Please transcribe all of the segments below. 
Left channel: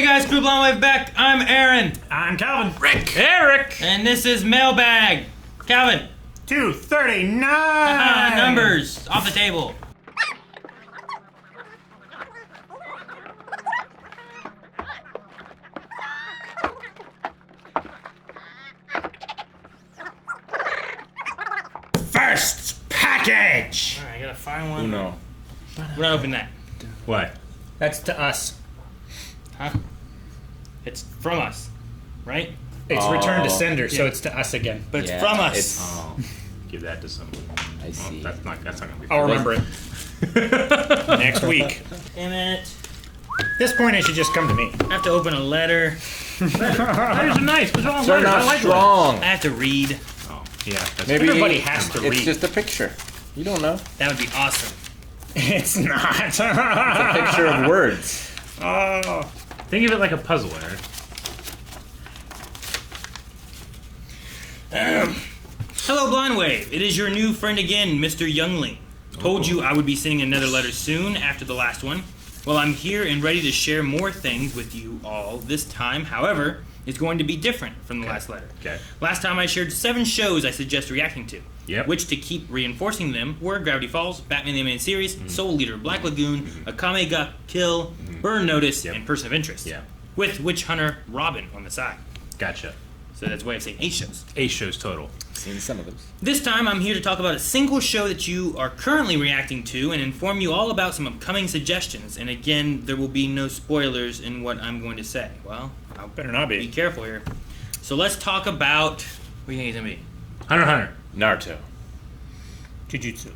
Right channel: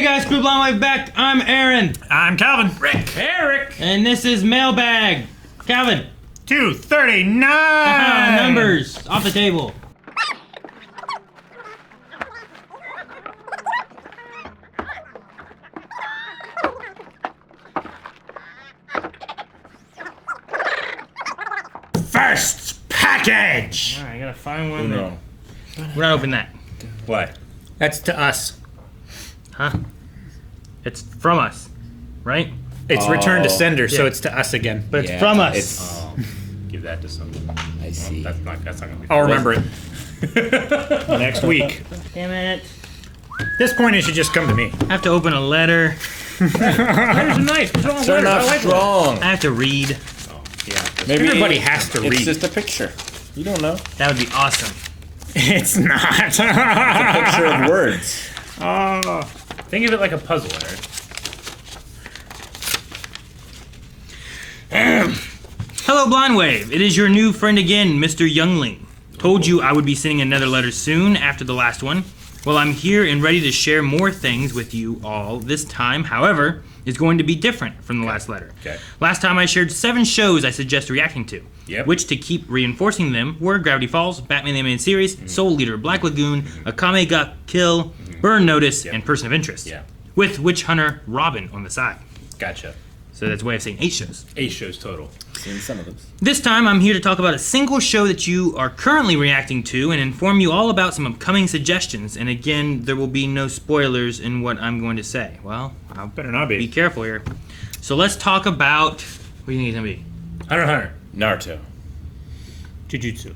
Hey guys, Crew Blind Wave back. I'm Aaron. I'm Calvin. Rick. Eric. And this is Mailbag. Calvin. 239. Numbers off the table. First package. Alright, I gotta find one. No. We're not opening that. What? That's to us. Huh? It's from us, right? It's return to sender, so Yeah. it's to us again. But it's from us. Oh, give that to someone. I see. That's not gonna be. I'll remember it next week. Damn it. At this point, it should just come to me. I have to open a letter. There's a knife. What's wrong with They're letters? not I like strong. I have to read. Oh, yeah. That's Maybe Everybody has to it's read. just a picture. You don't know. That would be awesome. It's not. A picture of words. Think of it like a puzzle, Aaron. Hello, Blind Wave. It is your new friend again, Mr. Youngling. Told you I would be sending another letter soon after the last one. Well, I'm here and ready to share more things with you all this time. However, it's going to be different from the last letter. Okay. Last time I shared 7 shows I suggest reacting to. Yep. Which, to keep reinforcing them, were Gravity Falls, Batman the Animated Series, Soul Leader, Black Lagoon, Akame ga Kill, Burn Notice, and Person of Interest. Yeah. With Witch Hunter Robin on the side. Gotcha. So that's a way of saying 8 shows. 8 shows total. Seen some of those. This time, I'm here to talk about a single show that you are currently reacting to and inform you all about some upcoming suggestions. And again, there will be no spoilers in what I'm going to say. Well, I'll Better not be be. careful here. So let's talk about... What do you think it's going to be? Hunter x Hunter. Naruto. Jujutsu.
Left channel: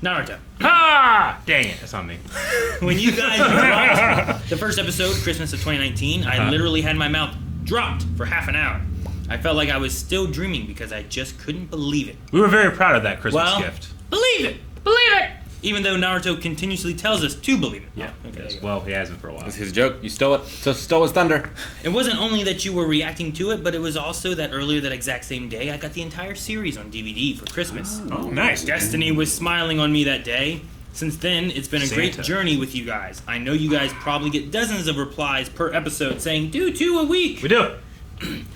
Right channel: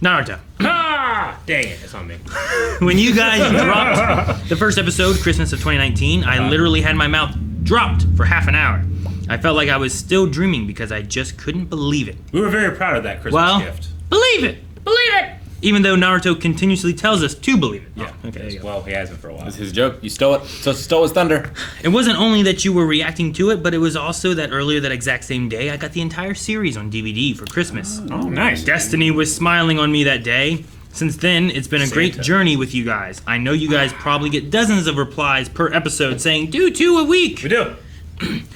Naruto. Ah! Dang it. That's on me. When you guys dropped the first episode, Christmas of 2019, I literally had my mouth dropped for half an hour. I felt like I was still dreaming because I just couldn't believe it. We were very proud of that Christmas gift. Believe it! Believe it! Even though Naruto continuously tells us to believe it. Yeah. Okay, there you go. Well, he hasn't for a while. That's his joke. You stole it. So stole his thunder. It wasn't only that you were reacting to it, but it was also that earlier that exact same day, I got the entire series on DVD for Christmas. Oh, nice. Destiny was smiling on me that day. Since then, it's been a great Santa. journey with you guys. I know you guys probably get dozens of replies per episode saying, do 2 a week. We do.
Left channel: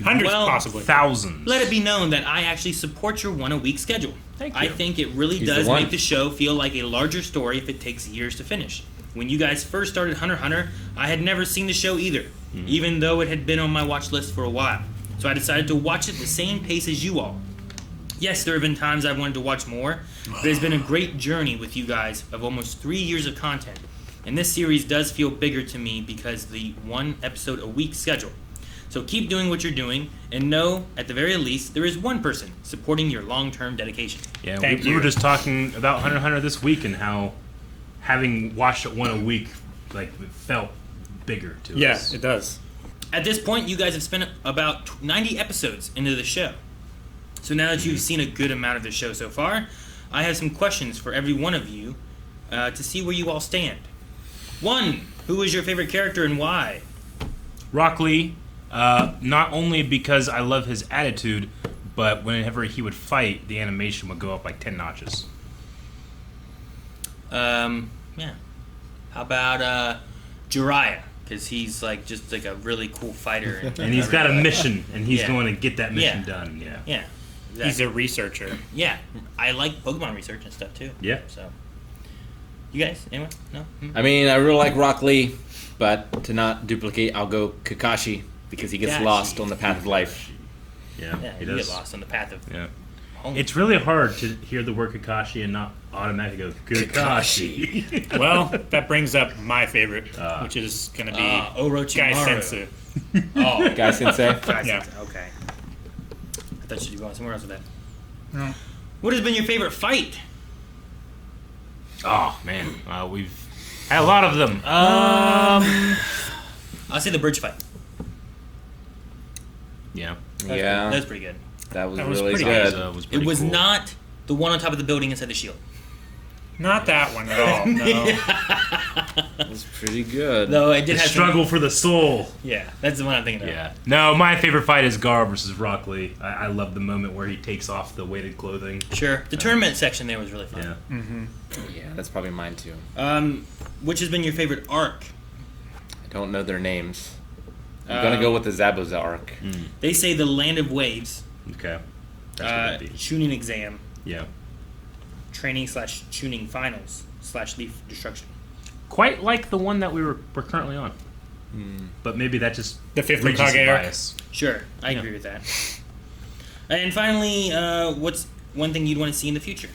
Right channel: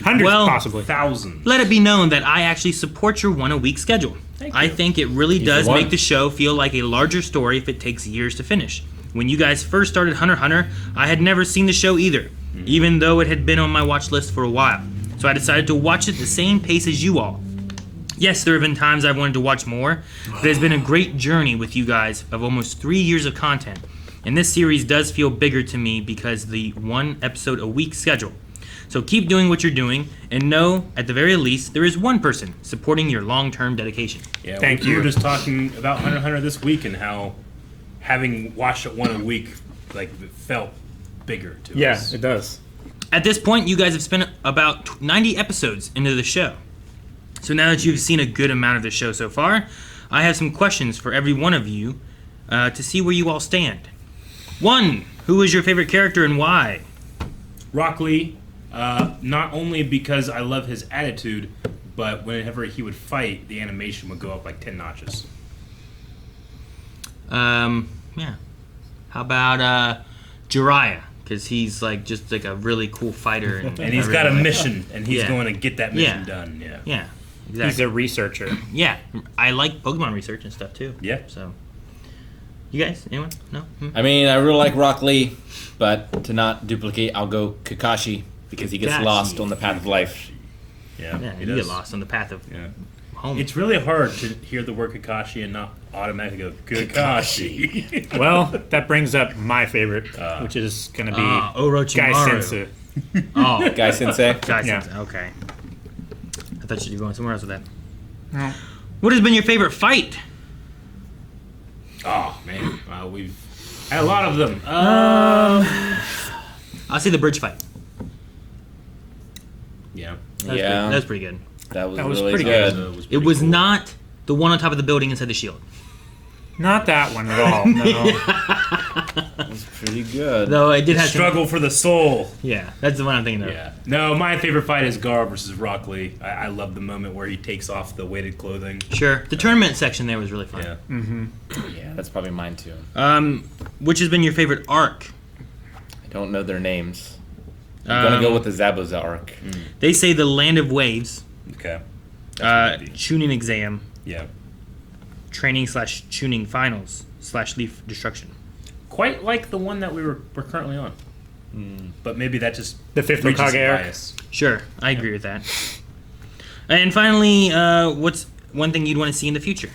Hundreds, Well, possibly. Thousands. Let it be known that I actually support your 1 a week schedule. Thank I you. think it really He's does the one. make the show feel like a larger story if it takes years to finish. When you guys first started Hunter x Hunter, I had never seen the show either, even though it had been on my watch list for a while. So I decided to watch it the same pace as you all. Yes, there have been times I've wanted to watch more, but it's been a great journey with you guys of almost 3 years of content. And this series does feel bigger to me because the 1 episode a week schedule. So keep doing what you're doing, and know, at the very least, there is one person supporting your long-term dedication. Yeah, Thank we you. were just talking about Hunter x Hunter this week and how having watched it 1 a week, like, it felt bigger to Yeah, us. it does. At this point, you guys have spent about 90 episodes into the show. So now that you've seen a good amount of the show so far, I have some questions for every one of you to see where you all stand. 1, who is your favorite character and why? Rockley, not only because I love his attitude, but whenever he would fight, the animation would go up like 10 notches. Yeah. How about Jiraiya? Because he's like just like a really cool fighter. And he's got a everything. mission, and he's Yeah. going to get that mission Yeah. done. Yeah. Yeah. He's Exactly. a researcher. Yeah. I like Pokemon research and stuff too. Yeah. So. You guys? Anyone? No? I mean, I really like Rockley, but to not duplicate, I'll go Kakashi because he gets Kakashi. lost on the path of life. Yeah. Yeah, he you get does. lost on the path of Yeah. home. It's really hard to hear the word Kakashi and not automatically go Kakashi. Well, that brings up my favorite, which is going to be Guy Orochimaru. Sensei. Oh, Guy Sensei. Yeah. Okay. I thought you were going somewhere else with that. No. What has been your favorite fight? Oh man, we've had a lot of them. I'll say the bridge fight. Yeah. Yeah. That was pretty good. That was was really pretty good. So It pretty was cool. not the one on top of the building inside the shield. Not that one at all. No. It's pretty good. No, I did have Struggle for the soul. Yeah, that's the one I'm thinking of. Yeah. No, my favorite fight is Garb versus Rockley. I love the moment where he takes off the weighted clothing. Sure. The tournament section there was really fun. Yeah. Yeah, that's probably mine too. Which has been your favorite arc? I don't know their names. I'm gonna go with the Zabuza arc. They say the Land of Waves, Okay. That's what it'd be. Tuning Exam, Yeah. Training/Tuning Finals / Leaf Destruction. Quite like the one that we're currently on. But maybe that just The fifth reaches Hokage arc. bias. Sure, I agree with that. And finally, what's one thing you'd want to see in the future?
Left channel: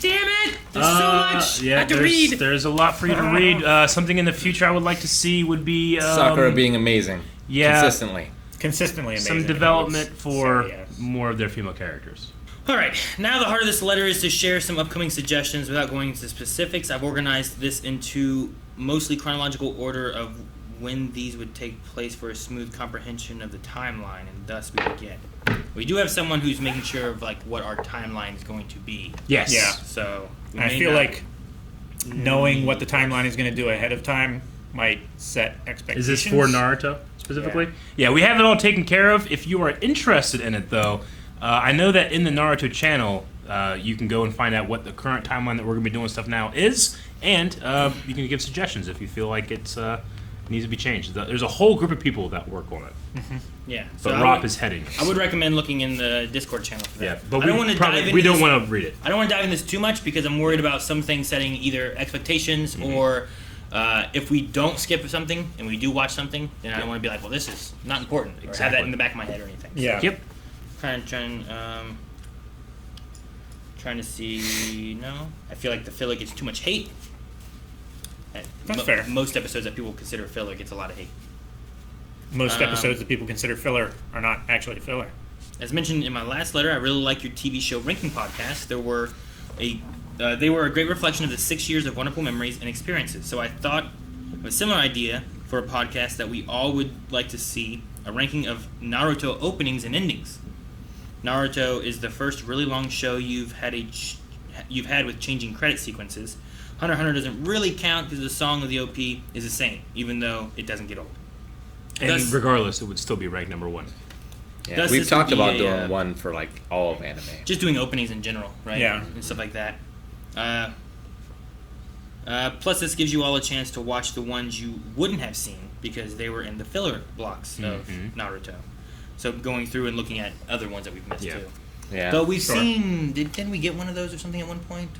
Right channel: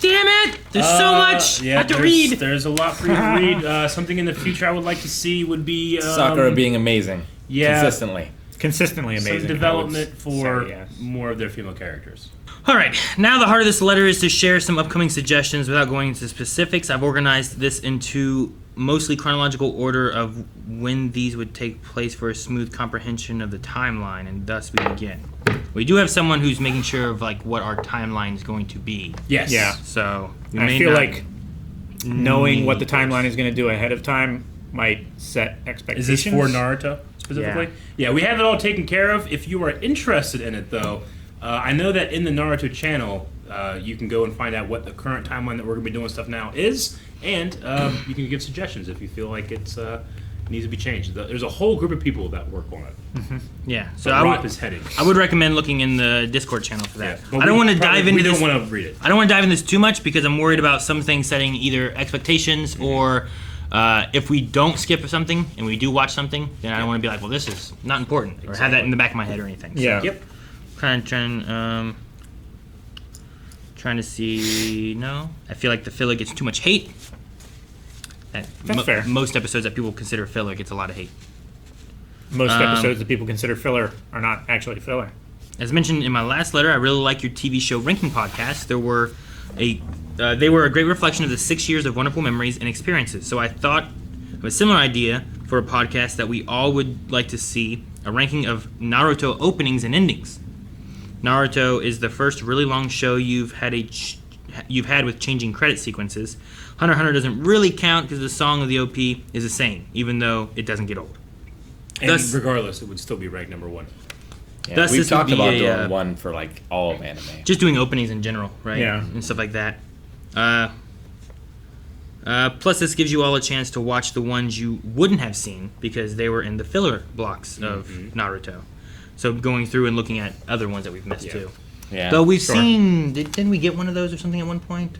Damn it! There's so much I have to read. There's a lot for you to read. Something in the future I would like to see would be Sakura being amazing. yeah. Consistently. Consistently amazing. some development for say yes. more of their female characters. All right, now the heart of this letter is to share some upcoming suggestions without going into specifics. I've organized this into mostly chronological order of when these would take place for a smooth comprehension of the timeline, and thus we begin. We do have someone who's making sure of like what our timeline is going to be. Yes. Yeah. So we I may feel not like knowing what the need- timeline is going to do ahead of time might set Is expectations. this for Naruto specifically? Yeah, we have it all taken care of. If you are interested in it, though, I know that in the Naruto channel, you can go and find out what the current timeline that we're going to be doing stuff now is, and you can give suggestions if you feel like it's needs to be changed. There's a whole group of people that work on it. Yeah. So So I Rob would, is heading. I would recommend looking in the Discord channel for that. Yeah, but I don't we want to probably- dive into We this. don't want to read it. I don't want to dive into this too much because I'm worried about some things setting either expectations or if we don't skip something and we do watch something, then I don't want to be like, well, this is not important or have that in the back of my head or anything. So, Yeah. Yep. trying to see. No, I feel like the filler gets too much hate. That's fair. Most episodes that people consider filler gets a lot of hate. Most episodes that people consider filler are not actually filler. As mentioned in my last letter, I really like your TV show ranking podcast. They were a great reflection of the 6 years of wonderful memories and experiences. So I thought of a similar idea for a podcast that we all would like to see: a ranking of Naruto openings and endings. Naruto is the first really long show you've had with changing credit sequences. Hunter x Hunter doesn't really count because the song of the OP is the same, even though it doesn't get old. And Thus- regardless, it would still be ranked number one. Yeah, Thus, we've this would talked be about a, doing one for like all of anime. Just doing openings in general, right? Yeah. And stuff like that. Plus, this gives you all a chance to watch the ones you wouldn't have seen because they were in the filler blocks of Naruto. So going through and looking at other ones that we've missed Yeah. too. Yeah. Though we've Sure. seen, didn't we get one of those or something at one point?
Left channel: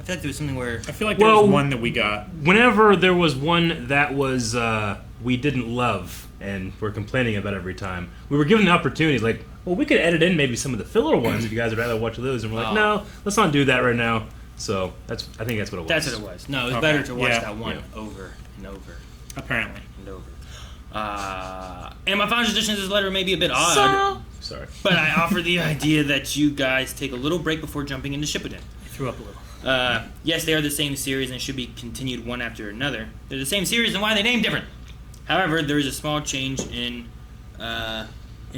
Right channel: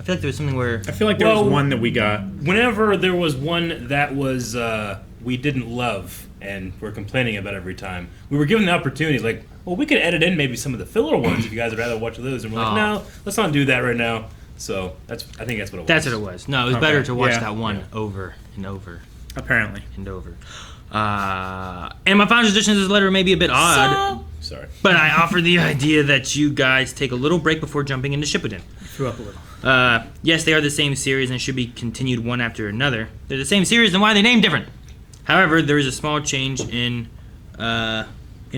I feel like there was something where. I feel like there Well, was one that we got. Whenever there was one that was we didn't love and we're complaining about every time, we were given the opportunities like, well, we could edit in maybe some of the filler ones if you guys would rather watch those. And we're like, no, let's not do that right now. So I think that's what it was. That's what it was. No, it was Okay. better to watch Yeah. that one Yeah. over and over Apparently. and over. And my final suggestion to this letter may be a bit odd, Sorry. but I offer the idea that you guys take a little break before jumping into Shippuden. Threw up a little. Yes, they are the same series and should be continued one after another. They're the same series, then why are they named different? However, there is a small change in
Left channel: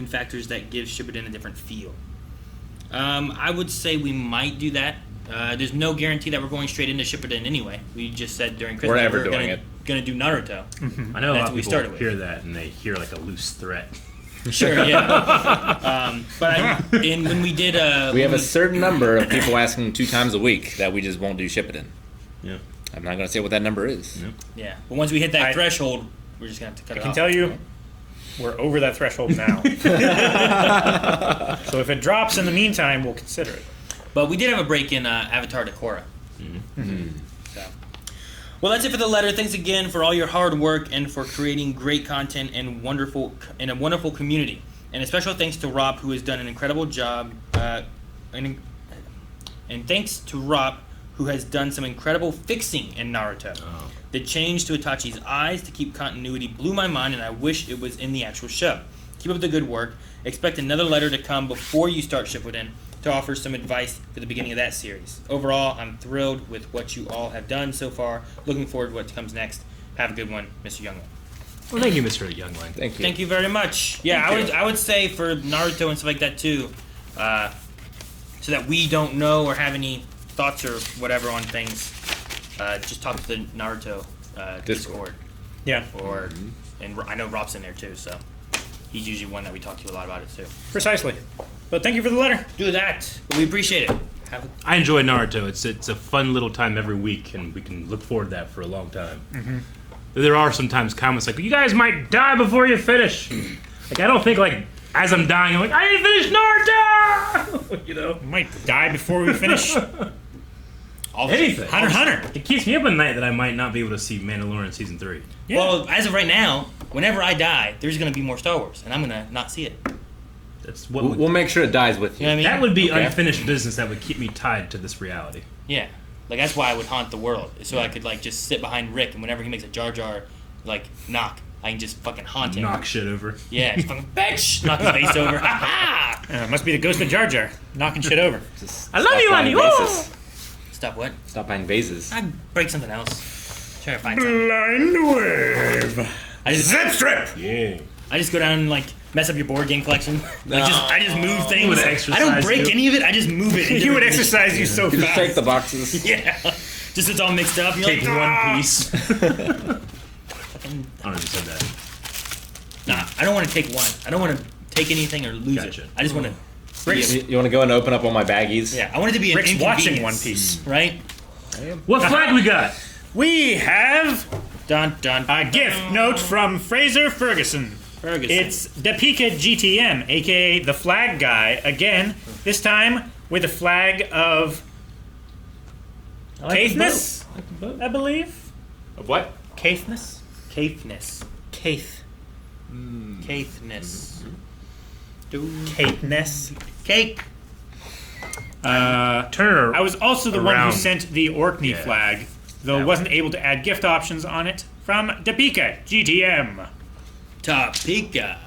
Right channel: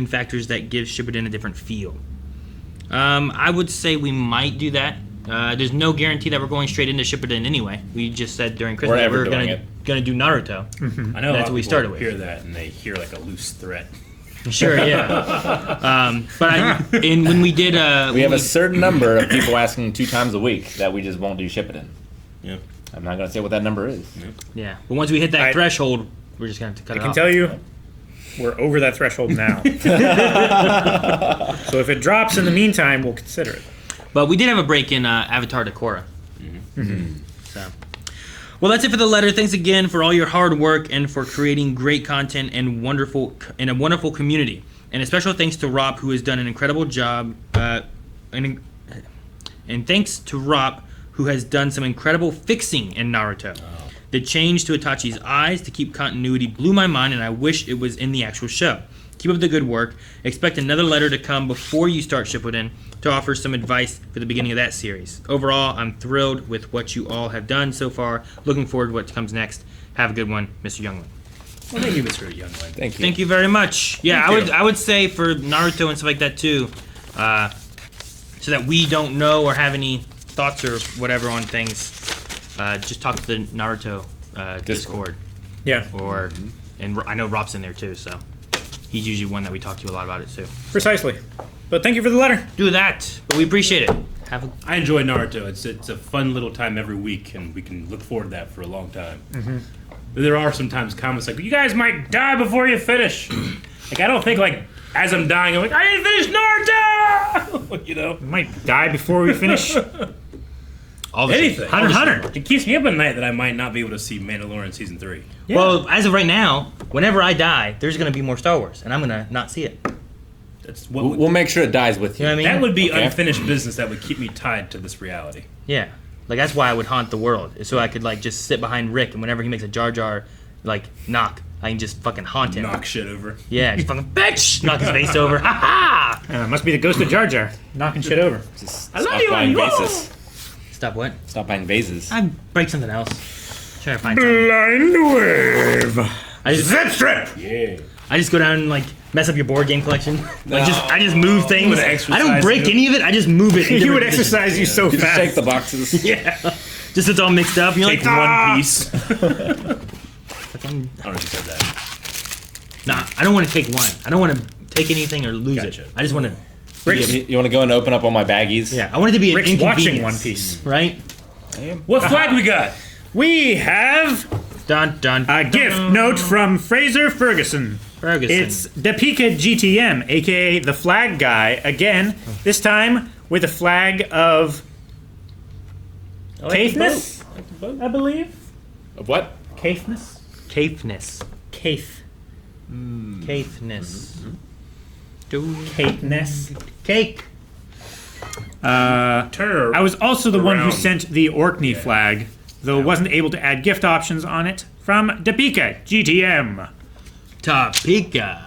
factors that give Shippuden a different feel. I would say we might do that. There's no guarantee that we're going straight into Shippuden anyway. We just said during Christmas We're that ever we're doing gonna do Naruto. I know a That's lot what of we people started with. hear that and they hear like a loose threat. Sure, yeah. When we did, we have a certain number of people asking 2 times a week that we just won't do Shippuden. Yeah. I'm not gonna say what that number is. yeah. But once we hit that I- threshold, we're just gonna have to cut I it can off. tell you, we're over that threshold now. So if it drops in the meantime, we'll consider it. But we did have a break in Avatar to Korra. So, well, that's it for the letter. Thanks again for all your hard work and for creating great content and a wonderful community. And a special thanks to Rob, who has done an incredible job. And thanks to Rob, who has done some incredible fixing in Naruto. The change to Itachi's eyes to keep continuity blew my mind, and I wish it was in the actual show. Keep up the good work. Expect another letter to come before you start Shippuden to offer some advice for the beginning of that series. Overall, I'm thrilled with what you all have done so far. Looking forward to what comes next. Have a good one, Mr. Youngling. Well, thank you, Mr. Youngling. Thank you. Thank you very much. Yeah, I would say for Naruto and stuff like that too, so that we don't know or have any thoughts or whatever on things. Just talk to the Naruto Discord, Yeah, and I know Rob's in there too, so he's usually one that we talk to a lot about it too. precisely. But thank you for the letter. Do that, but we appreciate it. Have a I enjoy Naruto. It's a fun little time every week, and we can look forward to that for a long time. there are sometimes comments like, "You guys might die before you finish." Like I don't think like as I'm dying, I'm like, "I didn't finish Naruto." You know, We might die before we finish. anything. Hunter. It keeps me up at night that I might not be able to see Mandalorian season 3. Yeah. Well, as of right now, whenever I die, there's gonna be more Star Wars, and I'm gonna not see it. That's what We'll make sure it dies with You you. know what I mean? that would be Okay. unfinished business that would keep me tied to this reality. Yeah. Like that's why I would haunt the world, is so I could like just sit behind Rick, and whenever he makes a Jar Jar like knock, I can just fucking haunt him. Knock shit over. Yeah, just fucking bitch, knock his face over. Ha ha! Must be the ghost of Jar Jar knocking shit over. Just I love stop you, buying Andy. vases. Stop what? Stop buying vases. I break something else. Try to find something. Blind wave. I just, Zip strip. Yeah. I just go down and like mess up your board game collection. Like I just move things. would I exercise don't break too. any of it. I just move it. in You would different positions. exercise you so You just fast. shake the boxes. Yeah. Just so it's all mixed up. You're Take like, one piece. fucking- I don't know if you said that. Nah, I don't want to take one. I don't want to take anything or lose Gotcha. it. I just want to. You want to go and open up all my baggies? Yeah, I want it to be an Rick's inconvenience. watching One Piece. Right? What flag we got? We have Dun dun. a gift note from Fraser Ferguson. Ferguson. It's Dapika GTM, aka the Flag Guy, again, this time with a flag of Caithness, I believe. Of what? Caithness? Caithness. Caith. Caithness. Caithness. Cake. Turner. I was also the one who Around. sent the Orkney flag, though wasn't able to add gift options on it, from Dapika GTM. Topeka.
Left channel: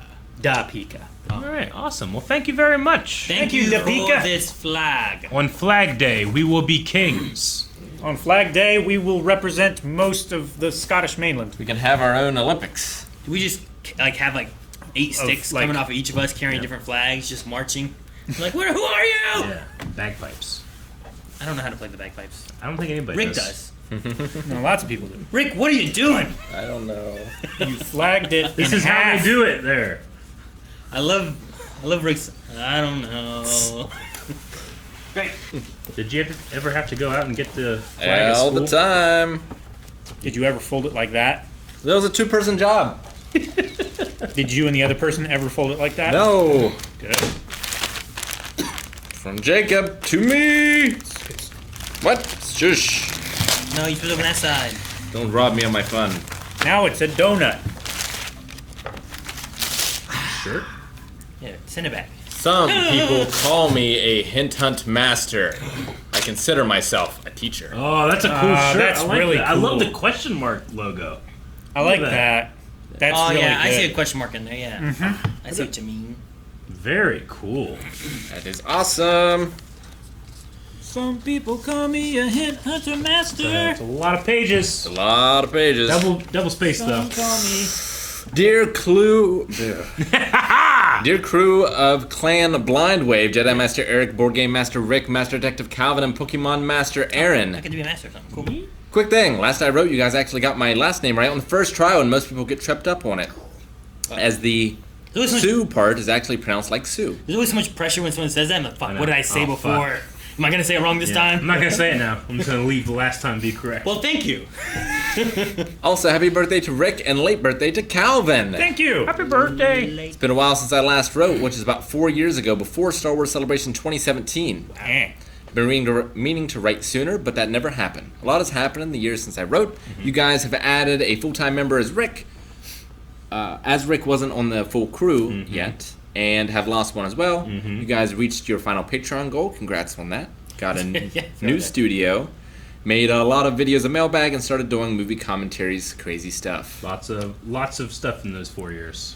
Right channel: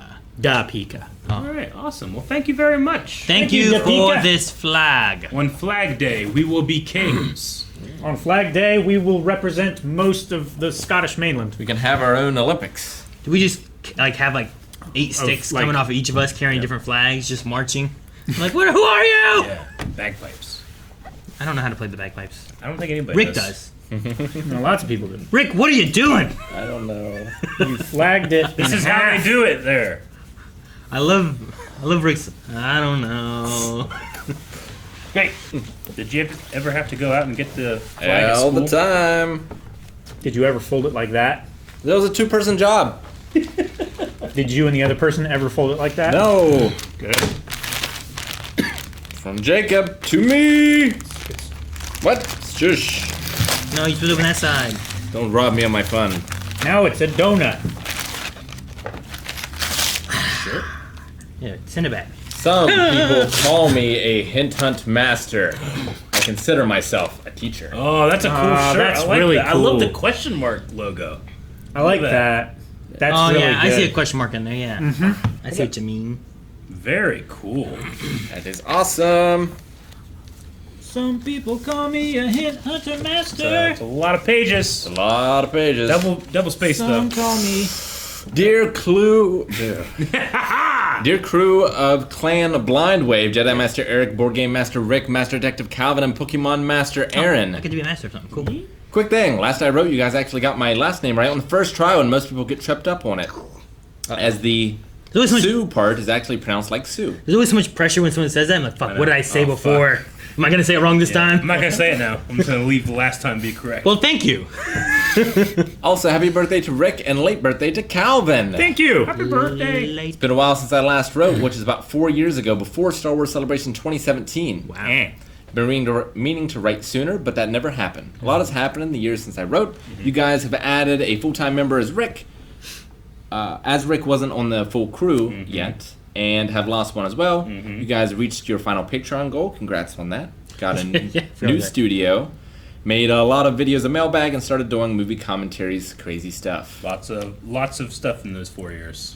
Dapika. All right, awesome. Well, thank you very much. Thank you, you for Topeka. this flag. On Flag Day, we will be kings. On Flag Day, we will represent most of the Scottish mainland. We can have our own Olympics. Do we just like have like 8 sticks like- coming off of each of us carrying different flags, just marching? Like, what? Who are you? Yeah, bagpipes. I don't know how to play the bagpipes. I don't think anybody Rick does. does. Well, lots of people do. Rick, what are you doing? I don't know. You flagged it. This in is half. how they do it there. I love Rick's. I don't know. Hey, did you ever have to go out and get the flag at All the school? time. Did you ever fold it like that? That was a 2-person job. Did you and the other person ever fold it like that? No. Good. From Jacob to me. What? Shush. No, you put it on that side. Don't rob me of my fun. Now it's a donut. Yeah, send it back. Some people call me a hint hunt master. I consider myself a teacher. Oh, that's a cool shirt. that's I like really that. I love cool. the question mark logo. I like Look at that. That's Oh really yeah, I good. see a question mark in there. Yeah, I see what you mean. Very cool. That is awesome. Some people call me a hit hunter master. It's a lot of pages. A lot of pages. Double space Some though. call me. Dear crew of Clan Blind Wave, Jedi Master Eric, Board Game Master Rick, Master Detective Calvin, and Pokemon Master Aaron. I could be a master or something. Cool. Quick thing, last I wrote, you guys actually got my last name right on the first try when most people get tripped up on it. As the There's always, so much, Sue part is actually pronounced like Sue. there's always so much pressure when someone says that. I'm like, fuck, know. what did I say Oh, before? Am I gonna say it wrong this I'm time? not gonna say it now. I'm just gonna leave the last time be correct. Well, thank you. Also, happy birthday to Rick and late birthday to Calvin. Thank you. Happy birthday. It's been a while since I last wrote, which is about 4 years ago, before Star Wars Celebration 2017. Eh. Been meaning to write sooner, but that never happened. A lot has happened in the years since I wrote. You guys have added a full-time member as Rick. As Rick wasn't on the full crew yet, and have lost one as well. You guys reached your final Patreon goal. Congrats on that. Got a new studio. Made a lot of videos of Mailbag and started doing movie commentaries, crazy stuff. Lots of stuff in those 4 years.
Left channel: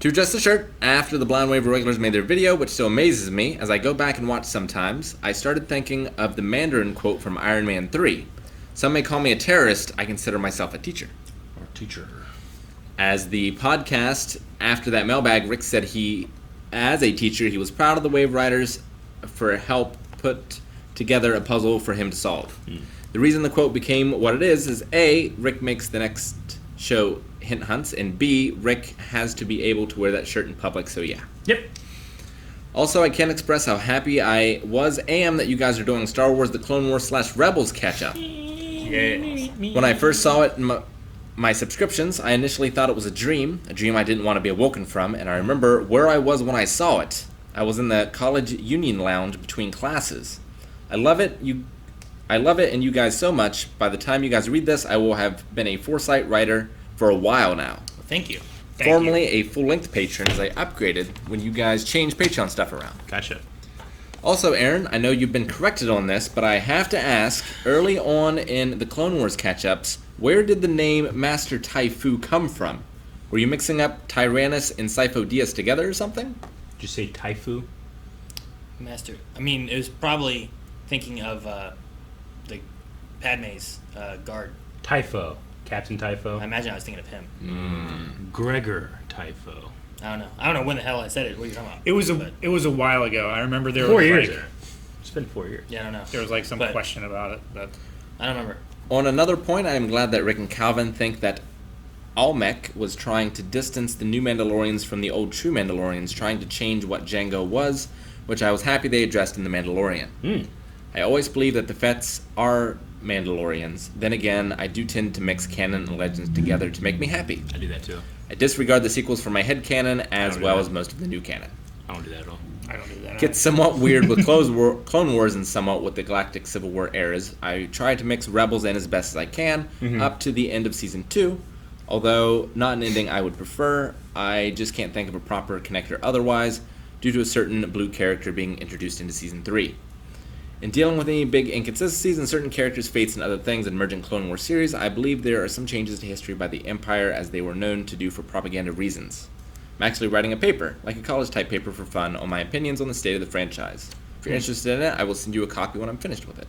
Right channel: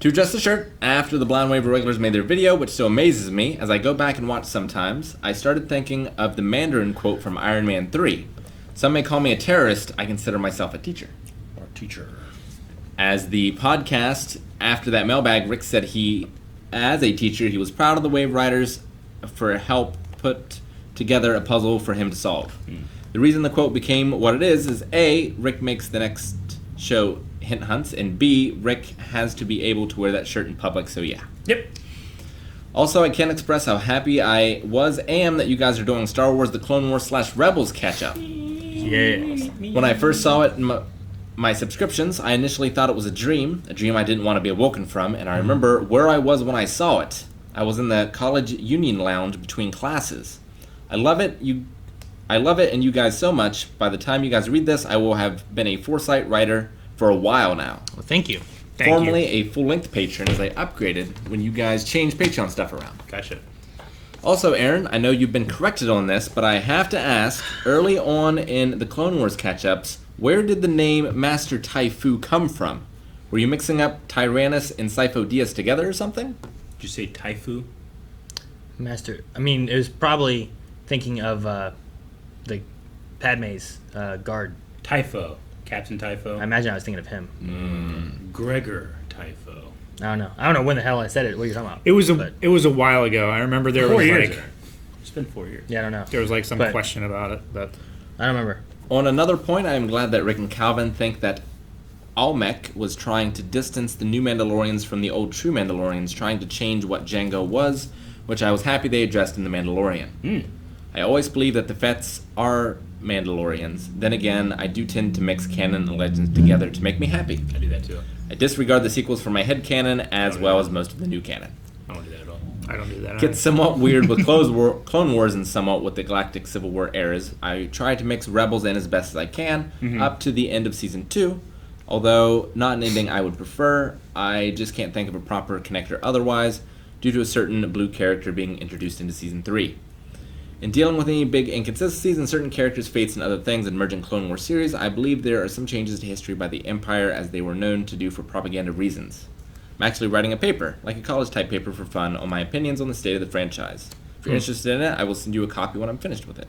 To address the shirt, after the Blind Wave regulars made their video, which still amazes me, as I go back and watch sometimes, I started thinking of the Mandarin quote from Iron Man 3. Some may call me a terrorist, I consider myself a teacher. Our teacher. As the podcast, after that Mailbag, Rick said as a teacher, he was proud of the Wave Riders for help put together a puzzle for him to solve. The reason the quote became what it is A, Rick makes the next show hint hunts, and B, Rick has to be able to wear that shirt in public, so yeah. Yep. Also, I can't express how happy I am that you guys are doing Star Wars The Clone Wars / Rebels catch-up. Yeah. When I first saw it, my subscriptions, I initially thought it was a dream I didn't want to be awoken from, and I remember where I was when I saw it. I was in the college union lounge between classes. I love it, and you guys so much. By the time you guys read this, I will have been a Foresight writer for a while now. Well, thank you. Formerly a full-length patron as I upgraded when you guys changed Patreon stuff around. Gotcha. Also, Aaron, I know you've been corrected on this, but I have to ask, early on in the Clone Wars catch-ups, where did the name Master Taifu come from? Were you mixing up Tyrannus and Sifo Dyas together or something? Did you say Taifu? Master. I mean, it was probably thinking of the Padme's guard. Typho. Captain Typho. I imagine I was thinking of him. Gregor Typho. I don't know when the hell I said it. What are you talking about? It was a while ago. I remember there 4 was years. like It's been 4 years. Yeah, I don't know. there was like some But- question about it, but I don't remember. On another point, I am glad that Rick and Calvin think that Almec was trying to distance the new Mandalorians from the old true Mandalorians, trying to change what Jango was, which I was happy they addressed in The Mandalorian. I always believe that the Fets are Mandalorians. Then again, I do tend to mix canon and legends together to make me happy. I do that too. I disregard the sequels for my head canon as well as most of the new canon. I don't do that at all. I don't do that. Gets somewhat weird with Clone Wars and somewhat with the Galactic Civil War eras. I try to mix Rebels in as best as I can up to the end of Season 2. Although not an ending I would prefer, I just can't think of a proper connector otherwise due to a certain blue character being introduced into Season 3. In dealing with any big inconsistencies in certain characters' fates and other things in emerging Clone Wars series, I believe there are some changes to history by the Empire as they were known to do for propaganda reasons. I'm actually writing a paper, like a college-type paper for fun, on my opinions on the state of the franchise. If you're interested in it, I will send you a copy when I'm finished with it.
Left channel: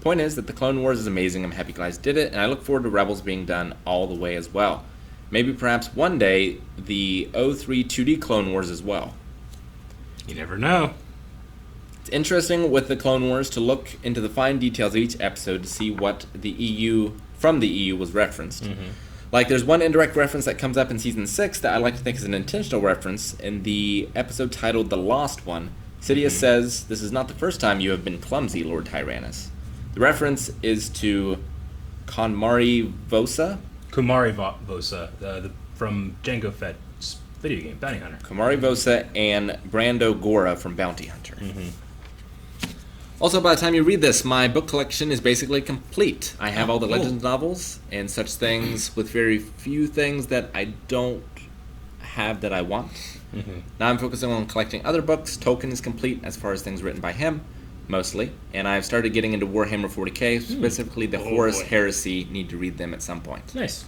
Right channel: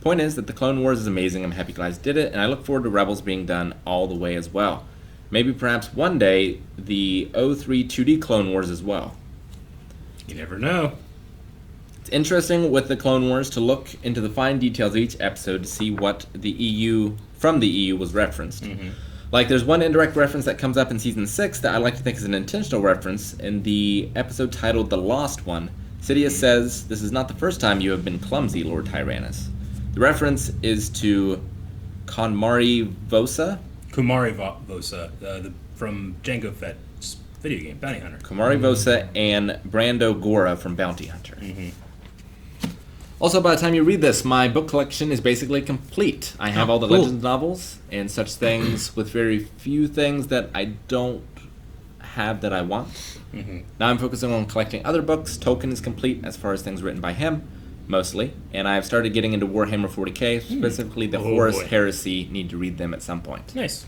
Point is that the Clone Wars is amazing, I'm happy guys did it, and I look forward to Rebels being done all the way as well. Maybe perhaps one day, the 03 2D Clone Wars as well. You never know. It's interesting with the Clone Wars to look into the fine details of each episode to see what the EU, from the EU, was referenced. Like, there's one indirect reference that comes up in Season 6 that I like to think is an intentional reference. In the episode titled The Lost One, Sidious says, "This is not the first time you have been clumsy, Lord Tyrannus." The reference is to Konmari Vosa. Kumari Vosa, from Jango Fett's video game, Bounty Hunter. Konmari Vosa and Brando Gora from Bounty Hunter. Also, by the time you read this, my book collection is basically complete. I have all the Legends novels and such things, with very few things that I don't have that I want. Now I'm focusing on collecting other books. Tolkien is complete as far as things written by him, mostly. And I've started getting into Warhammer 40k, specifically the Horus Heresy. Need to read them at some point. Nice.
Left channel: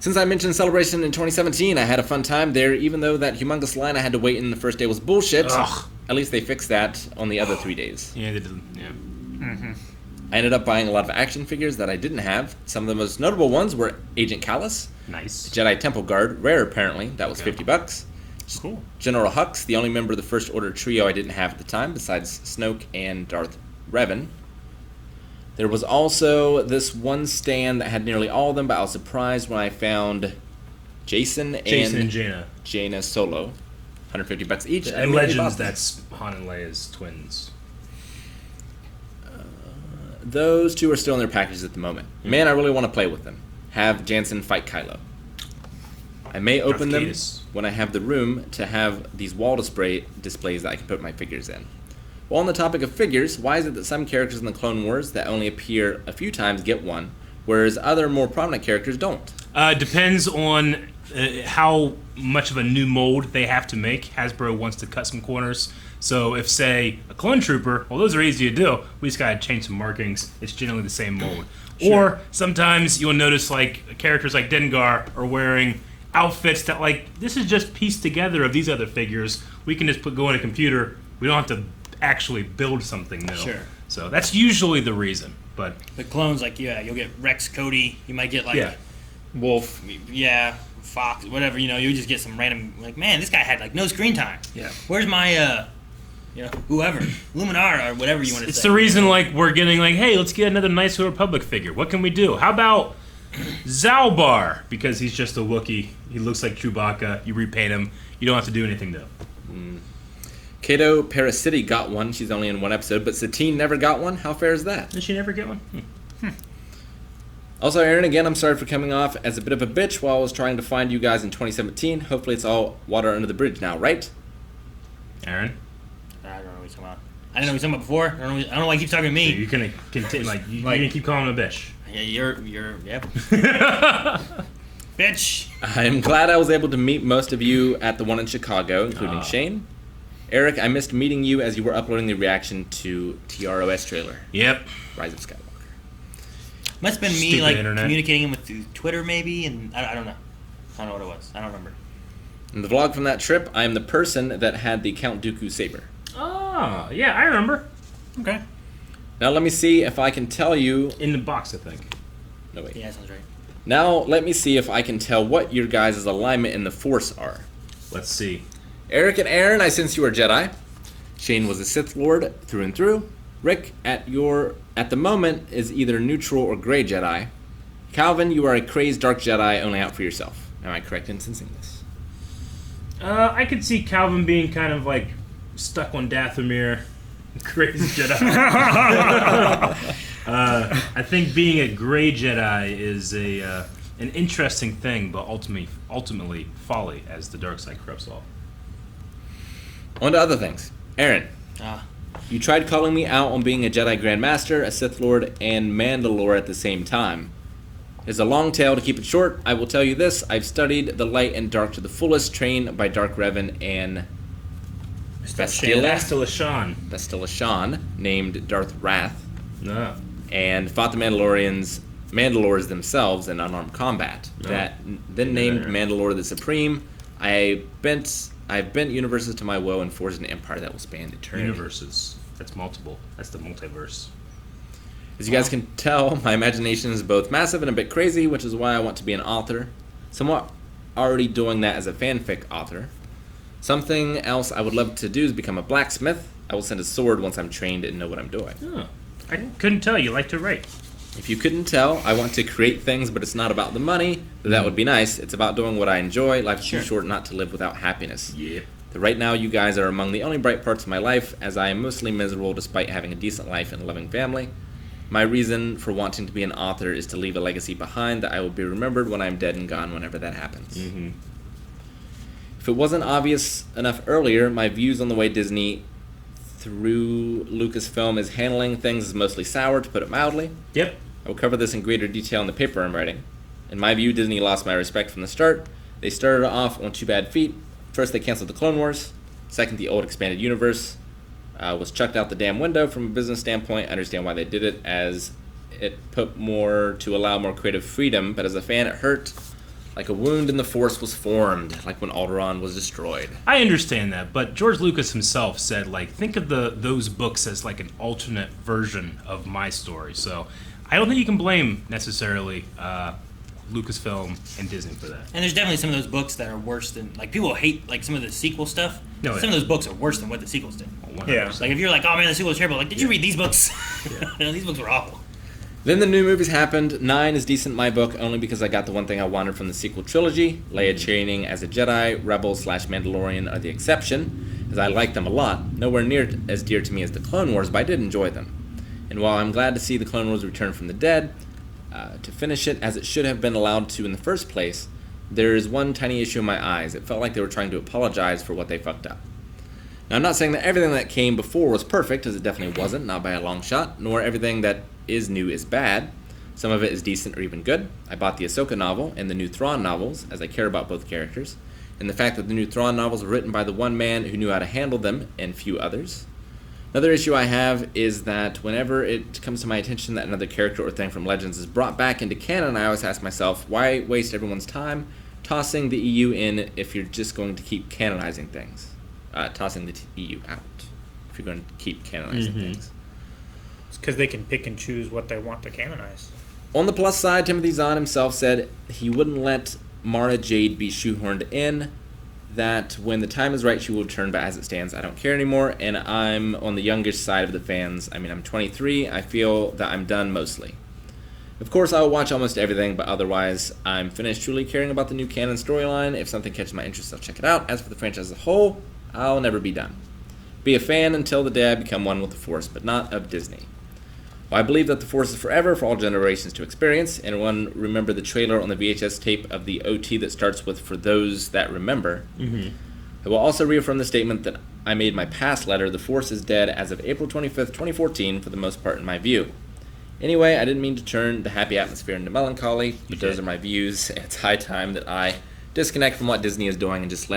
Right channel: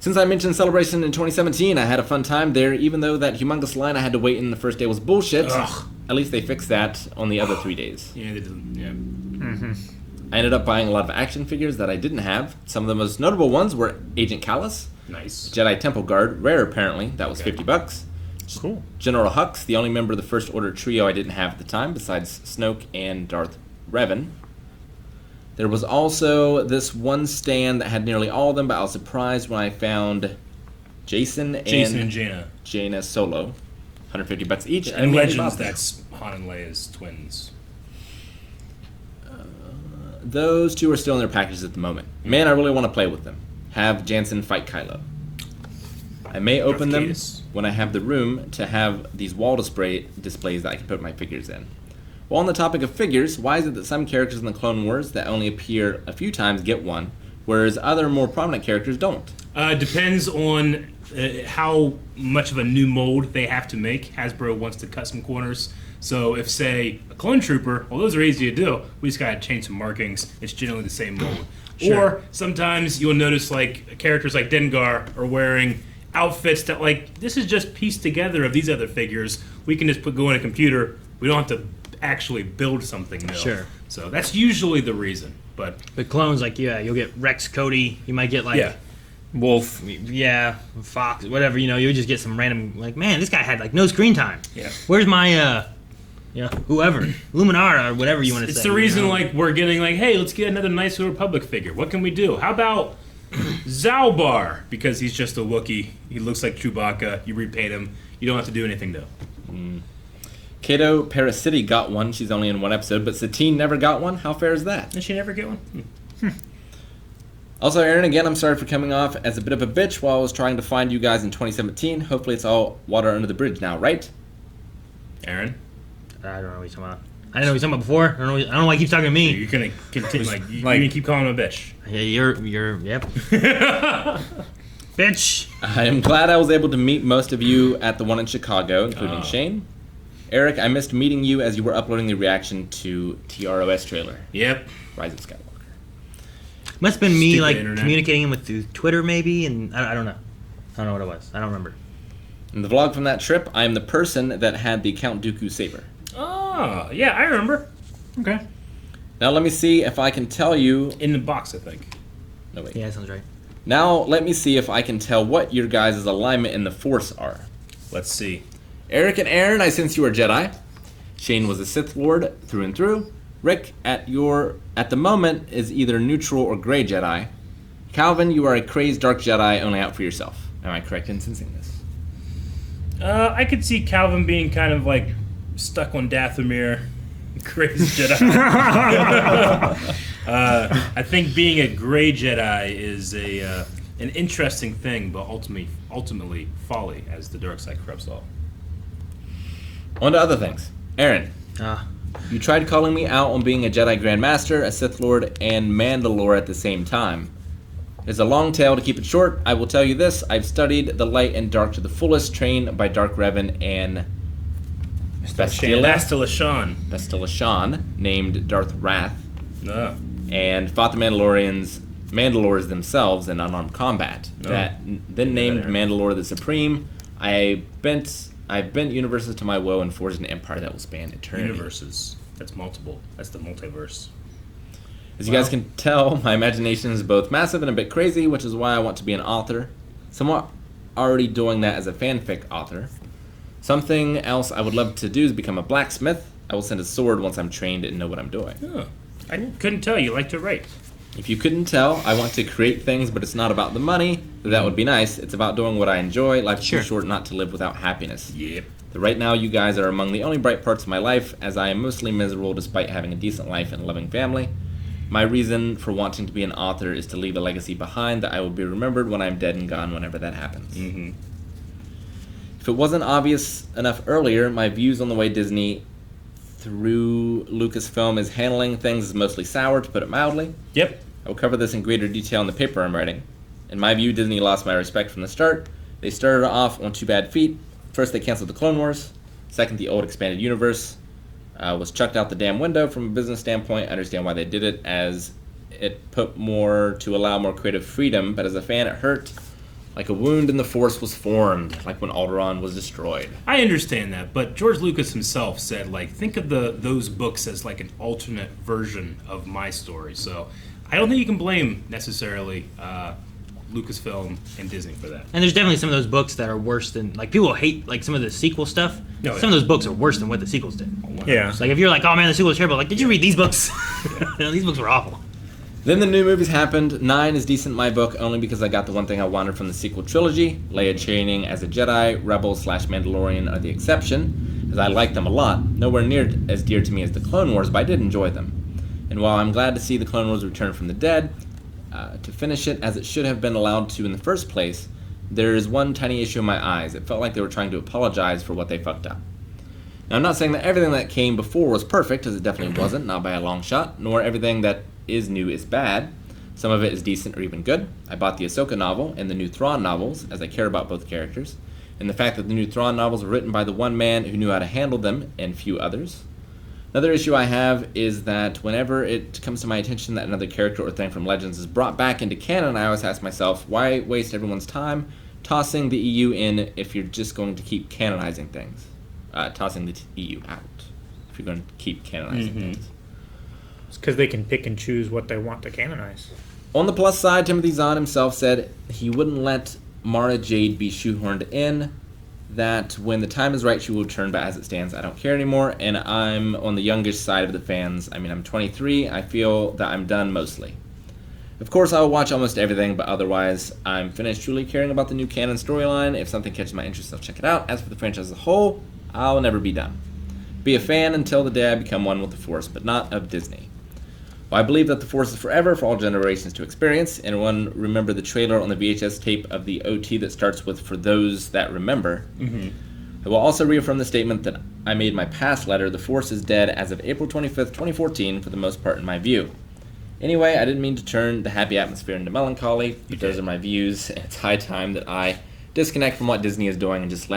Since I mentioned Celebration in 2017, I had a fun time there, even though that humongous line I had to wait in the first day was bullshit. Ugh. At least they fixed that on the other 3 days. Yeah, they did, yeah. I ended up buying a lot of action figures that I didn't have. Some of the most notable ones were Agent Callus, Nice. Jedi Temple Guard, rare apparently, that was $50. cool. General Hux, the only member of the First Order trio I didn't have at the time, besides Snoke and Darth Revan. There was also this one stand that had nearly all of them, but I was surprised when I found Jason and Jaina. Solo, $150 each. And Legends, that's Han and Leia's twins. Those two are still in their packages at the moment. Man, I really want to play with them. Have Jansen fight Kylo. I may open them when I have the room to have these wall displays that I can put my figures in. While on the topic of figures, why is it that some characters in the Clone Wars that only appear a few times get one, whereas other more prominent characters don't? Depends on how much of a new mold they have to make. Hasbro wants to cut some corners. So if, say, a clone trooper, well, those are easy to do. We just gotta change some markings. It's generally the same mold. Or sometimes you'll notice, like, characters like Dengar are wearing outfits that, like, this is just pieced together of these other figures. We can just go in a computer. We don't have to actually build something new. Sure. So that's usually the reason. But The clones, like, yeah, you'll get Rex Cody. You might get, like, Wolf. yeah, Fox, whatever, you know, you'll just get some random, like, man, this guy had, like, no screen time. Yeah. Where's my, whoever, Luminara or whatever you want to say. It's the reason, you know? like, we're getting, like, hey, let's get another nice Republic figure. What can we do? How about Zalbar? Because he's just a Wookiee. He looks like Chewbacca. You repaint him. You don't have to do anything, though. Kato Parasiti got one. She's only in one episode, but Satine never got one. How fair is that? Did she never get one? Also, Aaron, again, I'm sorry for coming off as a bit of a bitch while I was trying to find you guys in 2017. Hopefully it's all water under the bridge now, right? Aaron? I don't know what you're talking about. I didn't know what you're talking about before. I don't know why you keep talking to me. You're gonna continue, you're gonna keep calling him a bitch. Yeah, yep. Bitch. I am glad I was able to meet most of you at the one in Chicago, including Shane. Eric, I missed meeting you as you were uploading the reaction to TROS trailer. Yep. Rise of Skywalker. Must have been me, Stupid like, internet. communicating with through Twitter, maybe, and I don't know. I don't know what it was. I don't remember. In the vlog from that trip, I am the person that had the Count Dooku saber. Oh, yeah, I remember. Okay. Now let me see if I can tell you... In the box, I think. No, wait. Yeah, that sounds right. Now let me see if I can tell what your guys' alignment in the Force are. Let's see. Eric and Aaron, I sense you are Jedi. Shane was a Sith Lord through and through. Rick, at the moment, is either neutral or gray Jedi. Calvin, you are a crazed dark Jedi only out for yourself. Am I correct in sensing this? I could see Calvin being kind of like stuck on Dathomir, crazy Jedi. I think being a gray Jedi is an interesting thing, but ultimately folly, as the dark side corrupts all. On to other things. Aaron, you tried calling me out on being a Jedi Grand Master, a Sith Lord, and Mandalore at the same time. There's a long tale. To keep it short, I will tell you this. I've studied the light and dark to the fullest, trained by Dark Revan and Bastila Shan, named Darth Wrath, and fought the Mandalores themselves in unarmed combat. Then named Mandalore the Supreme. I've bent universes to my will and forged an empire that will span eternity. Universes. That's multiple. That's the multiverse. As you guys can tell, my imagination is both massive and a bit crazy, which is why I want to be an author. Somewhat already doing that as a fanfic author. Something else I would love to do is become a blacksmith. I will send a sword once I'm trained and know what I'm doing. Oh, I couldn't tell. You like to write. If you couldn't tell, I want to create things, but it's not about the money. That would be nice. It's about doing what I enjoy. Life's too short not to live without happiness. Yep. Right now, you guys are among the only bright parts of my life, as I am mostly miserable despite having a decent life and a loving family. My reason for wanting to be an author is to leave a legacy behind that I will be remembered when I'm dead and gone whenever that happens. Mm-hmm. If it wasn't obvious enough earlier, my views on the way Disney through Lucasfilm is handling things is mostly sour, to put it mildly. Yep. I will cover this in greater detail in the paper I'm writing. In my view, Disney lost my respect from the start. They started off on 2 bad feet. First, they canceled the Clone Wars. Second, the old expanded universe was chucked out the damn window from a business standpoint. I understand why they did it, as it put more to allow more creative freedom, but as a fan, it hurt. Like a wound in the Force was formed, like when Alderaan was destroyed. I understand that, but George Lucas himself said, like, think of those books as like an alternate version of my story. So I don't think you can blame necessarily Lucasfilm and Disney for that. And there's definitely some of those books that are worse than, like, people hate, like, some of the sequel stuff. No, some of those books are worse than what the sequels did. Yeah. Like, if you're like, oh man, the sequel is terrible, like, did you read these books? No, these books were awful. Then the new movies happened. 9 is decent in my book, only because I got the one thing I wanted from the sequel trilogy. Leia training as a Jedi, Rebel/Mandalorian are the exception, as I like them a lot. Nowhere near as dear to me as the Clone Wars, but I did enjoy them. And while I'm glad to see the Clone Wars return from the dead, to finish it as it should have been allowed to in the first place, there is one tiny issue in my eyes. It felt like they were trying to apologize for what they fucked up. Now, I'm not saying that everything that came before was perfect, as it definitely wasn't, not by a long shot, nor everything that is new is bad. Some of it is decent or even good. I bought the Ahsoka novel and the new Thrawn novels, as I care about both characters, and the fact that the new Thrawn novels were written by the one man who knew how to handle them, and few others. Another issue I have is that whenever it comes to my attention that another character or thing from Legends is brought back into canon, I always ask myself, why waste everyone's time tossing the EU in if you're just going to keep canonizing things? Tossing the EU out if you're going to keep canonizing things. It's because they can pick and choose what they want to canonize. On the plus side, Timothy Zahn himself said he wouldn't let Mara Jade be shoehorned in, that when the time is right she will return, but as it stands I don't care anymore, and I'm on the youngish side of the fans. I mean, I'm 23, I feel that I'm done mostly. Of course I will watch almost everything, but otherwise I'm finished truly caring about the new canon storyline. If something catches my interest, I'll check it out. As for the franchise as a whole, I'll never be done. Be a fan until the day I become one with the Force, but not of Disney. Well, I believe that the Force is forever for all generations to experience. Anyone remember the trailer on the VHS tape of the OT that starts with "For those that remember"? Mm-hmm. I will also reaffirm the statement that I made in my past letter. The Force is dead as of April 25th, 2014, for the most part in my view. Anyway, I didn't mean to turn the happy atmosphere into melancholy, but those are my views, and it's high time that I disconnect from what Disney is doing and just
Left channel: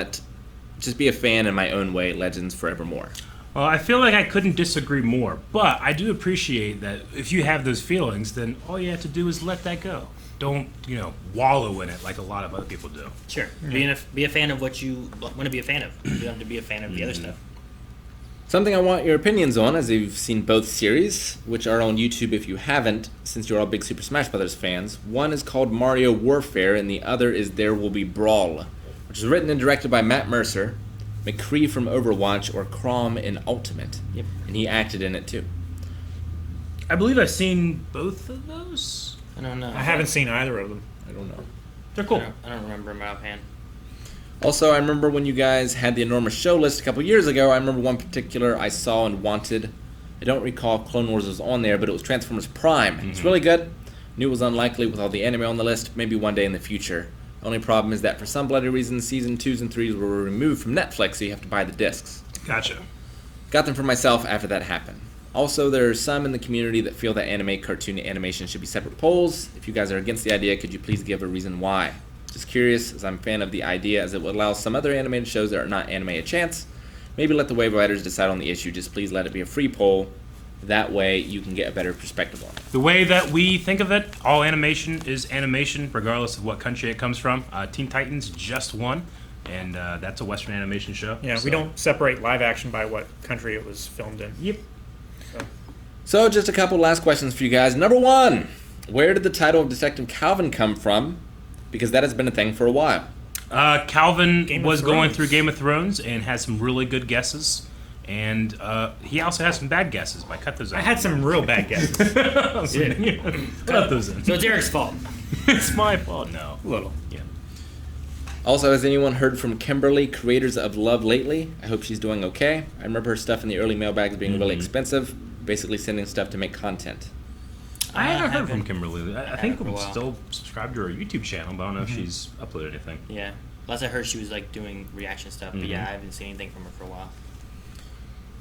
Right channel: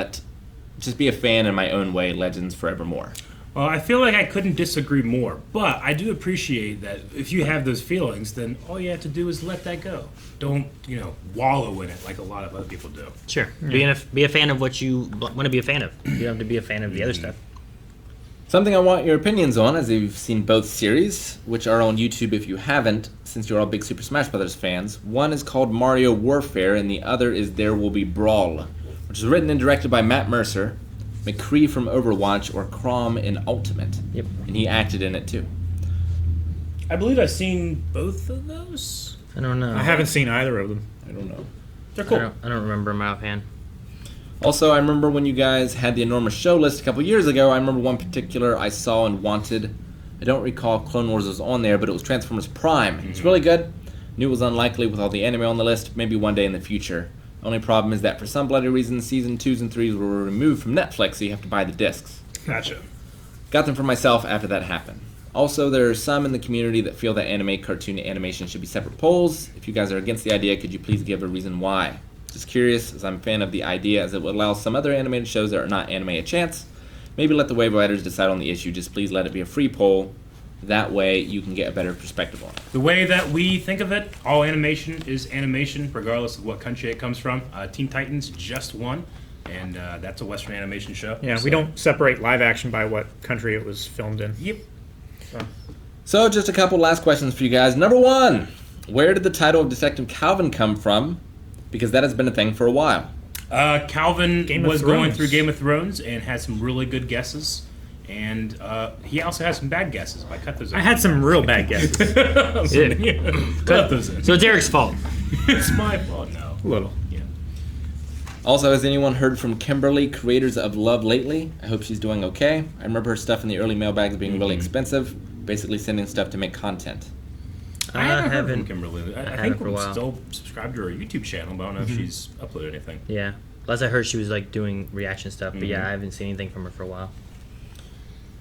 be a fan in my own way. Legends forevermore. Well, I feel like I couldn't disagree more, but I do appreciate that if you have those feelings, then all you have to do is let that go. Don't, wallow in it like a lot of other people do. Sure. Be a fan of what you want to be a fan of. You don't have to be a fan of the other stuff. Something I want your opinions on, as you've seen both series, which are on YouTube if you haven't, since you're all big Super Smash Bros. Fans. One is called Mario Warfare, and the other is There Will Be Brawl, which is written and directed by Matt Mercer, McCree from Overwatch, or Crom in Ultimate. Yep. And he acted in it too. I believe I've seen both of those. I don't know. I haven't seen either of them. I don't know. They're cool. I don't remember them offhand. Also, I remember when you guys had the enormous show list a couple years ago, I remember one particular I saw and wanted. I don't recall Clone Wars was on there, but it was Transformers Prime. It's really good. Knew it was unlikely with all the anime on the list, maybe one day in the future. Only problem is that for some bloody reason, season 2s and 3s were removed from Netflix, so you have to buy the discs. Gotcha. Got them for myself after that happened. Also, there are some in the community that feel that anime, cartoon, and animation should be separate poles. If you guys are against the idea, could you please give a reason why? Just curious, as I'm a fan of the idea, as it would allow some other animated shows that are not anime a chance. Maybe let the wave riders decide on the issue. Just please let it be a free poll. That way, you can get a better perspective on it. The way that we think of it, all animation is animation, regardless of what country it comes from. Teen Titans just won, and that's a Western animation show. Yeah, we don't separate live action by what country it was filmed in. Yep. So, just a couple last questions for you guys. Number 1, where did the title of Detective Calvin come from? Because that has been a thing for a while. Calvin was going through Game of Thrones and had some really good guesses. And he also has some bad guesses. I cut those out. I had some real bad guesses. Cut those in. So it's Eric's fault. It's my fault. No. A little. Yeah. Also, has anyone heard from Kimberly, creators of Love, lately? I hope she's doing okay. I remember her stuff in the early mailbags being really expensive, basically sending stuff to make content. I haven't heard from Kimberly. I think for a we're while. still subscribed to her YouTube channel, but I don't know if she's uploaded anything. Yeah. Last I heard, she was like doing reaction stuff, but yeah, I haven't seen anything from her for a while.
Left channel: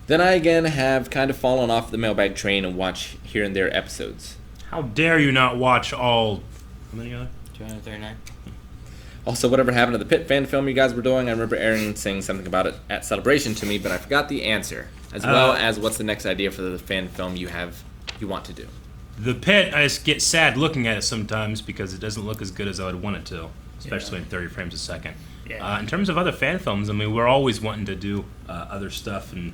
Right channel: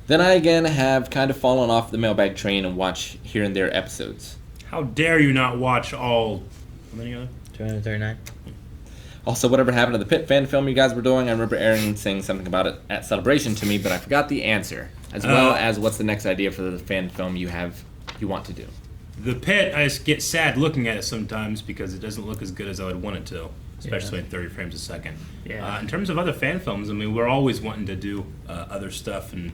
Then I again have kind of fallen off the mailbag train and watch here and there episodes. How dare you not watch all... How many other? 239. Also, whatever happened to the Pit fan film you guys were doing, I remember Aaron saying something about it at Celebration to me, but I forgot the answer. As well as what's the next idea for the fan film you want to do. The Pit, I just get sad looking at it sometimes because it doesn't look as good as I would want it to, especially at 30 frames a second. Yeah. In terms of other fan films, I mean, we're always wanting to do other stuff, and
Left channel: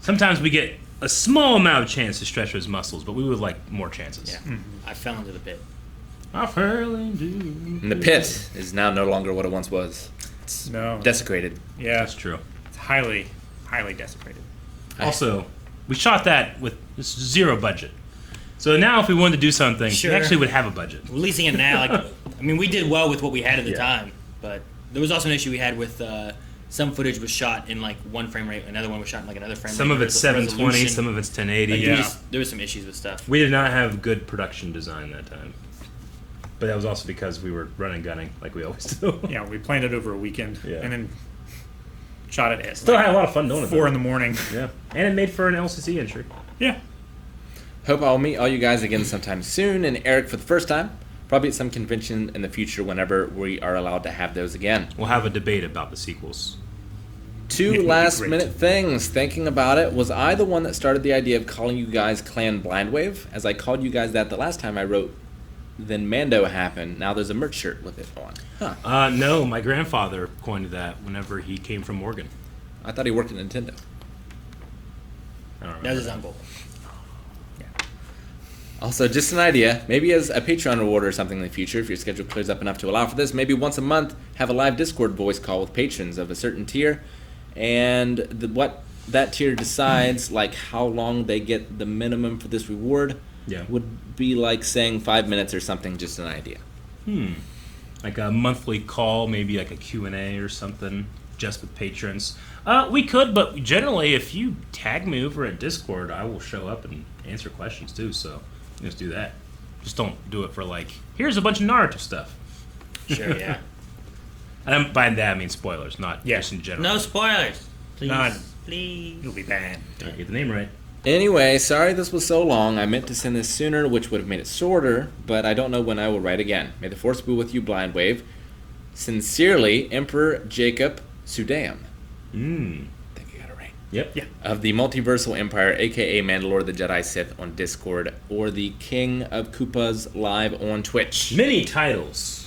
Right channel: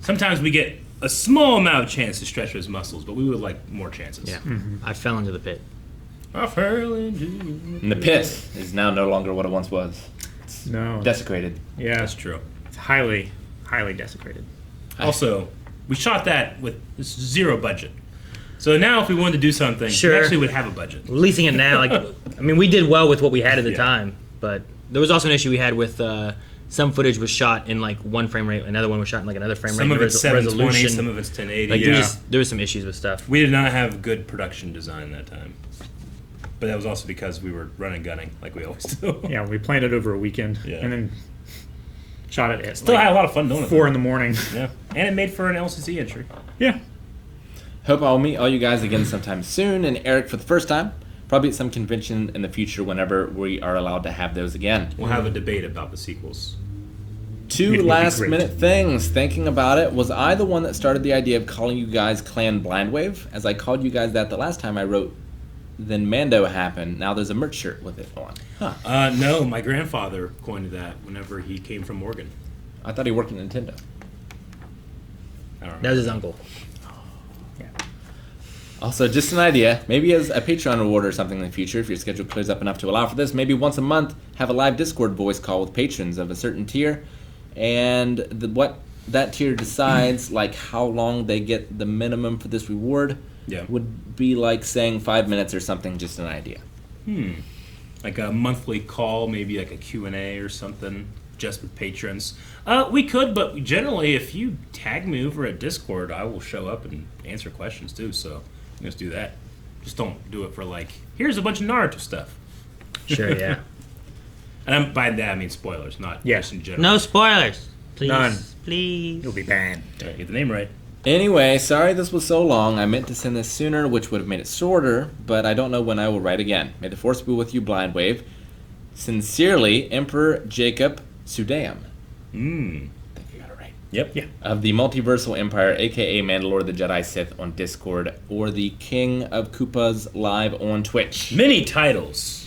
sometimes we get a small amount of chance to stretch those muscles, but we would like more chances. Yeah. I fell into the pit. I fell into And the Pit is now no longer what it once was. No. Desecrated. Yeah. That's true. It's highly, highly desecrated. Also, we shot that with zero budget. So now if we wanted to do something, Sure. we actually would have a budget. Releasing it now, I mean, we did well with what we had at the Yeah. time, but there was also an issue we had with some footage was shot in like one frame rate, another one was shot in like another frame rate. Some of it's 720, resolution. some of it's 1080. Like there was some issues with stuff. We did not have good production design that time. But that was also because we were running gunning like we always do. Yeah, we planned it over a weekend Yeah. and then shot it at Still had a lot of fun doing it. 4 in the morning. Yeah. And it made for an LCC entry. Yeah. Hope I'll meet all you guys again sometime soon, and Eric for the first time. Probably at some convention in the future whenever we are allowed to have those again. We'll have a debate about the sequels. Two Great. last minute things. Thinking about it, was I the one that started the idea of calling you guys Clan Blindwave? As I called you guys that the last time I wrote, then Mando happened. Now there's a merch shirt with it on. Huh. No, my grandfather coined that whenever he came from Oregon. I thought he worked at Nintendo. I don't That know. was his uncle. Also, just an idea, maybe as a Patreon reward or something in the future, if your schedule clears up enough to allow for this, maybe once a month, have a live Discord voice call with patrons of a certain tier, and what that tier decides, like how long they get the minimum for this reward, would be like saying 5 minutes or something, just an idea. Like a monthly call, maybe like a Q&A or something. just with patrons. We could, but generally, if you tag me over at Discord, I will show up and answer questions too. So just do that. Just don't do it for like, here's a bunch of Naruto stuff. Sure, yeah. And by that I mean spoilers, not just in general. No spoilers. Please. None. Please. You'll be banned. Get the name right. Anyway, sorry this was so long. I meant to send this sooner, which would have made it shorter, but I don't know when I will write again. May the force be with you, Blind Wave. Sincerely, Emperor Jacob Sudeum. I think I got it right. Yep. Of the Multiversal Empire, aka Mandalore the Jedi Sith on Discord, or the King of Koopas live on Twitch. Many titles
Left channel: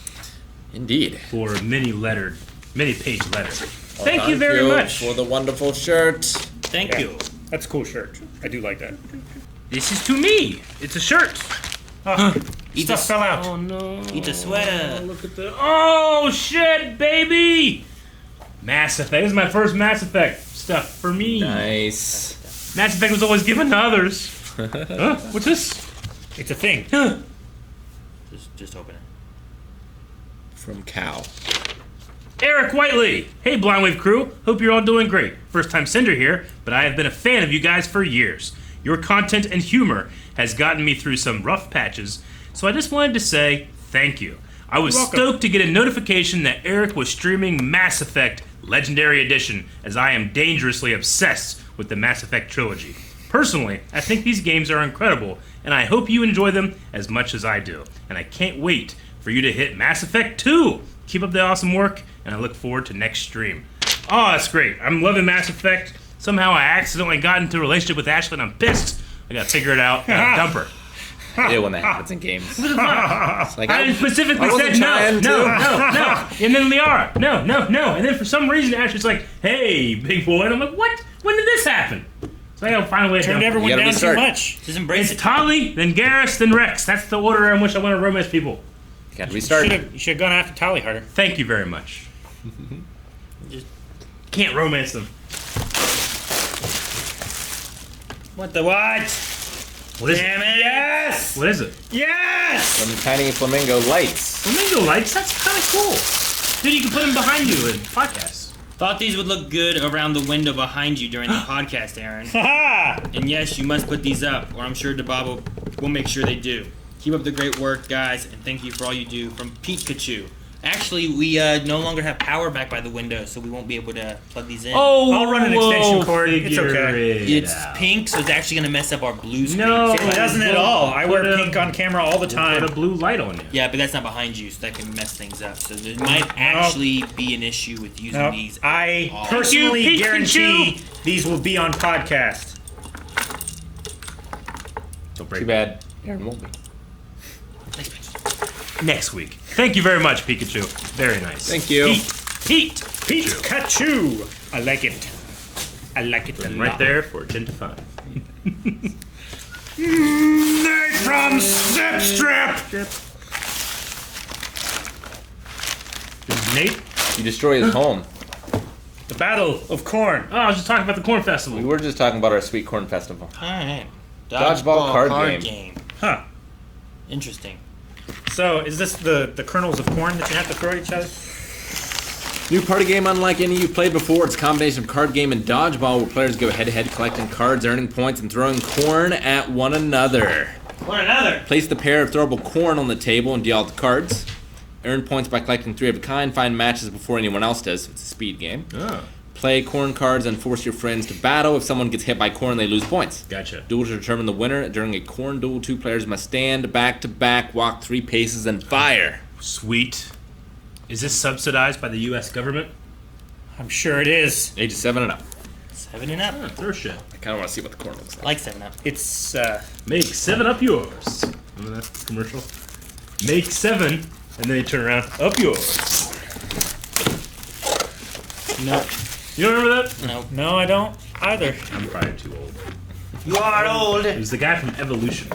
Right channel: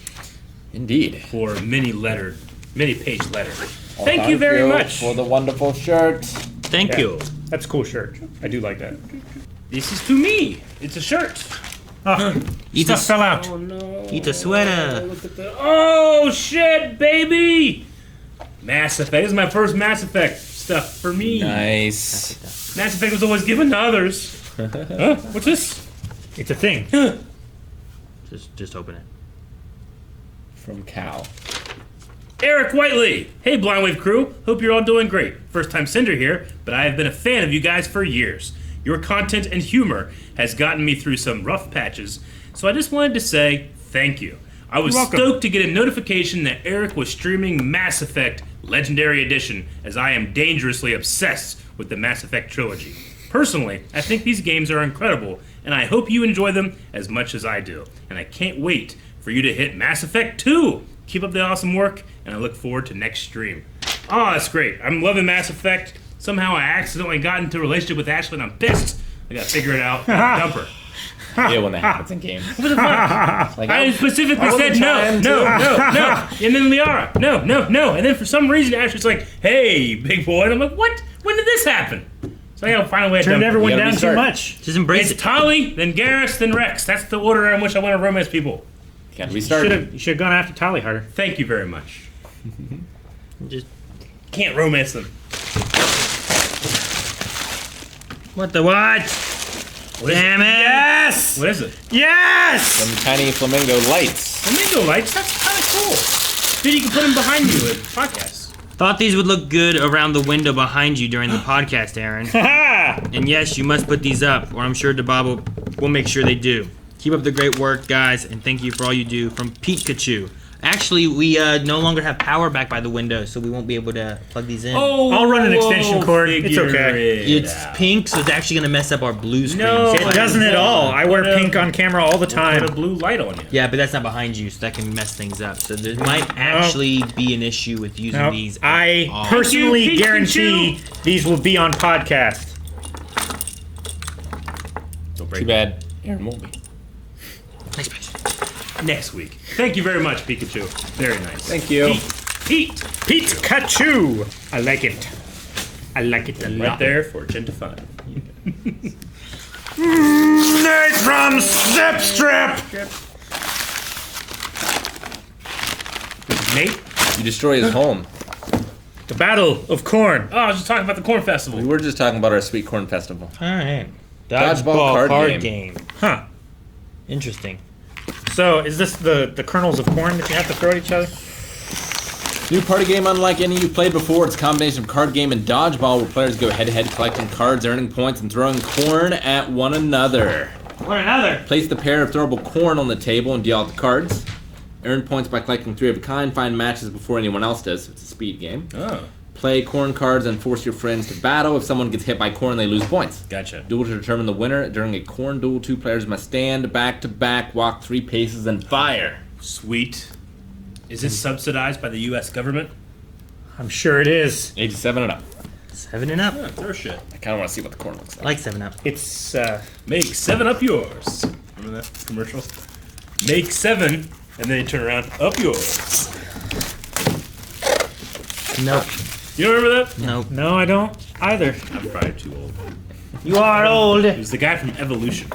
Indeed. for many page letters. Thank you very much. for the wonderful shirt. Thank Yeah. you. That's a cool shirt. I do like that. This is to me. It's a shirt. Oh, Eat stuff a- fell out. Oh no. Eat a sweater. Look at that. Oh shit, baby! Mass Effect. This is my first Mass Effect stuff for me. Nice. Mass Effect was always given to others. Huh? What's this? It's a thing. Just open it. From Cal. Eric Whiteley. Hey, Blind Wave crew. Hope you're all doing great. First time sender here, but I have been a fan of you guys for years. Your content and humor has gotten me through some rough patches, so I just wanted to say thank you. I was You're welcome. stoked to get a notification that Eric was streaming Mass Effect Legendary Edition, as I am dangerously obsessed with the Mass Effect trilogy. Personally, I think these games are incredible, and I hope you enjoy them as much as I do. And I can't wait for you to hit Mass Effect 2. Keep up the awesome work, and I look forward to next stream. Oh, that's great. I'm loving Mass Effect. Somehow I accidentally got into a relationship with Ashley, and I'm pissed. I gotta figure it out and dump her. Yeah, when that happens in games. What the fuck? It's like, I specifically I wasn't said no. trying to. And then Liara, no. And then for some reason, Ashley's like, hey, big boy. And I'm like, what? When did this happen? So I gotta find a way to Turned dump her. everyone You gotta down too restart. much. Just embrace It's it. Tali, then Garrus, then Rex. That's the order in which I want to romance people. gotta restart. You should have gone after Tali harder. Thank you very much. Just Can't romance them. what the what? What is Damn it? it! Yes! What is it? Yes! Some tiny flamingo lights. Flamingo lights? That's kind of cool. Dude, you can put them behind you in podcasts. Thought these would look good around the window behind you during the podcast, Aaron. Ha! And yes, you must put these up, or I'm sure DeBob will make sure they do. Keep up the great work, guys, and thank you for all you do. From Pikachu. Actually, we no longer have power back by the window, so we won't be able to plug these in. Oh, I'll run an extension cord. It's figure okay. it It's out. pink, so it's actually going to mess up our blue screen. No. It doesn't at all. I wear Put a- pink on camera all the time. Put a blue light on you. Yeah, but that's not behind you, so that can mess things up. So there might actually be an issue with using Nope. these. I all. personally Thank you, guarantee Pikachu. these will be on podcast. Don't break Too bad Aaron won't be. Next page. Next week. Thank you very much, Pikachu. Very nice. Thank you. Pete. Pikachu! I like it. I like it a lot. Right there for 10 to 5. Nate from Stepstrap! Nate? You destroy his home. The Battle of Corn. Oh, I was just talking about the Corn Festival. We were just talking about our sweet corn festival. Alright. Dodgeball card game. Huh. Interesting. So, is this the kernels of corn that you have to throw at each other? New party game unlike any you've played before. It's a combination of card game and dodgeball where players go head-to-head collecting cards, earning points, and throwing corn at one another. What another? Place the pair of throwable corn on the table and deal out the cards. Earn points by collecting 3 of a kind. Find matches before anyone else does. So it's a speed game. Oh, Play corn cards and force your friends to battle. If someone gets hit by corn, they lose points. gotcha. Duel to determine the winner. During a corn duel, 2 players must stand back to back, walk 3 paces, and fire. Sweet. Is this subsidized by the U.S. government? I'm sure it is. Ages 7 and up. 7 and up. Oh, throw shit. I kind of want to see what the corn looks like. Like 7 up. It's, Make 7 up yours. Remember that commercial? Make 7, and then you turn around, up yours. Nope. You don't remember that? Nope. no, I don't either. I'm probably too old. You are old. It was the guy from Evolution.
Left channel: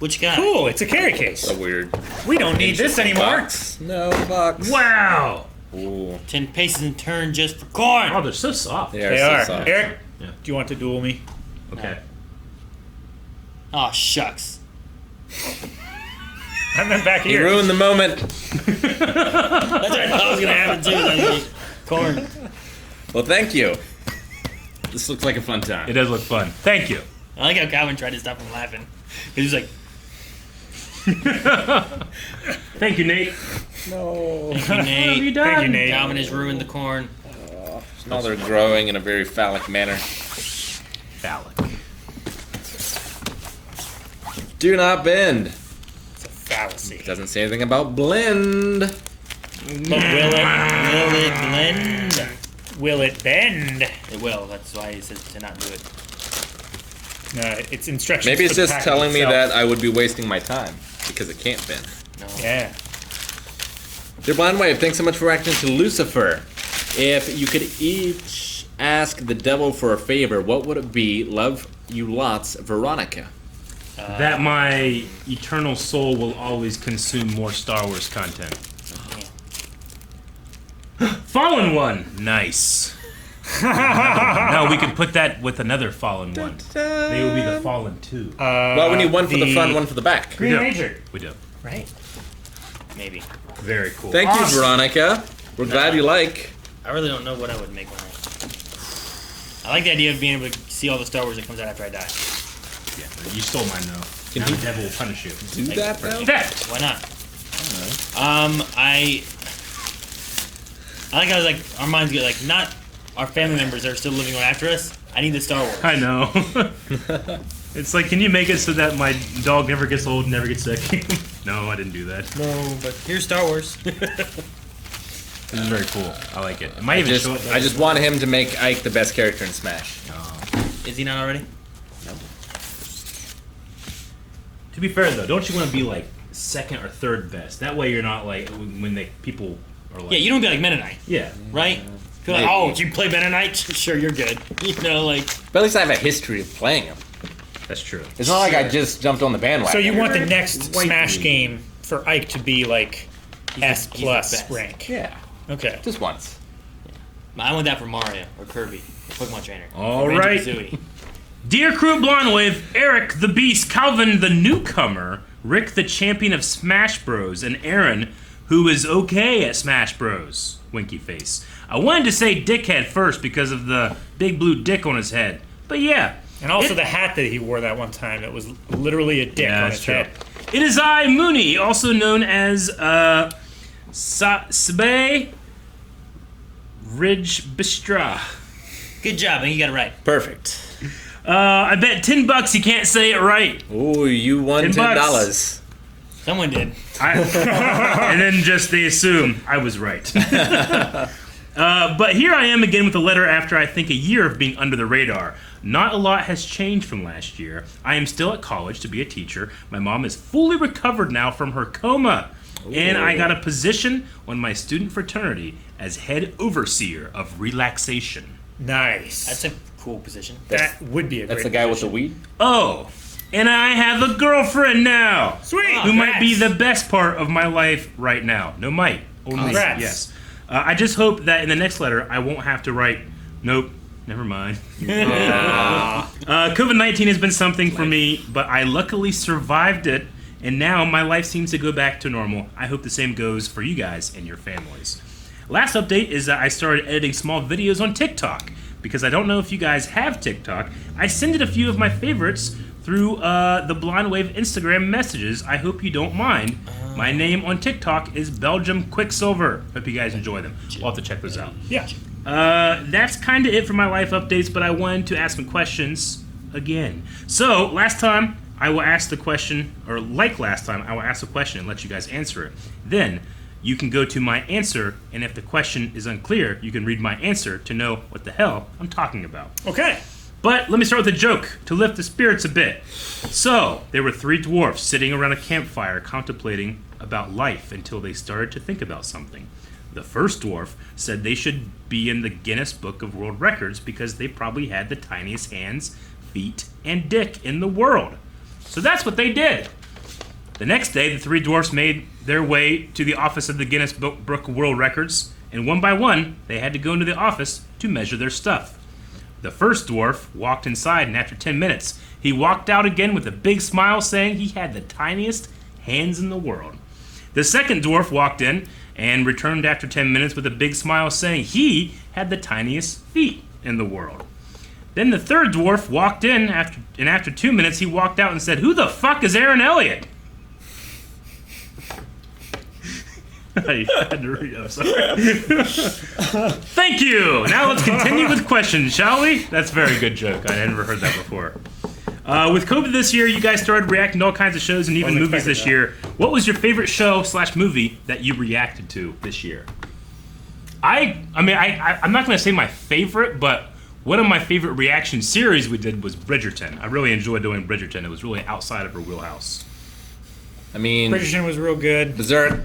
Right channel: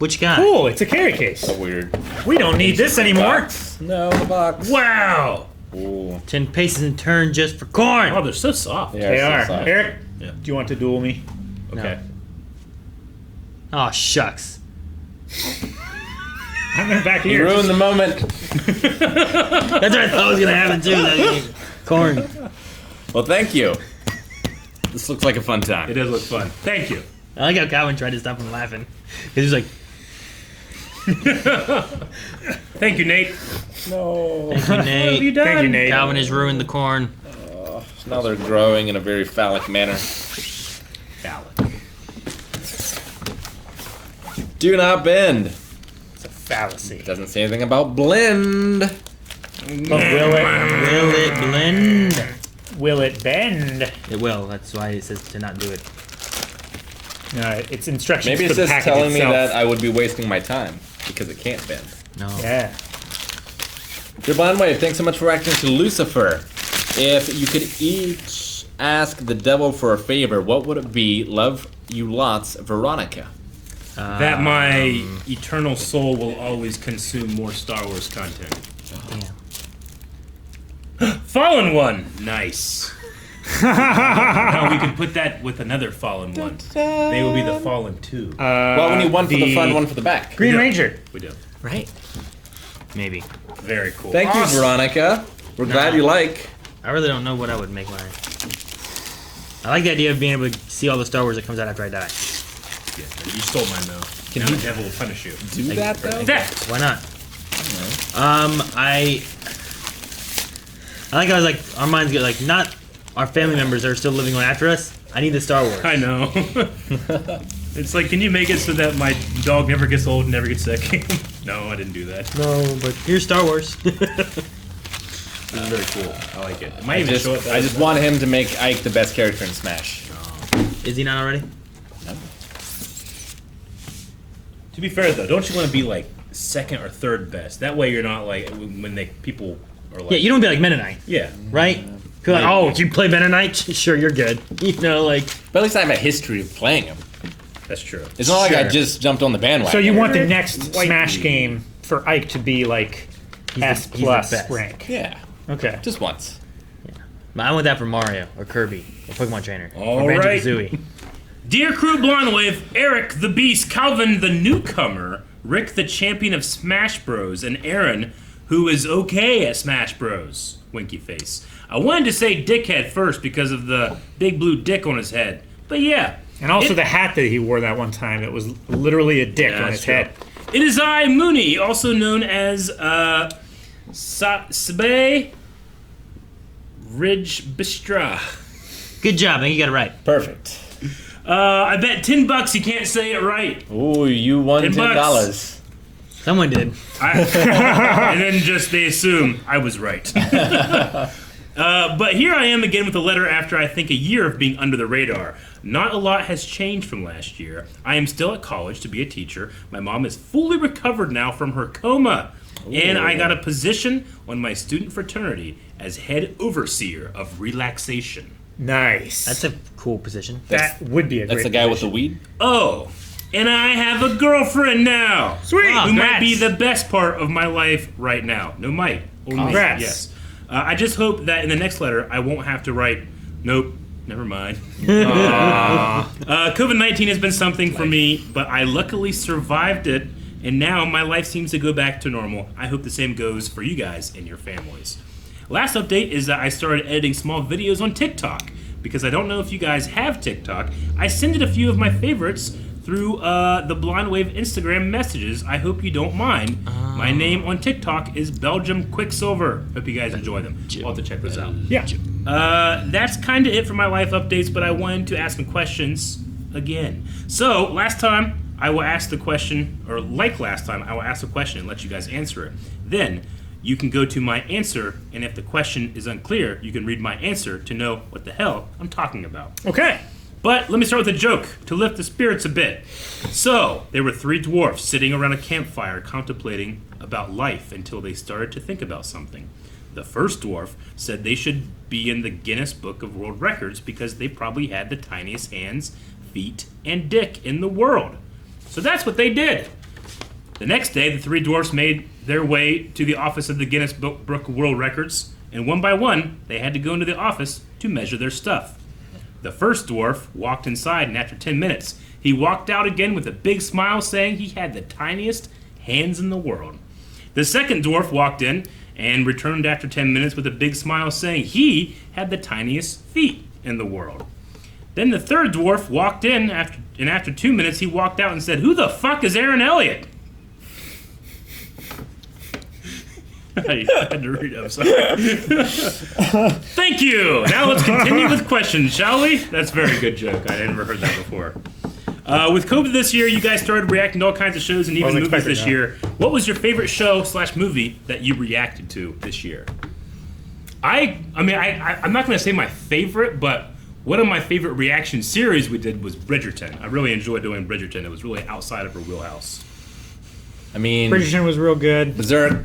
Which guy? Oh, it's a carry case. So weird. We don't need this anymore. No, the box. Wow! Ooh. 10 paces and turn just for corn. Oh, they're so soft. Yeah, They so are. soft. Eric, Yeah. do you want to duel me? Okay. Oh, shucks. I'm back You here. ruined the moment. That's what I thought was going to happen, too. Corn. Well, thank you. This looks like a fun time. It does look fun. Thank you. I like how Calvin tried to stop him laughing. He was like, Thank you, Nate. No. "Thank you, Nate." Thank you, Nate. Calvin has ruined the corn. Now they're growing in a very phallic manner. Phallic. Do not bend. It's a fallacy. It doesn't say anything about blend. But will it? Will it blend? Will it bend? It will. That's why it says to not do it. It's instructions. Maybe it's for the just package telling me itself. that I would be wasting my time because it can't bend. No. Yeah. Dear Blind Wave, thanks so much for acting to Lucifer. If you could each ask the devil for a favor, what would it be? Love you lots, Veronica. That my eternal soul will always consume more Star Wars content. Yeah. Fallen one. Nice. No, we could put that with another fallen one. They would be the fallen two. Well, we need one for the front, one for the back. Green do. Ranger. We do. Right? Maybe. Very cool. Thank you, Veronica. We're glad you like. I really don't know what I would make when I like the idea of being able to see all the Star Wars that comes out after I die. Yeah, you stole mine though. Can Now he the devil will punish you. do that, though? Theft. Why not? I like how I was like, our minds get like, not our family members that are still living on after us. I need the Star Wars. I know. It's like, can you make it so that my dog never gets old and never gets sick? No, I didn't do that. No, but here's Star Wars. This is very cool. I like it. It might even show up. I just want him to make Ike the best character in Smash. Is he not already? No. To be fair though, don't you want to be like second or third best? That way you're not like when people are like. Yeah, you don't be like Mennonite, Yeah. right? Feel like, oh, you play Mennonite? Sure, you're good. You know, like. But at least I have a history of playing him. That's true. It's not like I Sure. just jumped on the bandwagon. So you want the next White Smash dude. game for Ike to be like He's S the plus best. rank? Yeah, Okay. just once. I want that for Mario or Kirby or Pokemon Trainer. All or right. Banjo-Kazooie. Dear Crew Blondwave, Eric the Beast, Calvin the Newcomer, Rick the Champion of Smash Bros, and Aaron, who is okay at Smash Bros. Winky face. I wanted to say dickhead first because of the big blue dick on his head, but yeah. And also It- the hat that he wore that one time, it was literally a dick on that's his true. head. It is I, Mooney, also known as Sabe Ridge Bistra. Good job, man. You got it right. Perfect. I bet $10 you can't say it right. Ooh, you won $10. $10. Someone did. And then just they assume I was right. But here I am again with a letter after I think a year of being under the radar. Not a lot has changed from last year. I am still at college to be a teacher. My mom is fully recovered now from her coma. And I got a position on my student fraternity as head overseer of relaxation. Nice. That's a cool position. that would be a That's the great guy with the weed? Oh, and I have a girlfriend now. Sweet. Who might be Congrats. the best part of my life right now. No, might. Only Congrats. yes. I just hope that in the next letter I won't have to write, nope, never mind. COVID-19 has been something for me, but I luckily survived it, and now my life seems to go back to normal. I hope the same goes for you guys and your families. Last update is that I started editing small videos on TikTok. Because I don't know if you guys have TikTok, I send it a few of my favorites through the Blind Wave Instagram messages. I hope you don't mind. My name on TikTok is Belgium Quicksilver. Hope you guys enjoy them. We'll have to check this out. Yeah. That's kind of it for my life updates, but I wanted to ask some questions again. So, last time, I will ask the question, or like last time, I will ask the question and let you guys answer it. Then, you can go to my answer, and if the question is unclear, you can read my answer to know what the hell I'm talking about. Okay. But let me start with a joke to lift the spirits a bit. So, there were three dwarfs sitting around a campfire contemplating about life until they started to think about something. The first dwarf said they should be in the Guinness Book of World Records because they probably had the tiniest hands, feet, and dick in the world. So that's what they did. The next day, the three dwarfs made their way to the office of the Guinness Book of World Records, and one by one, they had to go into the office to measure their stuff. The first dwarf walked inside, and after 10 minutes, he walked out again with a big smile saying he had the tiniest hands in the world. The second dwarf walked in, and returned after 10 minutes with a big smile saying he had the tiniest feet in the world. Then the third dwarf walked in, and after 2 minutes he walked out and said, "Who the fuck is Aaron Elliott?" I had to read it, I'm sorry. Thank you! Now let's continue with questions, shall we? That's a very good joke. I had never heard that before. With COVID this year, you guys started reacting to all kinds of shows and even movies this year. What was your favorite show / movie that you reacted to this year? I'm not going to say my favorite, but one of my favorite reaction series we did was Bridgerton. I really enjoyed doing Bridgerton. It was really outside of her wheelhouse. I mean, Bridgerton was real good. Berserk.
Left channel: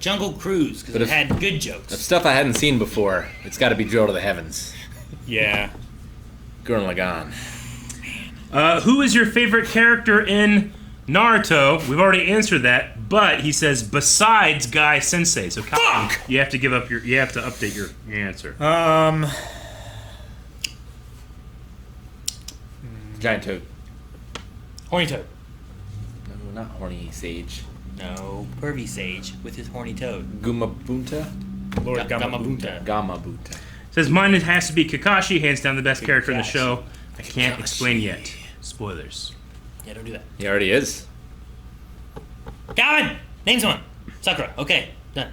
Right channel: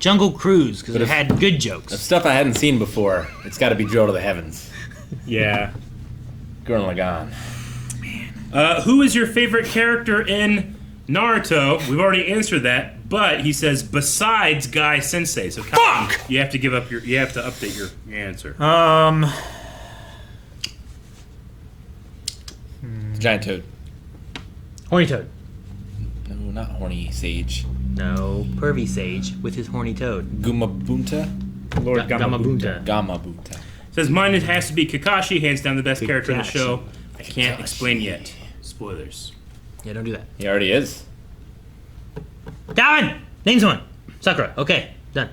Jungle Cruise, because it had good jokes. If stuff I hadn't seen before, it's got to be Drill to the Heavens. Yeah. Gurren Lagann. Who is your favorite character in Naruto? We've already answered that, but he says besides Guy Sensei. So fuck! You have to update your answer. Giant Toad. Horny Toad. No, not Horny Sage. No, Pervy Sage with his horny toad. Gumabunta? Lord Gamabunta. Gamabunta. Says mine it has to be Kakashi, hands down the best character in the Kakashi. show. I can't explain yet. Spoilers. Yeah, don't do that. He already is. God! Name someone. Sakura. Okay, done.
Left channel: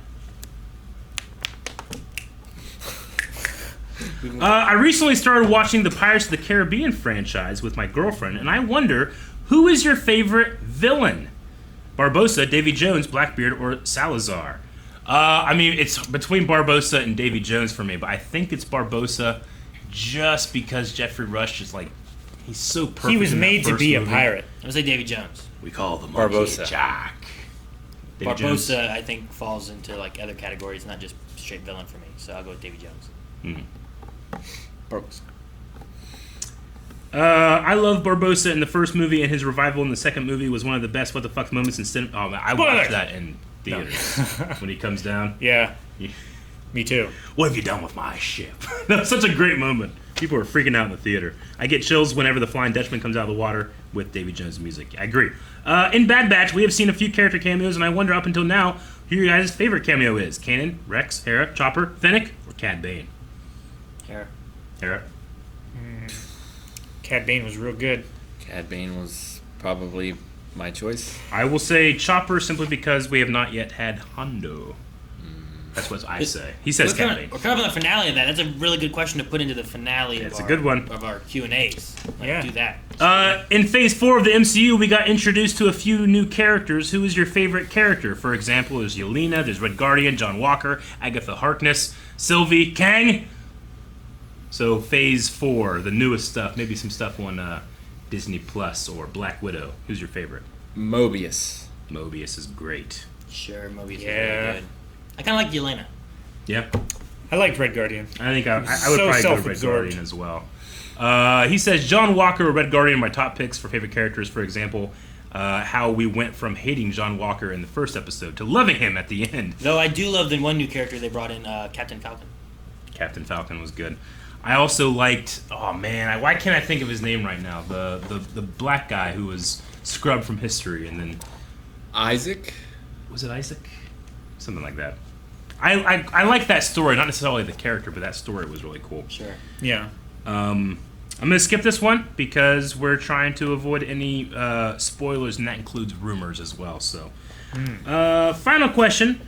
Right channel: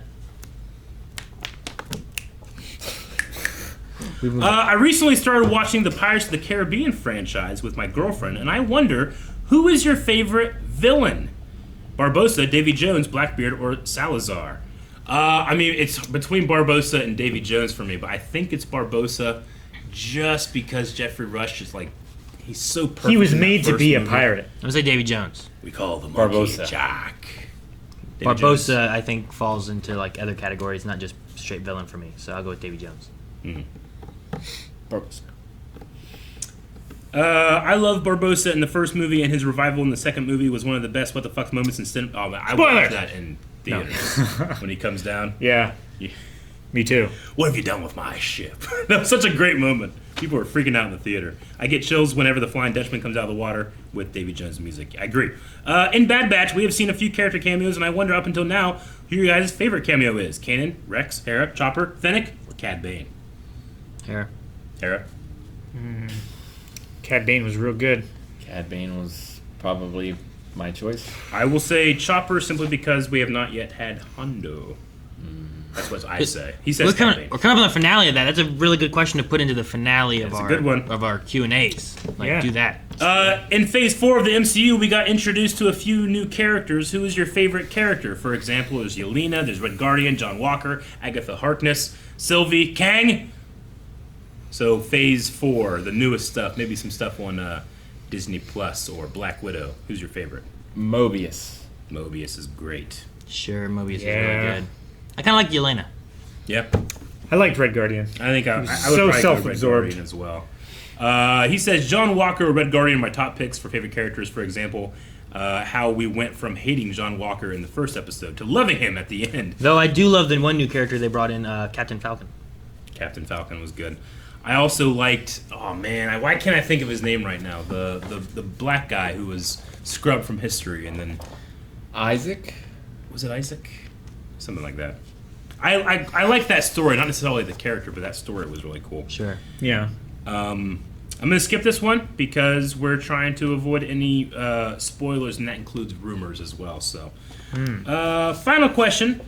I recently started watching the Pirates of the Caribbean franchise with my girlfriend, and I wonder, who is your favorite villain? Barbossa, Davy Jones, Blackbeard, or Salazar? It's between Barbossa and Davy Jones for me, but I think it's Barbossa just because Jeffrey Rush is like, he's so perfect. He was in that made to first be a movie. pirate. I'm gonna say Davy Jones. We call the monkey Barbossa. Jack. Davy Jones. Barbossa, I think, falls into like other categories, not just straight villain for me. So I'll go with Davy Jones. Barbossa. I love Barbossa in the first movie, and his revival in the second movie was one of the best what the fuck moments in cinema. Oh man, I watched that in theaters when he comes down. Yeah. Yeah. Me too. What have you done with my ship? That was such a great moment. People were freaking out in the theater. I get chills whenever the Flying Dutchman comes out of the water with Davy Jones' music. I agree. In Bad Batch, we have seen a few character cameos, and I wonder up until now who your guys' favorite cameo is. Kanan, Rex, Hera, Chopper, Fennec, or Cad Bane? Here. Hera? Cad Bane was real good. Cad Bane was probably my choice. I will say Chopper simply because we have not yet had Hondo. That's what I say. He says We're Cad Bane. coming up on the finale of that. That's a really good question to put into the finale of That's a good one. of our Q&As. Like, Yeah. do that. In Phase 4 of the MCU, we got introduced to a few new characters. Who is your favorite character? For example, there's Yelena, there's Red Guardian, John Walker, Agatha Harkness, Sylvie, Kang. So Phase 4, the newest stuff, maybe some stuff on Disney Plus or Black Widow. Who's your favorite? Mobius. Mobius is great. Sure, Mobius is Yeah. really good. I kind of like Yelena. Yeah, I liked Red Guardian. I think I would So probably go Red self-absorbed. Guardian as well. He says John Walker or Red Guardian are my top picks for favorite characters. For example, how we went from hating John Walker in the first episode to loving him at the end. Though I do love the one new character they brought in, Captain Falcon. Captain Falcon was good. I also liked. Oh man, why can't I think of his name right now? The black guy who was scrubbed from history, and then Isaac. was it Isaac? Something like that. I like that story, not necessarily the character, but that story was really cool. Sure. Yeah. I'm gonna skip this one because we're trying to avoid any spoilers, and that includes rumors as well. So, final question.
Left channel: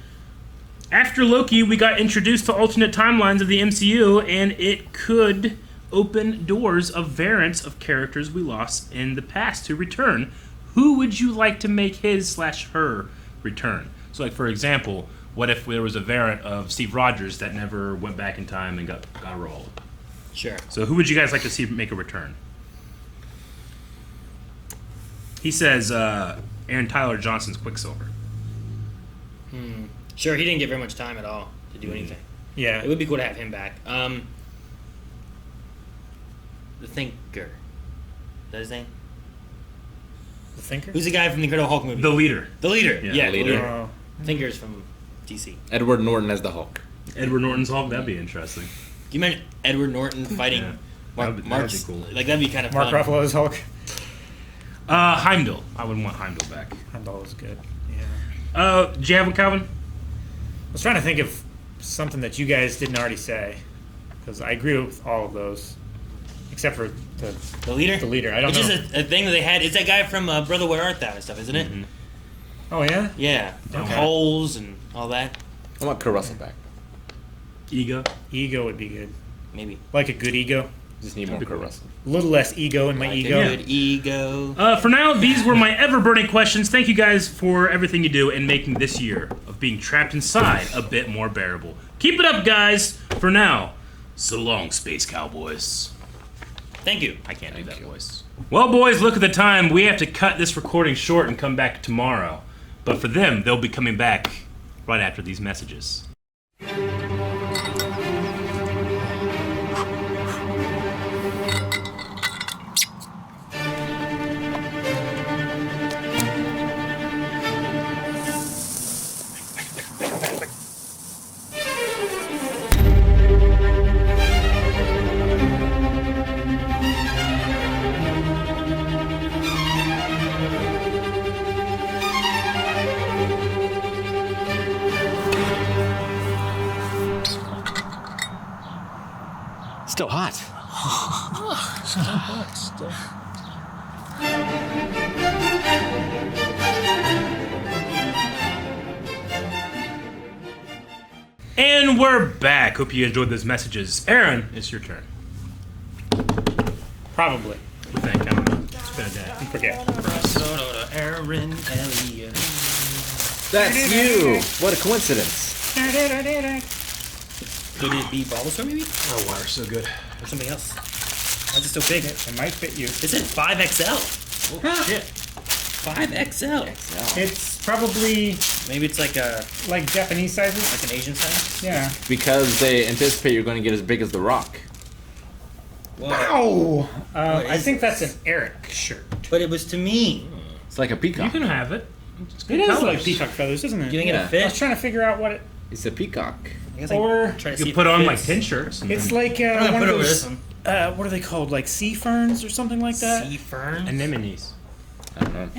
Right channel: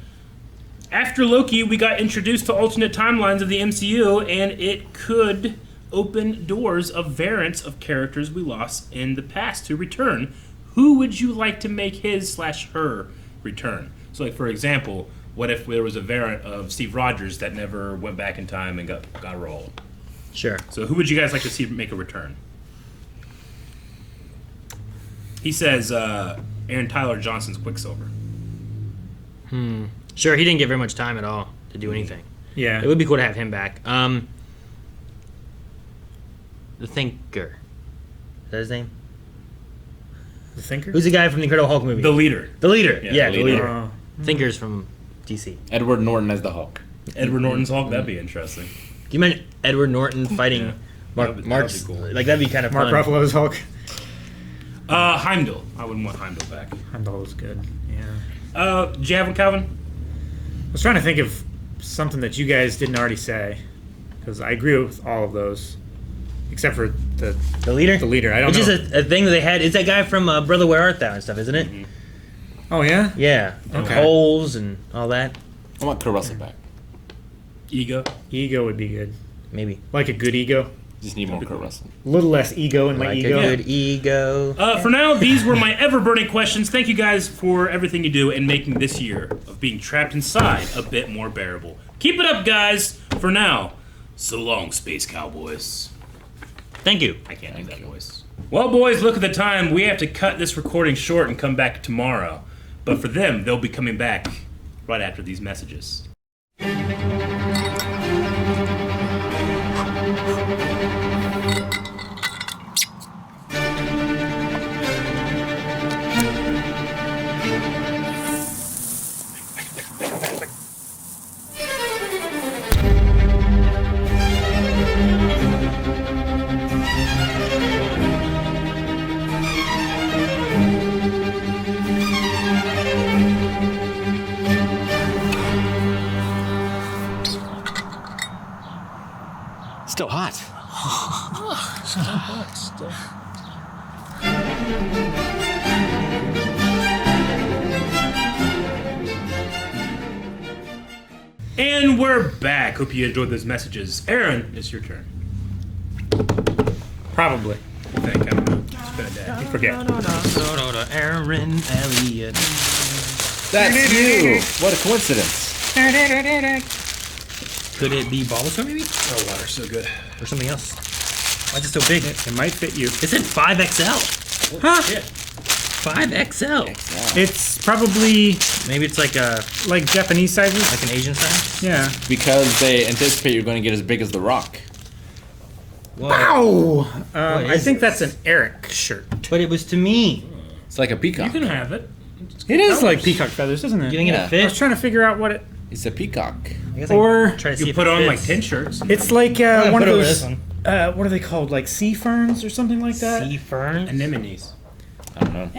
After Loki, we got introduced to alternate timelines of the MCU, and it could open doors of variants of characters we lost in the past to return. Who would you like to make his/her return? So, like for example, what if there was a variant of Steve Rogers that never went back in time and got rolled? Sure. So, who would you guys like to see make a return? He says Aaron Tyler Johnson's Quicksilver. Sure, he didn't get very much time at all to do anything. Yeah. It would be cool to have him back. The Thinker. Is that his name? The Thinker? Who's the guy from the Incredible Hulk movie? The leader. The leader. Yeah, Yeah, the the leader. leader. Oh. Thinker's from DC. Edward Norton as the Hulk. Edward Norton's Hulk. That'd be interesting. Can you imagine Edward Norton fighting Yeah. Mark? That'd be Mark's, cool. Like that'd be kind of Mark fun. Ruffalo's Hulk. Heimdall. I wouldn't want Heimdall back. Heimdall was good. Yeah. Do you have one, Calvin? was trying to think of something that you guys didn't already say, because I agree with all of those, except for The leader? the leader. I don't Which know. is a thing that they had. It's that guy from Brother Where Art Thou and stuff, isn't it? Oh yeah. Yeah. Okay. Holes and all that. I want Kurt Russell back. Ego. Ego would be good. Maybe. Like a good ego. Just need more Kurt Russell. A little less ego in my Like ego. a good ego. For now, these were my ever-burning questions. Thank you guys for everything you do in making this year of being trapped inside a bit more bearable. Keep it up, guys. For now, so long, Space Cowboys. Thank you. I can't do that voice. Well, boys, look at the time. We have to cut this recording short and come back tomorrow. But for them, they'll be coming back right after these messages. Still hot. And we're back. Hope you enjoyed those messages. Aaron, it's your turn. Probably. I think. I don't know. It's been a day. Forget. Aaron Elliott. That's you. What a coincidence. Could it be Bulbasaur maybe? Oh, water's so good. Or something else? Why is it so big? It might fit you. It said 5XL. Oh, shit. 5XL. It's probably Maybe it's like like Japanese sizes. an Asian size? Yeah. Because they anticipate you're going to get as big as The Rock. Whoa. Ow! What I is think that's an Eric shirt. But it was to me. It's like a You peacock. can have it. It is like peacock feathers, isn't it? You think Yeah. it fit? I was trying to figure out what it. It's a peacock. I guess I Or try to see You if put it on like fits. 10 shirts. It's like I'm gonna one of put over those. this one. What are they called? Like sea ferns or something like that. Sea fern. Anemones. I don't know.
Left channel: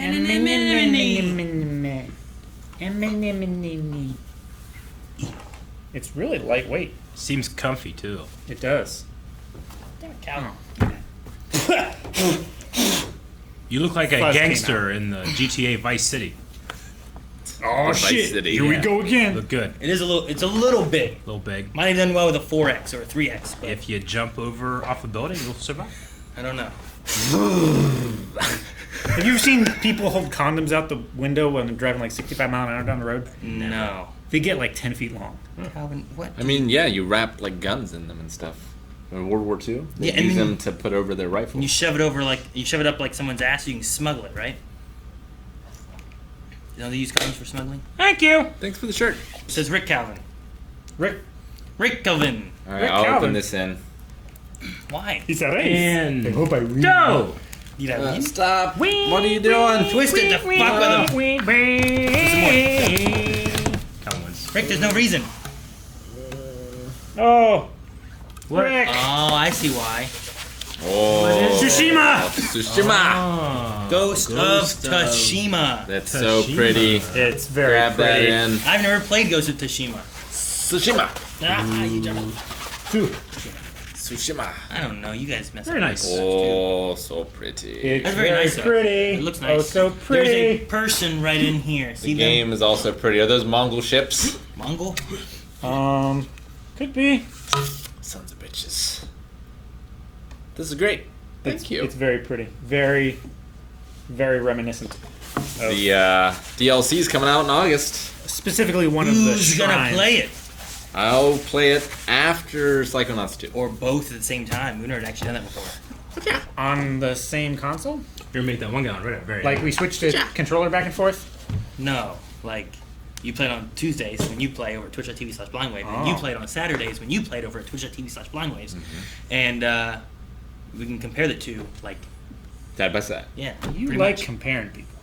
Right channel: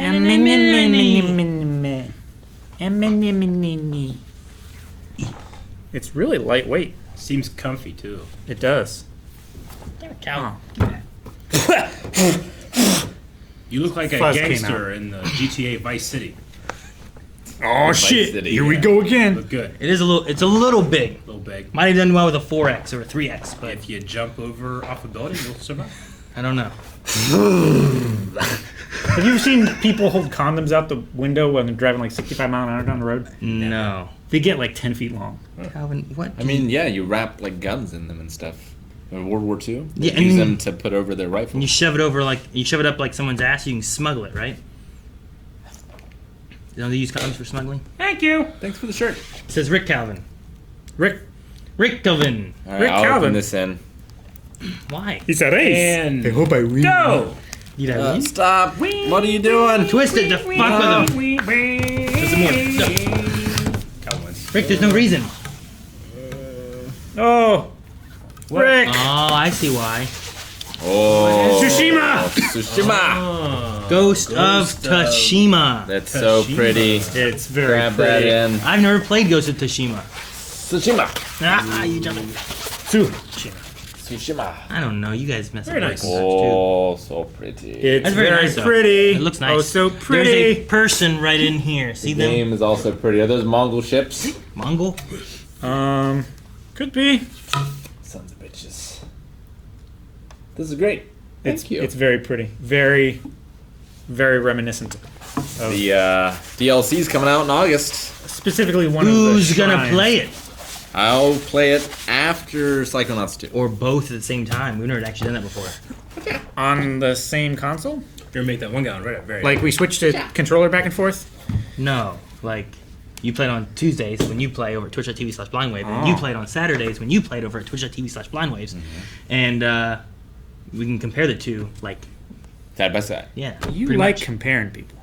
It's really lightweight. Seems comfy too. It does. Damn it, cow. You look like a Fuzz came gangster in the GTA Vice City. Oh Vice shit! City, Here we yeah. go again. Look good. It is a little. It's a little big. A little big. Might have done well with a 4X or a 3X, but If you jump over off a building, you'll survive. I don't know. Have you ever seen people hold condoms out the window when they're driving like 65 mile an hour down the road? No. They get like 10 feet long. Calvin, what? I mean, yeah, you wrap like guns in them and stuff. In World War II, they Yeah, and use then- them to put over their And rifles. you shove it over like you shove it up like someone's ass. You can smuggle it, right? You know they use condoms for smuggling. Thank you. Thanks for the shirt. It says Rick Calvin. Rick, Rick Calvin. All right, Rick I'll Calvin. open this in. Why? he's a race. And I hope I win. go. You know, you Stop! What are you doing? twist it to fuck with him. Some more stuff. Come on. Rick, there's no reason. Oh, Rick. Oh, I see why. Oh, Tsushima. Tsushima. Ghost of Ghost of Tsushima. That's so Tsushima. pretty. It's very Grab that pretty. in. I've never played Ghost of Tsushima. Tsushima. Ah, you jumped. Tsushima. I don't know. You guys mess Very up. nice. Oh, so pretty. It's That's very very nice, though. pretty. It looks nice. Oh, so There's a pretty. person right in here. See The them? game is also pretty. Are those Mongol ships? Mongol? Could be. Sons of bitches. This is great. Thank you. It's very pretty. Very, very reminiscent. Of The DLC's coming out in August. specifically one of Who's the gonna shrines. play it? I'll play it after Psychonauts 2. Or both at the same time? We've never actually done that before. on the same console? You make that one guy right. Very. Like we switched to controller back and forth? No. Like, you played on Tuesdays when you play over at twitch.tv/blindwave, and you Oh. played on Saturdays when you played over at twitch.tv/blindwaves. And we can compare the two, like, Side by side. yeah. You pretty like much. comparing people.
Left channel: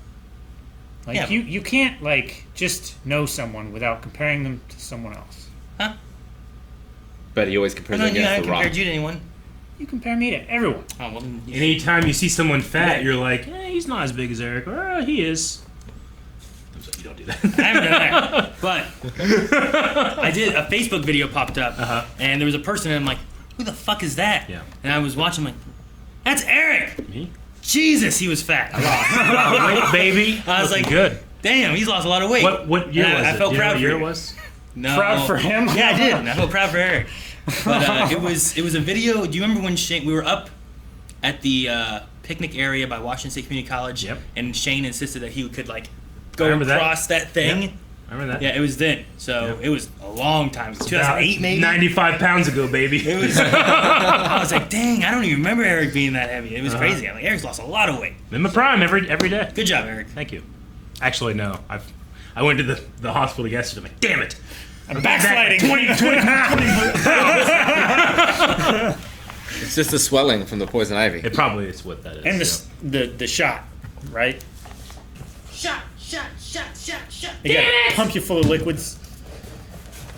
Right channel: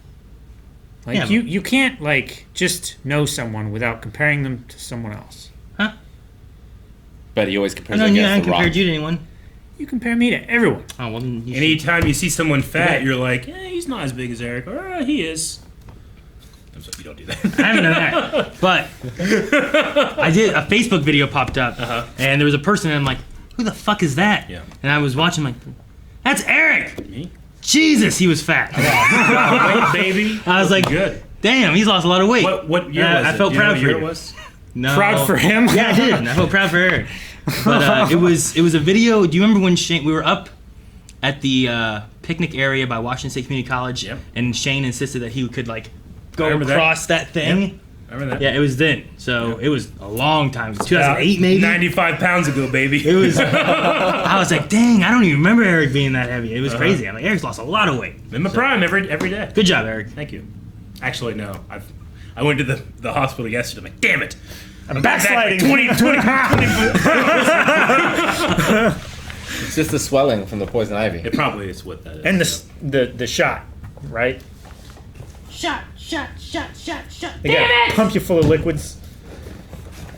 Like Yeah, you can't like just know someone without comparing them to someone else. Huh? But he always I compares know it you against haven't The Rock. compared you to anyone. You compare me to everyone. Oh, well, then you should. Anytime you see someone fat, you're like, he's not as big as Eric, or he is. You don't do do that. I haven't done that. But I did. A Facebook video popped up, and there was a person, and I'm like, who the fuck is that? Yeah. And I was watching, like, that's Eric! Me? Jesus, he was fat. Wait, baby. I was like, good. Damn, he's lost a lot of weight. What year was it? I felt Do you know proud what for year you. it was? No. Proud for him? Yeah, I did. I felt proud for Eric. But it was a video. Do you remember when Shane? We were up at the picnic area by Washington State Community College, Yep. and Shane insisted that he could like go remember that. across that thing. Yep. I remember that. Yeah, it was then. So it was a long time. It was 2008 maybe. 95 pounds ago, baby. It was. I was like, dang, I don't even remember Eric being that heavy. It was crazy. I'm like, Eric's lost a lot of weight. In the prime every day. Good job, Eric. Thank you. Actually, no. I went to the hospital yesterday. I'm like, damn it. I'm backsliding. 20. It's just the swelling from the poison ivy. It probably is what that is. And the shot, right? Shot. They gotta pump you full of liquids.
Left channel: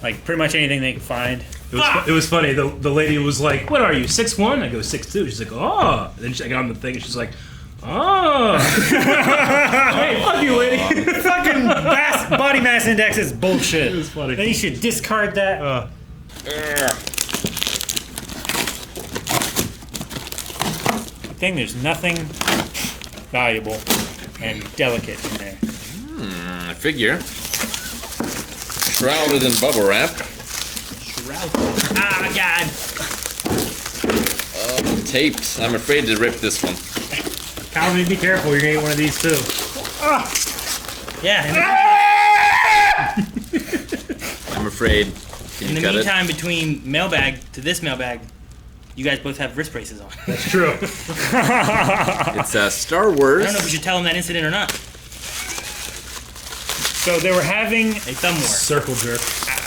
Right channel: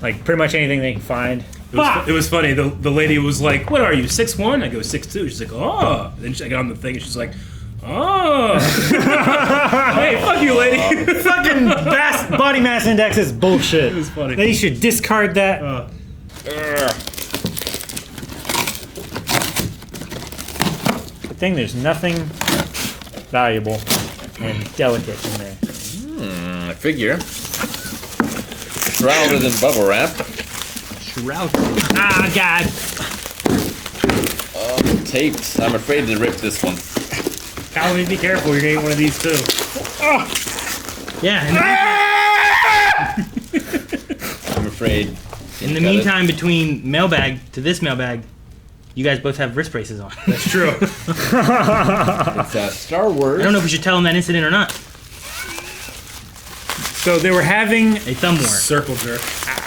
Like pretty much anything they can find. It was funny. The lady was like, "What are you, 6'1"? I go 6'2". She's like, "Oh." And then she got on the thing and she's like, "Oh." Wait, fuck you, lady. Fucking body mass index is bullshit. It was funny. Then you should discard that. Good thing there's nothing valuable and delicate in there. I figure. Shrouded in bubble wrap. Shroud. Ah, God. Taped. I'm afraid to rip this one. Calvin, be careful. You're getting one of these too. Yeah. I'm afraid. In the meantime, between mailbag to this mailbag, you guys both have wrist braces on. That's true. It's Star Wars. I don't know if we should tell them that incident or not. So they were having. A thumb war. Circle jerk.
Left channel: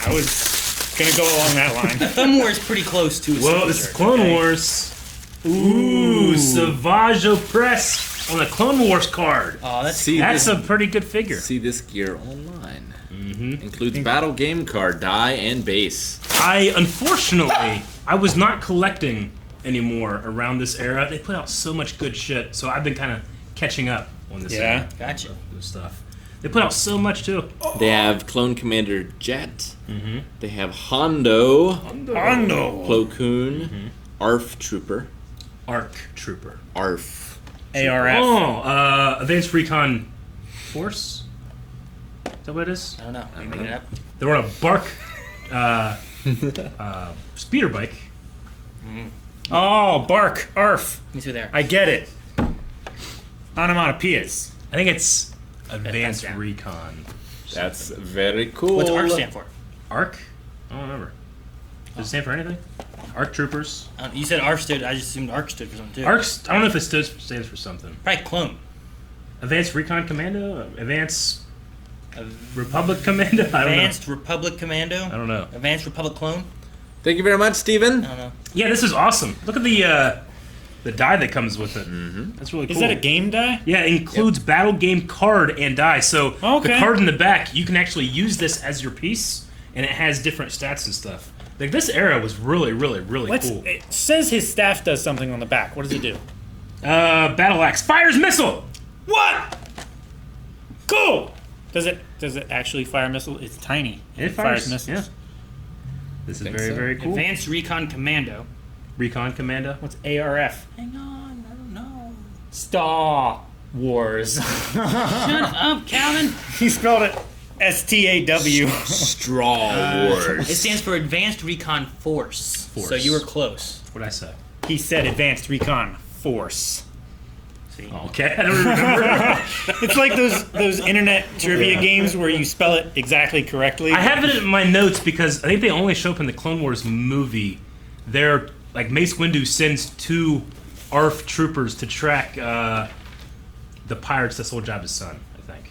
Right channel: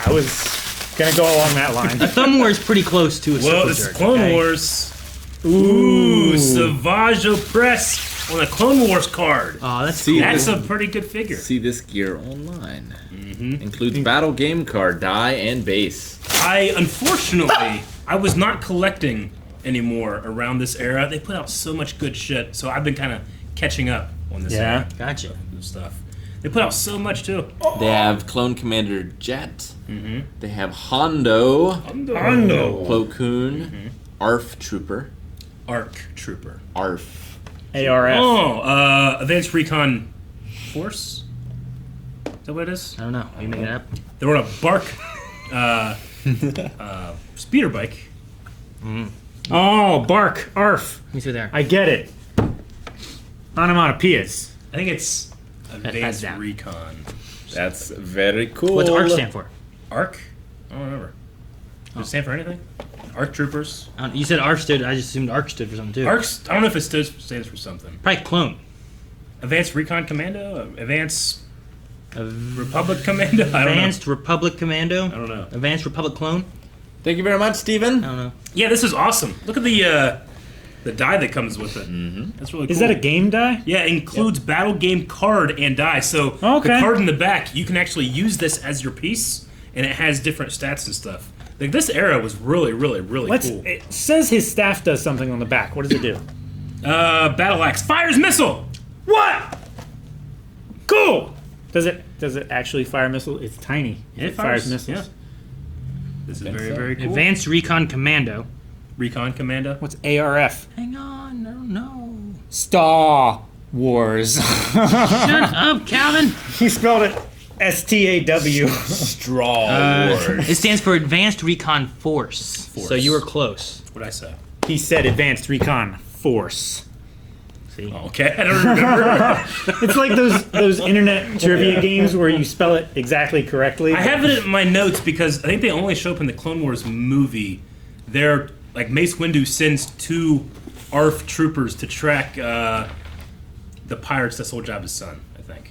I was gonna go along that line. Thumb war is pretty close to a Well, circle this is jerk, Clone okay? Wars. Ooh, Savage Opress on the Clone Wars card. Oh, that's See, That's this, a pretty good figure. see this gear online. Includes battle game card, die, and base. Unfortunately, I was not collecting anymore around this era. They put out so much good shit, so I've been kind of catching up on this Yeah. Gotcha. this stuff. They put out so much too. They have Clone Commander Jet. They have Hondo, Hondo. Plo Koon, ARF Trooper, Arc Trooper. ARF. ARF. Oh, Advanced Recon Force? Is that what it is? I don't know. Are you making it up? They're on a bark, speeder bike. Oh, bark. Arf. Let me see there. I get it. Onomatopoeias. I think it's Advanced down. Recon. That's very cool. What's ARC stand for? Arc? I don't remember. Does it stand for anything? Arc Troopers. You said ARC stood. I just assumed ARC stood for something too. Arcs. I don't know if it stands for something. Probably clone. Advanced Recon Commando. Advanced Republic Commando. I don't know. Advanced Republic Commando. I don't know. Advanced Republic Clone. Thank you very much, Steven. I don't know. Yeah, this is awesome. Look at the die that comes with it. That's really cool. Is that a game die? Yeah, it includes battle game card and die. So Okay. the card in the back, you can actually use this as your piece, and it has different stats and stuff. Like this era was really, really, really cool. It says his staff does something on the back. What does it do? Battle axe fires missile. What? Cool. Does it actually fire a missile? It's tiny. It fires fires, missiles. yeah. This is think very, so. very cool. Advanced Recon Commando. Recon Commando. What's ARF? Hang on. I don't know. Star Wars. Shut up, Calvin. He spelled it STAW. Straw Wars. It stands for Advanced Recon Force. So you were close. What'd I say? He said Advanced Recon Force. See? Oh, okay, I don't remember. It's like those internet trivia games where you spell it exactly correctly. I have it in my notes because I think they only show up in the Clone Wars movie. They're like Mace Windu sends 2 ARF troopers to track the pirates that sold Jabba's son, I think.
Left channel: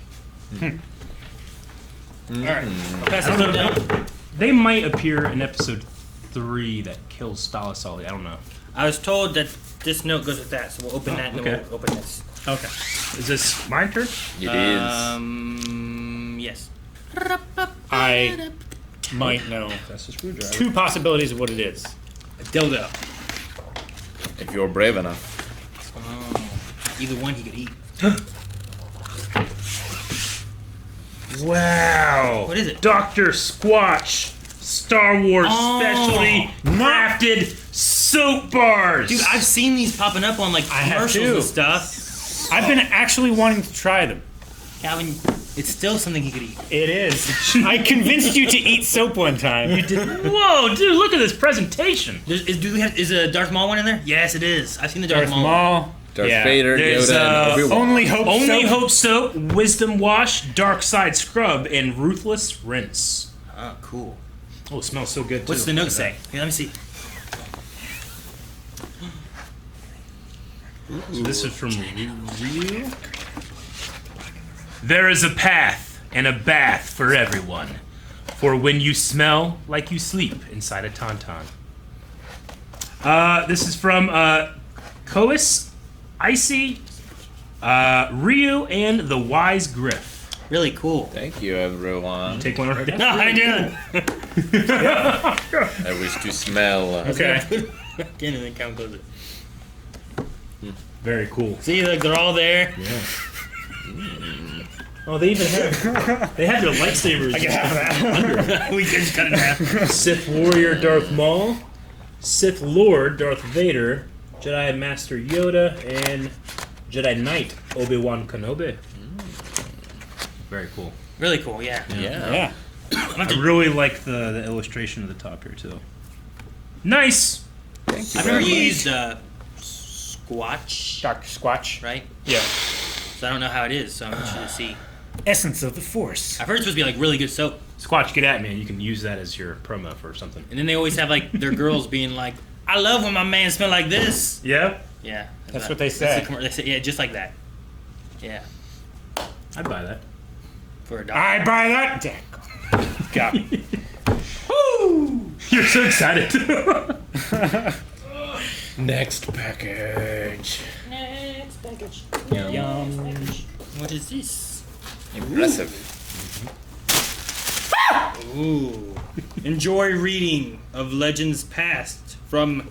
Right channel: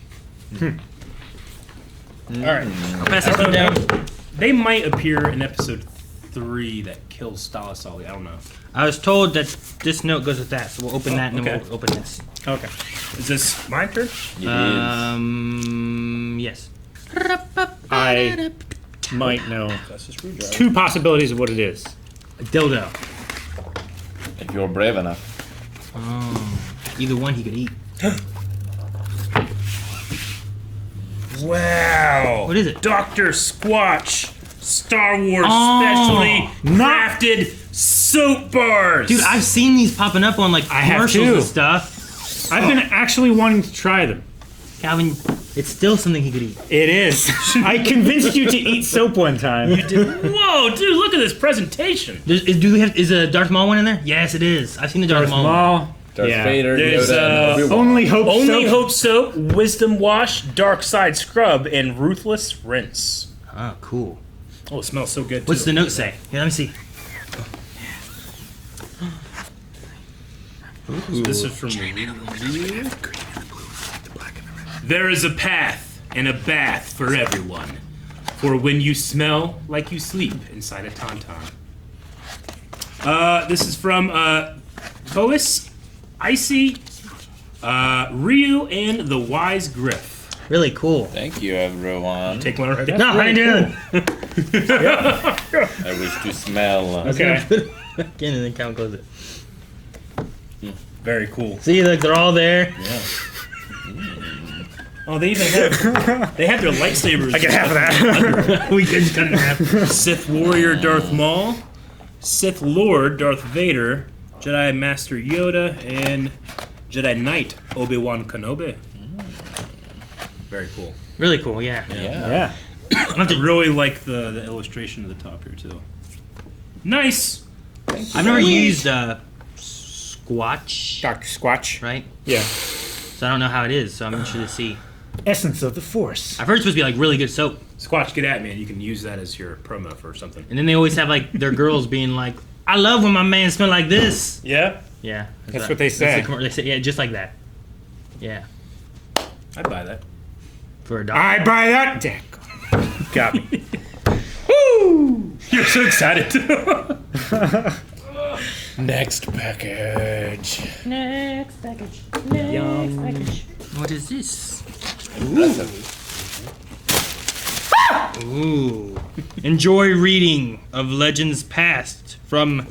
All right. I'll pass that note down. They might appear in episode 3 that kills Stala Sully. I don't know. I was told that this note goes with that, so we'll open that and then okay. we'll open this. Okay. Is this my turn? It Yes. I might know That's the screwdriver. 2 possibilities of what it is. A dildo. is. If you're brave enough. Oh. Either one he could eat. This Wow. What is it? Dr. Squatch Star Wars specially crafted soap bars. Dude, I've seen these popping up on like I have commercials too. and stuff. I've been actually wanting to try them. Calvin, it's still something he could eat. It is. I convinced you to eat soap one time. Whoa, dude, look at this presentation. Is a Darth Maul one in there? Yes, it is. I've seen the Darth, Maul. Darth Yeah. Vader, There's, Yoda, and Obi-Wan. Only Hope Only soap. Hope Soap, Wisdom Wash, Dark Side Scrub, and Ruthless Rinse. Oh, cool. Oh, it smells so good, too. What's the note say? Here, let me see. So this is from Ryu. There is a path and a bath for everyone. For when you smell like you sleep inside a tauntaun. This is from Kois, Icy, Ryu, and the Wise Griff. Really cool. Thank you, everyone. Take one already. No, I didn't do That was to smell. Okay. it. Again, and then count close it. Very cool. See, like they're all there. Oh, they even have their lightsabers. I can have that. We could just cut it in half. Sith Warrior Darth Maul, Sith Lord Darth Vader, Jedi Master Yoda, and Jedi Knight Obi-Wan Kenobi. Very cool. Really cool, yeah. Yeah. I really like the illustration of the top here too. Nice. I've never used Squatch, Dr. Squatch. right? Yeah. So I don't know how it is, so I'm interested to see. Essence of the Force. I've heard it's supposed to be like really good soap. Squatch, get at me, and you can use that as your promo for something. And then they always have like their girls being like, I love when my man smell like this. Yeah, Yeah. That's what they say. They say, yeah, just like that. Yeah. I'd buy that. For a dog. I buy that dick. Got me. Woo! You're so excited. Next package. Next package. What is this? Ooh. Enjoy reading of Legends Past from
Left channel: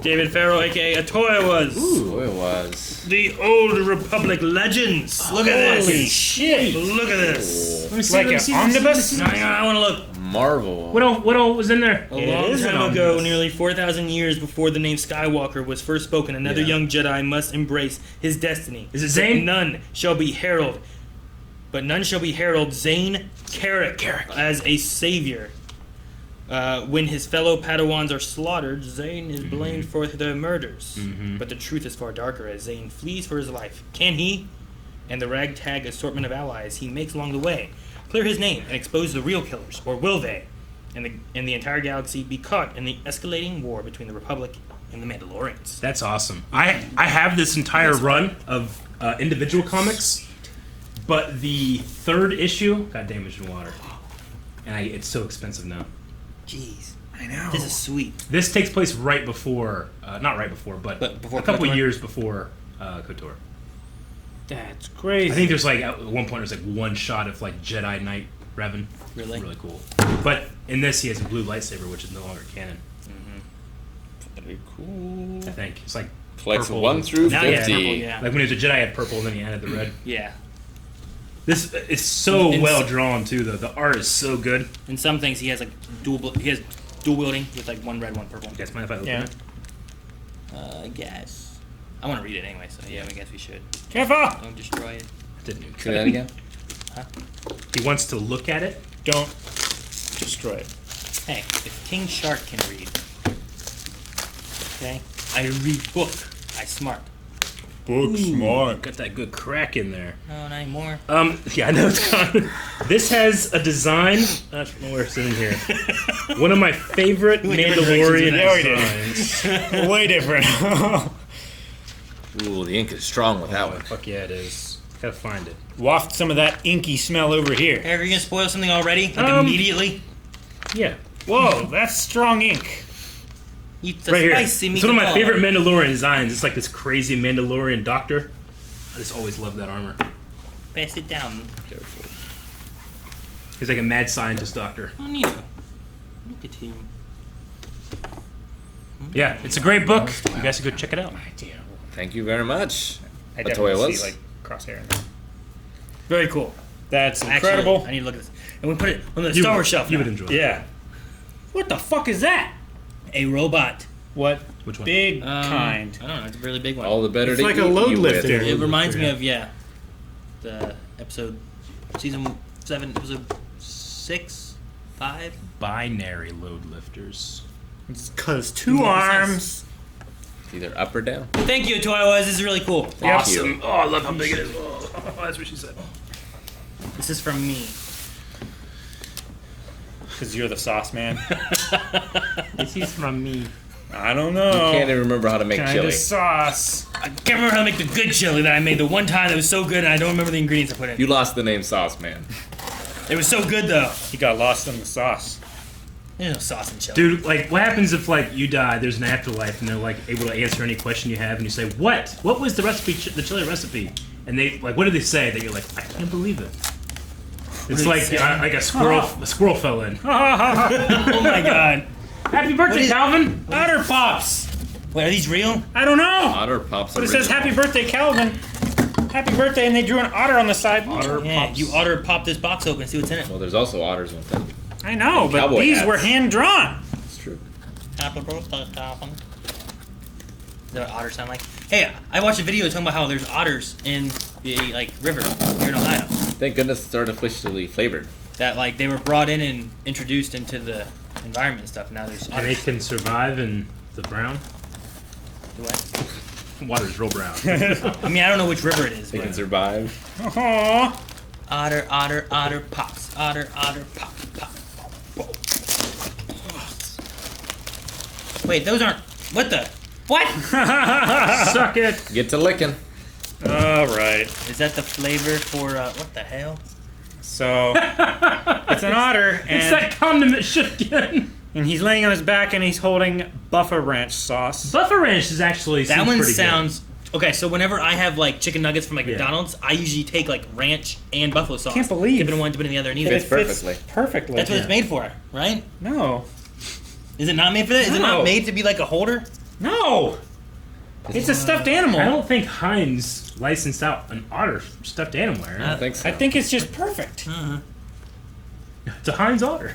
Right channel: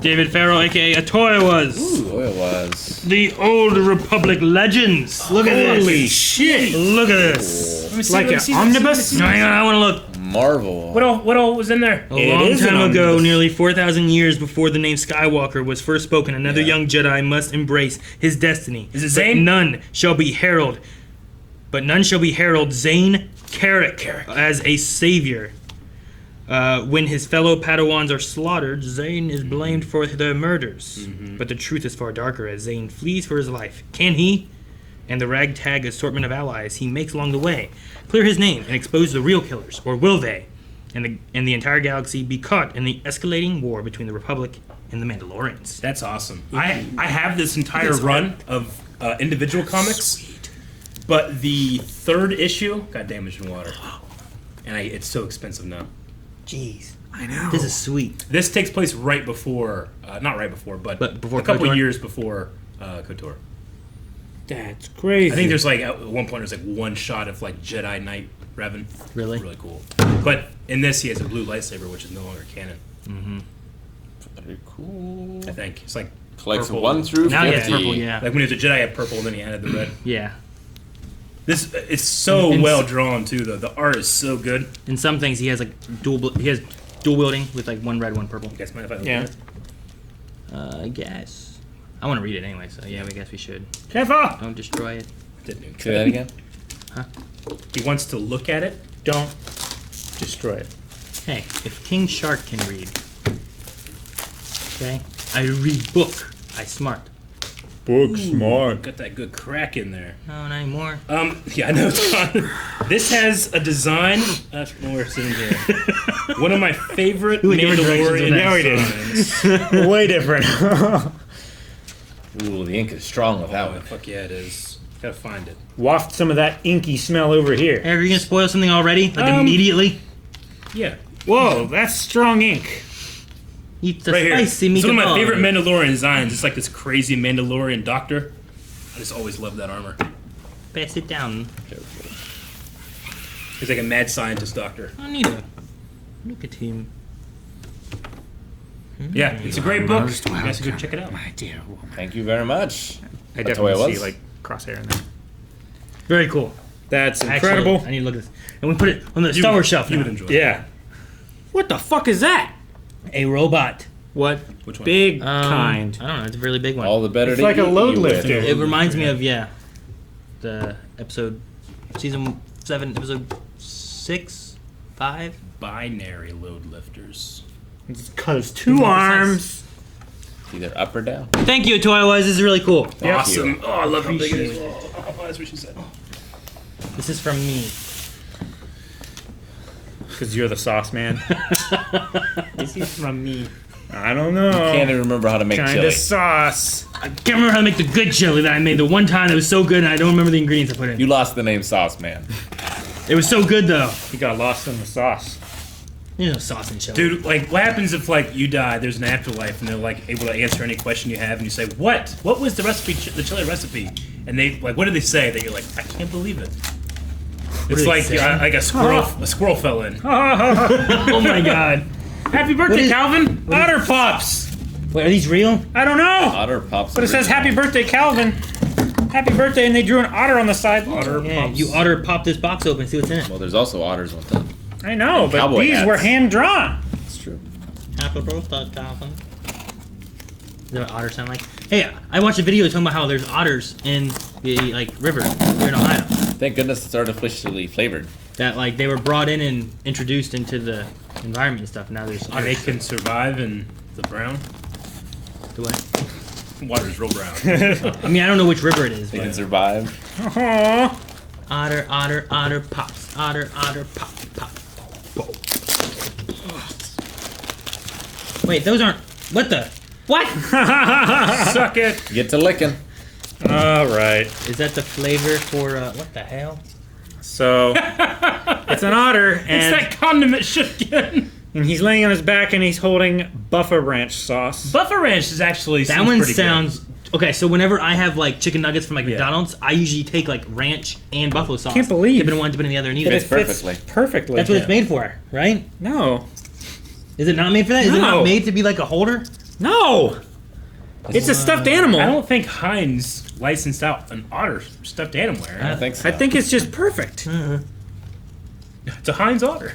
David Farrell, aka Atoyawas. Oil was. The Old Republic Legends. Look at this. Holy shit. Look at this. Let me see, Like let me an see, let me see, omnibus? let me see. Hang on, I want to look. Marvel. What all was in there? A It long is an time ago, omnibus. nearly 4,000 years before the name Skywalker was first spoken, another young Jedi must embrace his destiny. Is it But Zane? none shall be herald. But none shall be herald Zane Carrick as a savior. When his fellow Padawans are slaughtered, Zane is blamed for their murders. But the truth is far darker as Zane flees for his life. Can he, and the ragtag assortment of allies he makes along the way, clear his name and expose the real killers, or will they, and the entire galaxy be caught in the escalating war between the Republic and the Mandalorians? That's awesome. I have this entire run of individual comics, but the third issue got damaged in water, and it's so expensive now. Jeez, I know. this is sweet. This takes place right before, not right before, but before a couple KOTOR? years before KOTOR. That's crazy. I think there's like at one point there's like one shot of like Jedi Knight Revan. Really? Really cool. But in this he has a blue lightsaber, which is no longer canon. Pretty cool. I think it's like Collects purple. 1 through Now 50. he has purple, yeah. Like when he was a Jedi, he had purple, and then he added the red. Yeah. This is so And well drawn too. Though the art is so good. In some things, he has like he has dual wielding with like one red, one purple. You guys mind if I open Yeah. it? I guess. I want to read it anyway, so yeah, I guess we should. Careful! Don't destroy it. Didn't even Say that again. He wants to look at it. Don't destroy it. Hey, if King Shark can read, okay, I read book. I smart. Book smart. Got that good crack in there. No, not anymore. Yeah, I know. John. This has a design. Where's it in here? One of my favorite Ooh, different directions Mandalorian with that. designs. Way different. Ooh, the ink is strong without Oh, it. fuck yeah, it is. Gotta find it. Waft some of that inky smell over here. Hey, are you gonna spoil something already? Like immediately? Yeah, Whoa, that's strong ink. Eat the right here. spicy It's one of my meatball. favorite Mandalorian designs. It's like this crazy Mandalorian doctor. I just always loved that armor. Pass it down. He's like a mad scientist doctor. Oh, Nito. Look at him. Yeah, it's a great book. You guys should go check it out. Thank you very much. I That's the way definitely it see was. like crosshair in there. Very cool. That's Actually, incredible. I need to look at this. And we put it on the Star Wars shelf. You now. would enjoy it. Yeah. What the fuck is that? A robot. What Which one? big kind? I don't know. It's a really big one. All the better It's to like a eat load you with. lifter. It reminds me of the episode, season 7, episode 6, 5. Binary load lifters. It's because 2 arms. Either up or down. Thank you, Toy Wise. This is really cool. Yeah. Awesome. Oh, I love how big it is. Oh, that's what she said. This is from me. Because you're the sauce man. This is from me. I don't know. Can't even remember how to make Kinda chili. sauce. I can't remember how to make the good chili that I made the one time that was so good, and I don't remember the ingredients I put in. You lost the name Sauce Man. It was so good though. You got lost in the sauce. There's no sauce in chili. Dude, like, what happens if, like, you die, there's an afterlife, and they're, like, able to answer any question you have, and you say, what? What was the recipe, the chili recipe? And they, like, what did they say? That you're like, I can't believe it. It's did like, they say? like a squirrel fell in. Oh my god. Happy birthday, is- Calvin! Otter Pops. Wait, are these real? I don't know. Otter Pops. But it says original. happy birthday, Calvin. Happy birthday, and they drew an otter on the side. Yeah, you ought to pop this box open and see what's in it. Well, there's also otters on top. I know, but Cowboy these hats. were hand drawn. It's true. Happy birthday, Calvin. Is that what otters sound like? Hey, I watched a video talking about how there's otters in the river here in Ohio. Thank goodness it's artificially flavored. That they were brought in and introduced into the environment and stuff. Now there's And they otters. can survive in the brown. Do I? Water's real brown. I mean, I don't know which river it is, They can but survive. Aww. otter, otter, otter pops. Otter, otter, pop, pop. Wait, those aren't. What the? What? Suck it! Get to licking. All right. Is that the flavor for what the hell? So it's an otter, It's and that condiment shit again! he's laying on his back, and he's holding Buffer Ranch sauce. Buffer ranch is actually That seems one pretty sounds okay. So whenever I have chicken nuggets from Yeah. McDonald's, I usually take ranch and buffalo sauce. Can't believe- Dip it in one, dip it in the other, and eat Fits it. perfectly. Perfectly. That's what it's made for, right? No. Is it not made for that? Is it No. not made to be like a holder? No. It's a stuffed animal. I don't think Heinz licensed out an otter stuffed animal. I don't think so. I think it's just perfect. It's a Heinz otter.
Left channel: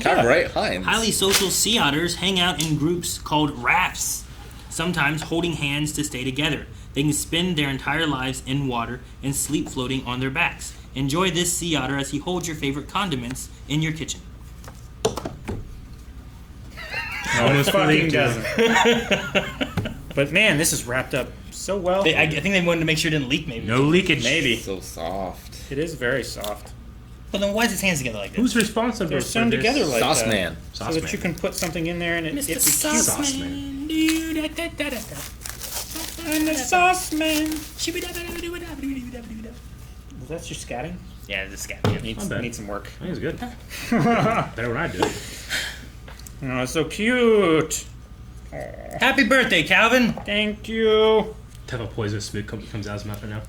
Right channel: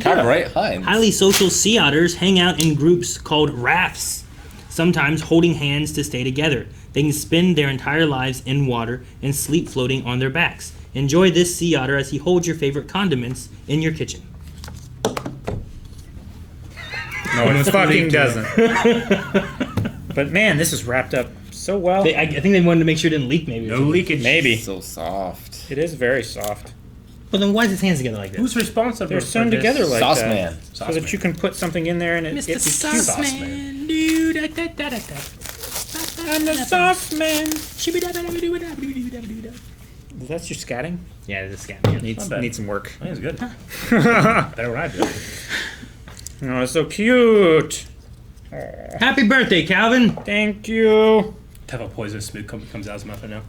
Copyright Heinz. Highly social sea otters hang out in groups called rafts, sometimes holding hands to stay together. They can spend their entire lives in water and sleep floating on their backs. Enjoy this sea otter as he holds your favorite condiments in your kitchen. No, it fucking doesn't. But man, this is wrapped up so well. I think they wanted to make sure it didn't leak, maybe. No leakage. Maybe. So soft. It is very soft. But then why is his hands together like this? Who's responsible They're for sewn this? together like Sauce that. Man. So Sauce that Man. you can put something in there and it's cute. Sauce Man. I'm the sauce man. That's your scatting? Yeah, it's a scat. Needs bad. some work. I think it's good. Better than I do. Oh, it's so cute. Happy birthday, Calvin! Thank you. Have a poisonous spit comes out of his mouth right now.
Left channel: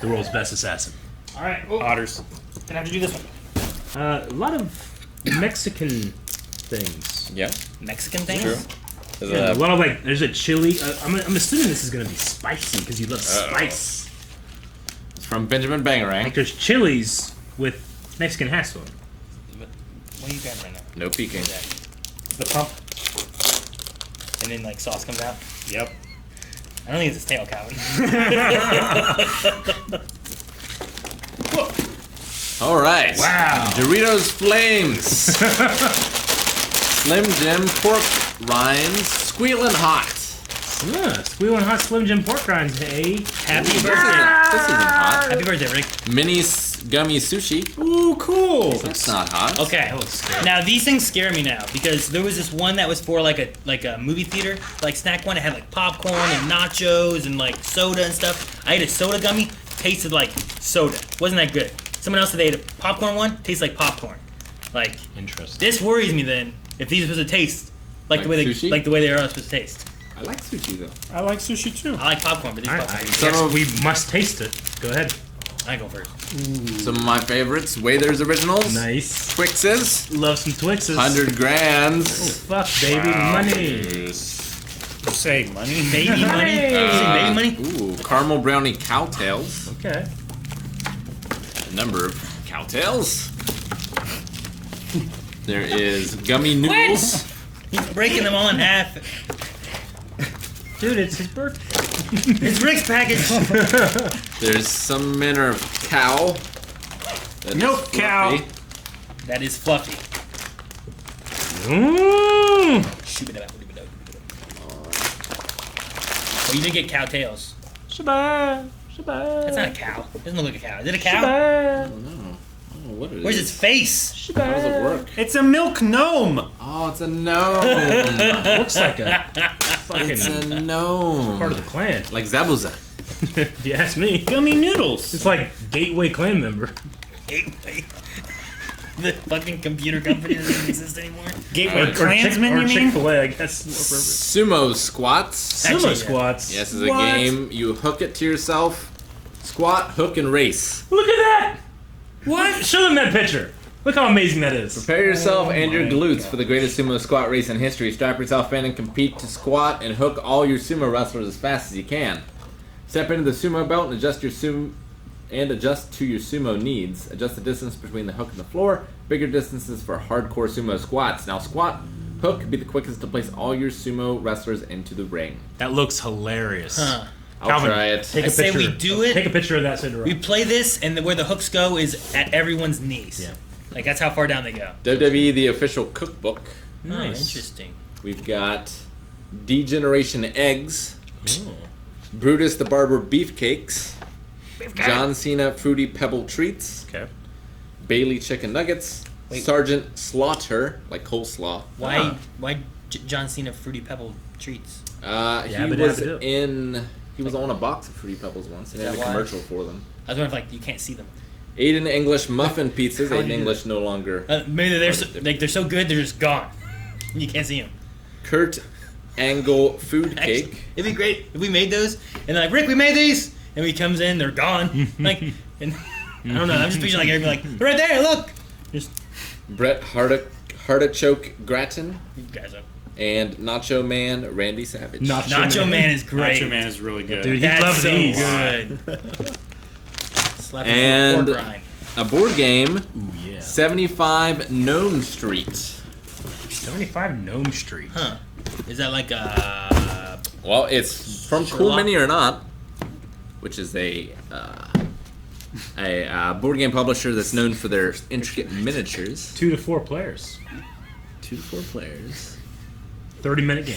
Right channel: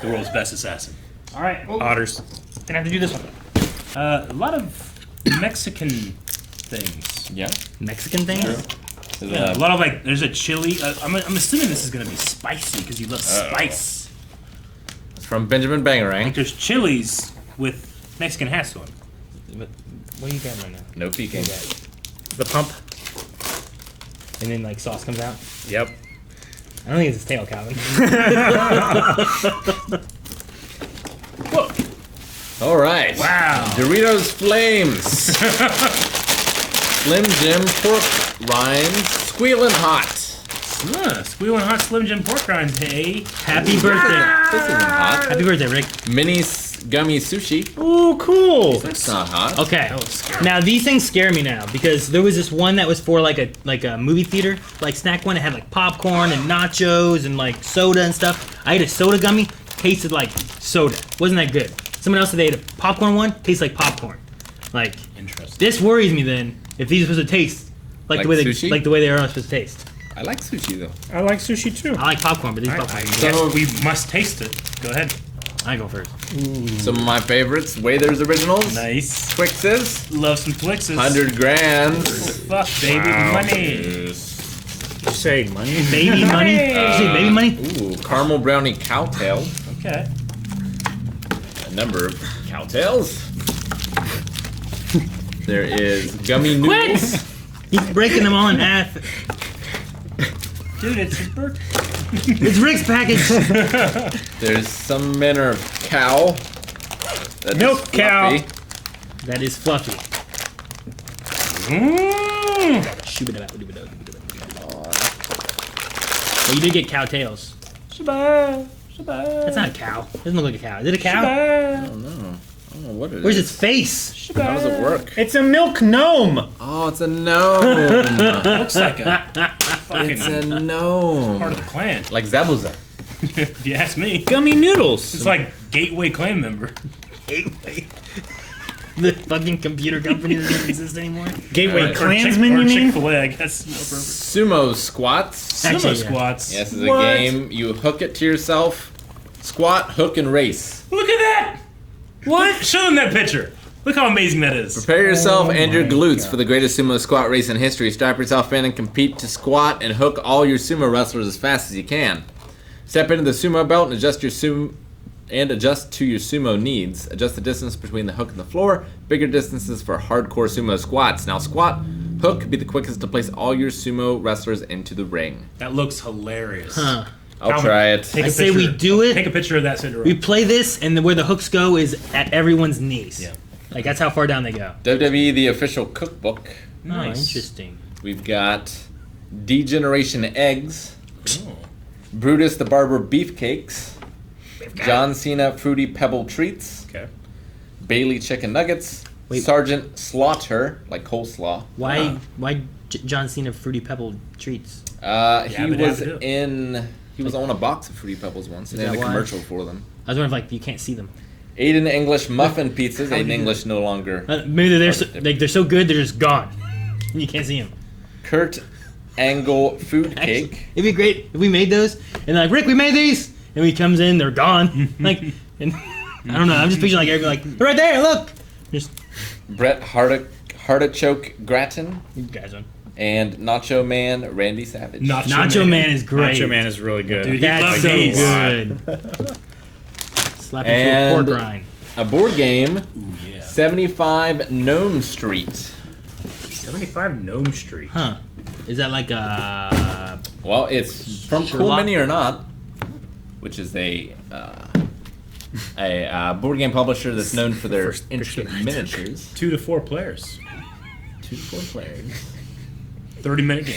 The world's best assassin. All right, Otters. gonna have to do this one. A lot of Mexican things. Yeah. Mexican things? Yeah, a lot of there's a chili. I'm assuming this is gonna be spicy because you love spice. It's from Benjamin Bangarang. There's chilies with Mexican hats on. What are you doing right now? No peeking. The pump. And then sauce comes out. Yep. I don't think it's his tail, Calvin. All right. Wow. Doritos Flames. Slim Jim Pork Rinds. Squealing Hot. Squealing hot Slim Jim pork rinds. Hey. Happy birthday. This isn't hot. Happy birthday, Rick. Mini Gummy Sushi. Oh, cool. It's not hot. Okay. Now these things scare me now because there was this one that was for a movie theater snack one. It had popcorn and nachos and soda and stuff. I ate a soda gummy, tasted like soda. Wasn't that good? Someone else said they ate a popcorn one, tastes like popcorn. Interesting. This worries me then if these are supposed to taste Like the way sushi? the way they are supposed to taste. I like sushi though. I like sushi too. I like popcorn, but these I popcorn. guess we must taste it. Go ahead. I go first. Some of my favorites. Waither's Originals. Nice. Twixes. Love some Twixes. 100 grams. Fuck, baby, money. You say money? Baby money. Hey! Is it baby money? Ooh. caramel brownie cowtails. Okay. A number of cowtails. There is gummy noodles. He's breaking them all in half. Dude, it's his birthday. It's Rick's package. There's some manner of cow. That Milk is cow. fluffy. That is fluffy. Mmm. Well, you did get cow tails. Shabbat. That's not a cow. It doesn't look like a cow. Is it a cow? I don't know what it is. Where's its face? How does it work? It's a milk gnome. Oh, it's a gnome. Looks like a fucking It's a gnome. part of the clan. Like Zabuza. If you ask me. Gummy noodles. It's like Gateway clan member. Gateway. The fucking computer company that doesn't exist anymore. Gateway Or Klansman, you mean? Chick-fil-A, I guess. Sumo squats. Sumo Actually, yeah. squats. Yes, it's a What? game. You hook it to yourself. Squat, hook, and race. Look at that! What? Show them that picture. Look how amazing that is. Prepare yourself and your my glutes God. for the greatest sumo squat race in history. Strap yourself in and compete to squat and hook all your sumo wrestlers as fast as you can. Step into the sumo belt and adjust to your sumo needs. Adjust the distance between the hook and the floor. Bigger distances for hardcore sumo squats. Now squat, hook, be the quickest to place all your sumo wrestlers into the ring. That looks hilarious. Huh. I'll Calvin, try it. take I a say we picture. do it. Take a picture of that Cinderella. We play this, and where the hooks go is at everyone's knees. Yeah. Like, that's how far down they go. WWE The Official Cookbook. Oh, Nice. interesting. We've got Degeneration Eggs. Brutus the Barber Beefcakes. John Cena Fruity Pebble Treats. Okay. Bailey Chicken Nuggets. Wait. Sergeant Slaughter, like coleslaw. Why John Cena Fruity Pebble treats? He Yabba was dabba do. he was on a box of Fruity Pebbles once, and Is they had a that why? commercial for them. I was wondering if, like, you can't see them. Aiden English Muffin Pizzas. How do Aiden you- English no longer. Maybe they're so, Hard to like, they're so good, they're just gone. You can't see them. Kurt Angle Food Actually, Cake. it'd be great if we made those, and they're like, Rick, we made these! And he comes in, they're gone. Like, and I don't know, I'm just picturing, like, everybody like, they're right there, look! Just, Brett Hardichoke Grattan. you guys don't. And Nacho Man Randy Savage. Nacho Man is great. Nacho Man is really good. Dude, That's love so these. good. Slap it And- with pork rind. A board game. Ooh, yeah. 75 Gnome Street. 75 Gnome Street. Huh. Is that like a... Well, it's from Cool Sherlock? Mini or Not, which is a board game publisher that's known for their intricate miniatures. 2 to 4 players. 2 to 4 players. 30-minute game.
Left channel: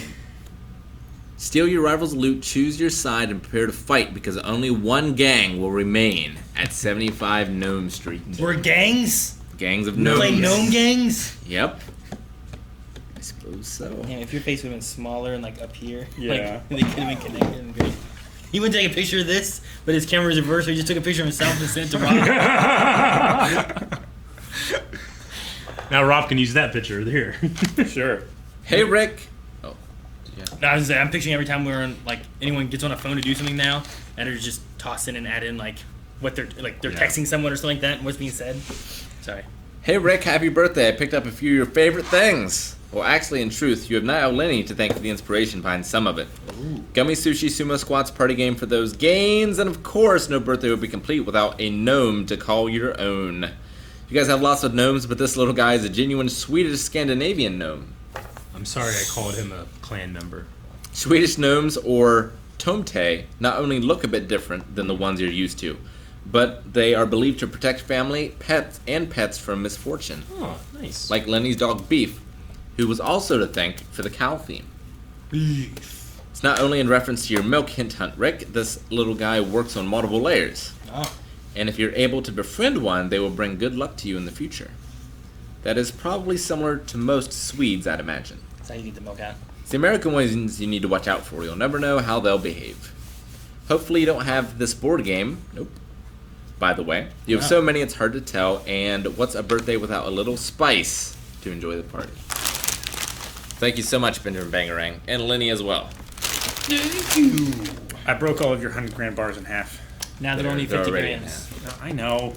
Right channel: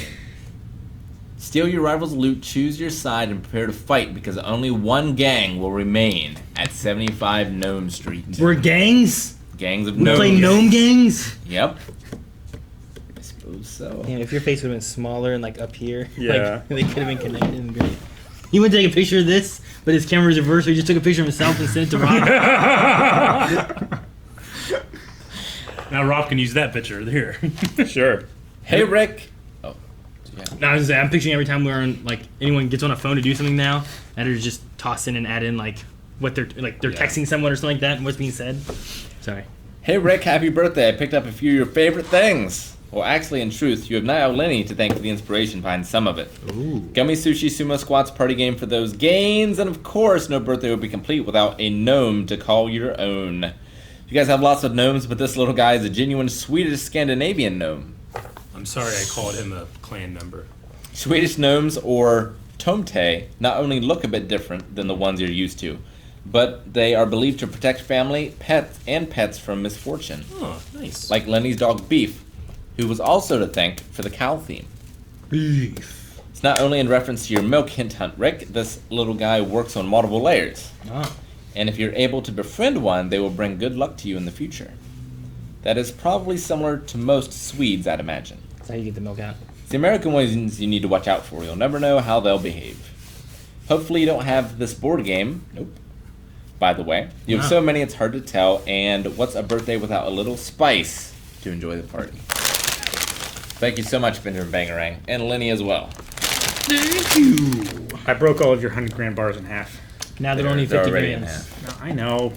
Steal your rival's loot, choose your side, and prepare to fight because only one gang will remain at 75 Gnome Street. We're gangs? Gangs of We gnomes. play gnome gangs? Yep. I suppose so. Damn, if your face would have been smaller and like up here, Yeah. like, they could have been connected and great. He went to take a picture of this, but his camera was reversed, so he just took a picture of himself and sent it to Rob. Now Rob can use that picture here. Sure. Hey, Rick. Oh. Yeah. No, I was gonna say, I'm picturing every time we're on, like, anyone gets on a phone to do something now, and they're just toss in and add in, like, what they're, like, they're Yeah. texting someone or something like that, and what's being said. Sorry. Hey, Rick, happy birthday. I picked up a few of your favorite things. Well, actually, in truth, you have now Lenny to thank for the inspiration behind some of it. Ooh. Gummy Sushi Sumo Squats party game for those gains, and of course, no birthday would be complete without a gnome to call your own. You guys have lots of gnomes, but this little guy is a genuine Swedish Scandinavian gnome. I'm sorry I called him a clan member. Swedish gnomes, or tomte, not only look a bit different than the ones you're used to, but they are believed to protect family, pets from misfortune. Oh, nice. Like Lenny's dog Beef, who was also to thank for the cow theme. Beef. It's not only in reference to your milk hint hunt, Rick, this little guy works on multiple layers. Oh. And if you're able to befriend one, they will bring good luck to you in the future. That is probably similar to most Swedes, I'd imagine. That's how you get the milk out. It's the American ones you need to watch out for. You'll never know how they'll behave. Hopefully you don't have this board game. Nope. By the way, you have Wow. so many it's hard to tell, and what's a birthday without a little spice to enjoy the party? Thank you so much, Benjamin Bangarang, and Lenny as well. Thank you. I broke all of your 100 gram bars in half. Now they're only They're 50 already in grams. No, I know.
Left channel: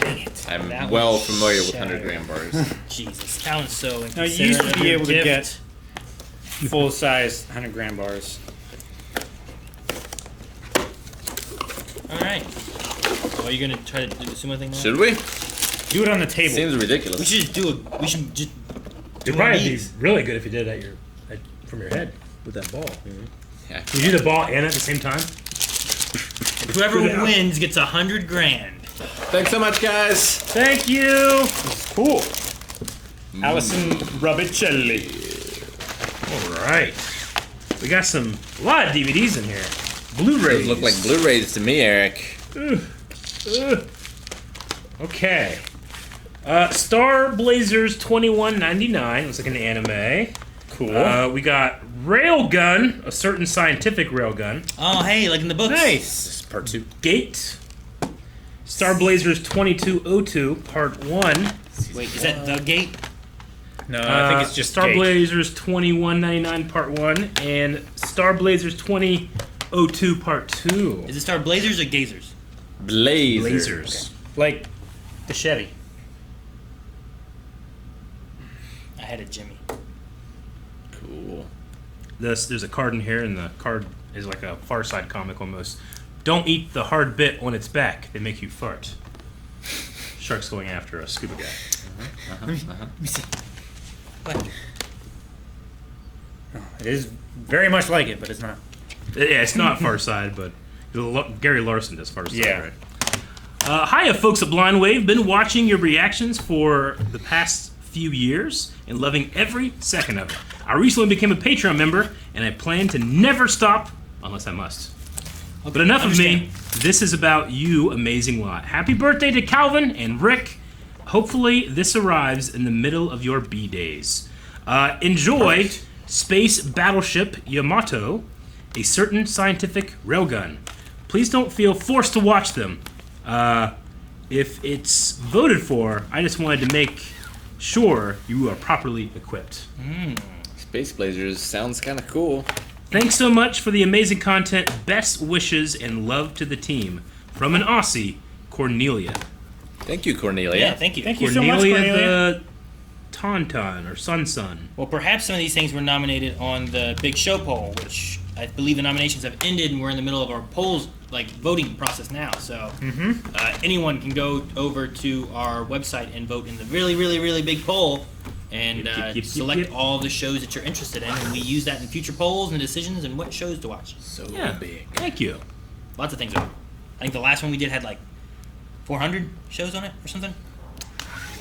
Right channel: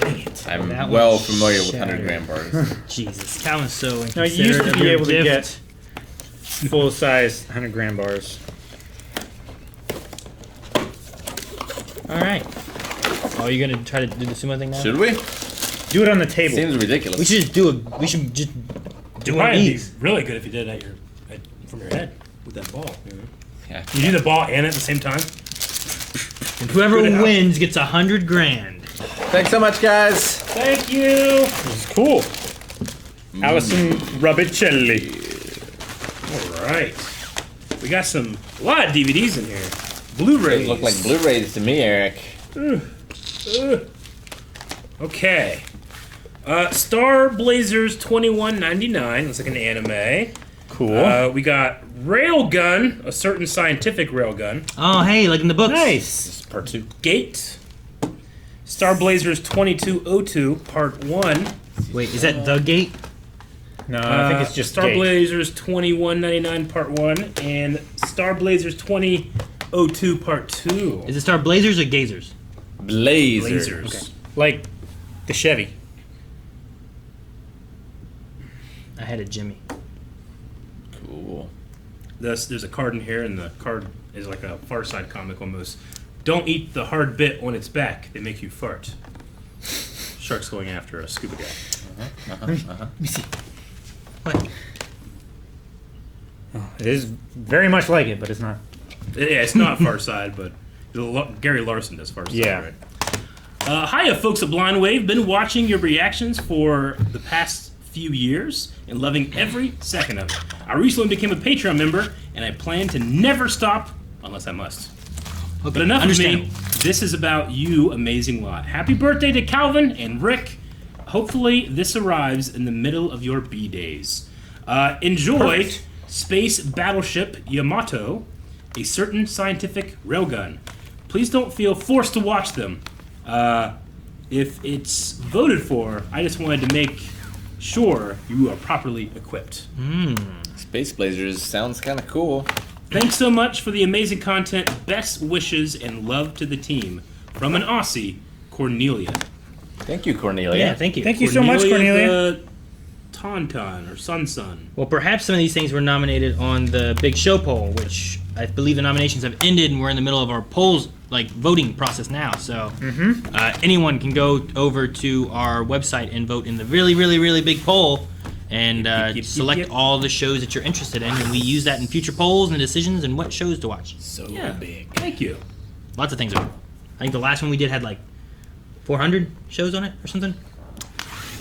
Dang it. I'm That well one's familiar with shattered. 100 gram bars. Jesus, Cal is so inconsiderate. Now, you used to of be your able to gift. get full size 100 gram bars. All right. Oh, you gonna try to do the sumo thing now? Should we? Do it on the table. Seems ridiculous. We should just do it. We should just do It one might of be these. really good if you did it from your head with that ball. Yeah. You do the ball and at the same time. And whoever Good enough. wins gets $100 grand. Thanks so much, guys. Thank you. Cool. Allison Rubicelli. All right. We got a lot of DVDs in here. Blu-rays. Those look like Blu-rays to me, Eric. Okay. Star Blazers 2199. Looks like an anime. Cool. We got Railgun, a certain scientific railgun. Oh, hey, like in the books. Nice. This is part 2. Gate. Star Blazers 2202, part 1. Wait, is that the gate? No, I think it's just Star Gate. Blazers 2199, part 1, and Star Blazers 2002, part 2. Is it Star Blazers or Gazers? Blazer. Blazers. Like the Chevy. I had a Jimmy. Cool. There's a card in here, and the card is like a Far Side comic almost. Don't eat the hard bit on its back. They make you fart. Shark's going after a scuba guy. What? Oh, it is very much like it, but it's not. Yeah, it's not Far Side, but Gary Larson does Far Side. Yeah. Right? Hiya, folks at Blind Wave. Been watching your reactions for the past few years and loving every second of it. I recently became a Patreon member, and I plan to never stop unless I must. But enough of me. This is about you, amazing lot. Happy birthday to Calvin and Rick. Hopefully, this arrives in the middle of your B-days. Enjoy Space Battleship Yamato, a certain scientific railgun. Please don't feel forced to watch them. If it's voted for, I just wanted to make sure you are properly equipped. Space Blazers sounds kind of cool. Thanks so much for the amazing content. Best wishes and love to the team. From an Aussie, Cornelia. Thank you, Cornelia. Yeah, thank you. Thank you so much, Cornelia. The Tauntaun or Sun. Well, perhaps some of these things were nominated on the Big Show poll, which I believe the nominations have ended, and we're in the middle of our polls, like voting process now. So anyone can go over to our website and vote in the really, really, really big poll, and select all the shows that you're interested in. And we use that in future polls and decisions and what shows to watch. So Yeah, big. thank you. Lots of things. I think the last one we did had like 400 shows on it or something.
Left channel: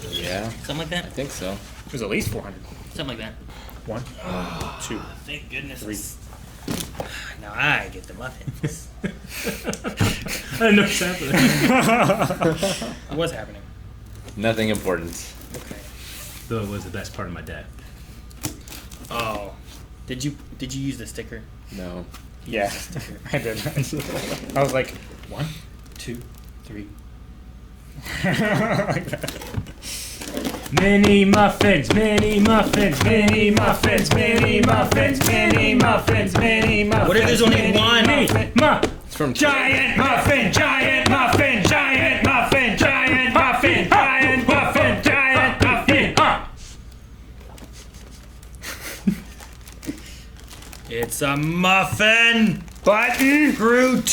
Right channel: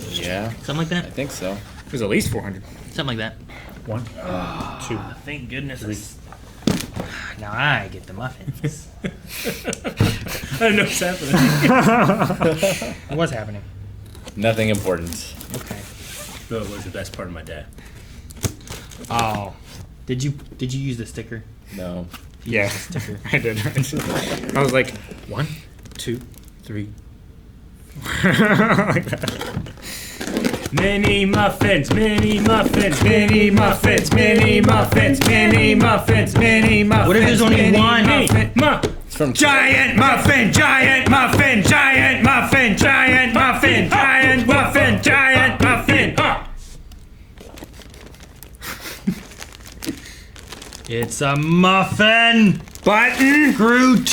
Yeah, Something like that. I think so. It was at least 400. Something like that. 1, 2. Thank goodness. Now I get the muffins. I know what's happening. What's happening? Nothing important. Okay. Though it was the best part of my day. Oh, did you use the sticker? No. Yeah, I did. I was like, 1, 2, 3. Like that. Many muffins, many muffins, many muffins, many muffins, many muffins, many muffins. What if there's only one? It's from Giant muffin, giant muffin, giant muffin, giant muffin, giant muffin, giant muffin. It's a muffin. Button. Groot.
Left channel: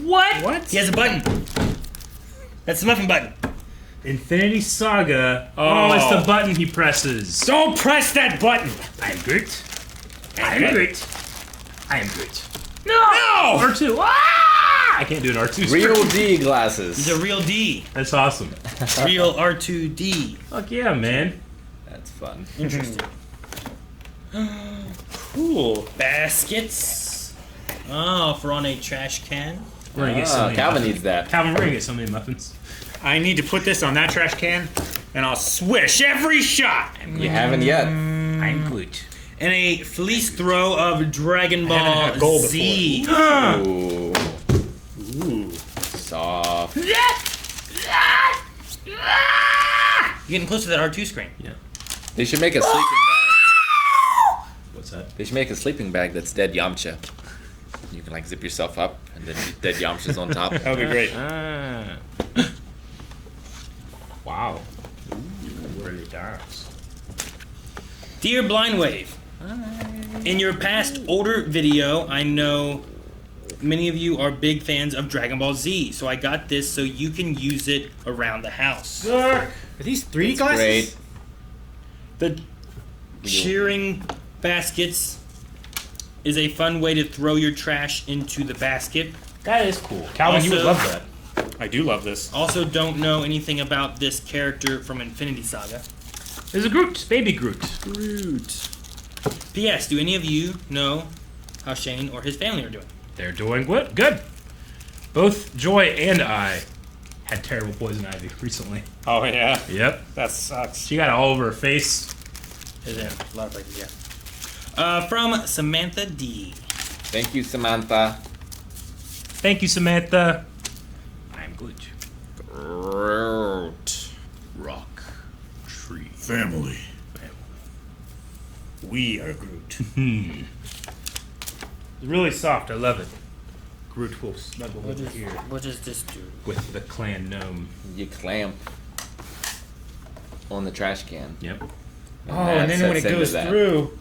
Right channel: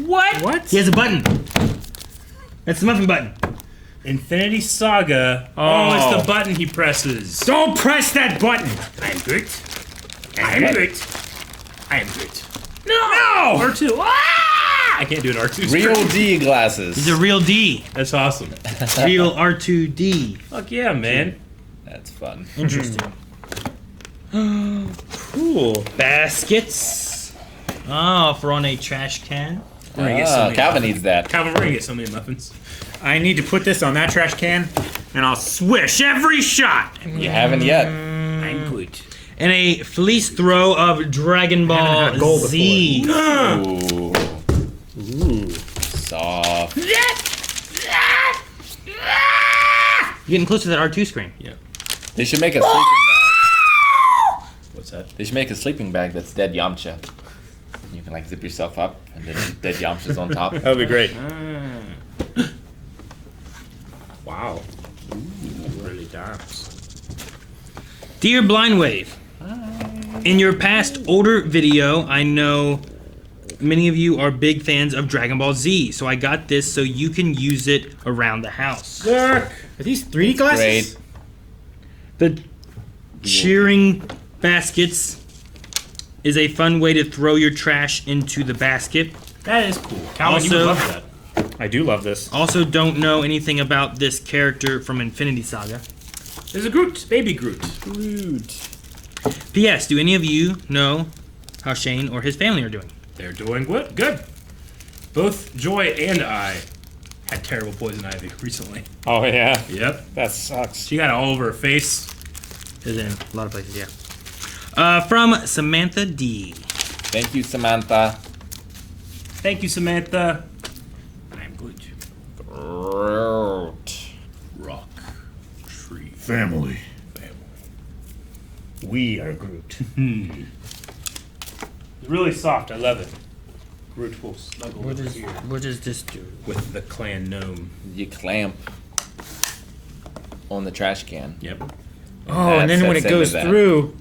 What? What? He has a button. That's the muffin button. Infinity Saga. Oh. Oh, it's the button he presses. Don't press that button. I am Groot. I am Groot. I am Groot. No! R2. Ah! I can't do an R2. Real D glasses. He's a real D. That's awesome. Real R2D. Fuck yeah, man. That's fun. Interesting. Cool. Baskets. Oh, for on a trash can. We're gonna get so many Calvin muffins. needs that. Calvin, we're gonna get so many muffins. I need to put this on that trash can, and I'll swish every shot. You haven't yet. I'm Groot. And a fleece throw of Dragon Ball had gold Z. Ooh. Soft. You getting close to that R2 screen. Yeah. They should make a sleeping bag. What's that? They should make a sleeping bag that's dead Yamcha. You can like zip yourself up, and then dead Yamcha's on top. That would be great. Wow. Really does. Dear Blind Wave, in your past older video, I know many of you are big fans of Dragon Ball Z, so I got this so you can use it around the house. Are these 3D glasses? Great. The cheering baskets is a fun way to throw your trash into the basket. That is cool. Calvin, you would Also- love that. I do love this. Also, don't know anything about this character from Infinity Saga. There's a Groot, baby Groot. P.S. Do any of you know how Shane or his family are doing? They're doing what? Good. Both Joy and I had terrible poison ivy recently. Oh yeah, Yep. that sucks. She got it all over her face. Is in a lot of places, yeah. From Samantha D. Thank you, Samantha. Thank you, Samantha. I'm Groot. Rock. Tree. Family. We are Groot. It's really soft. I love it. Groot will snuggle with here What does this do? with the clan gnome. You clamp on the trash can. Yep. Oh, and then when it That's goes into that. through,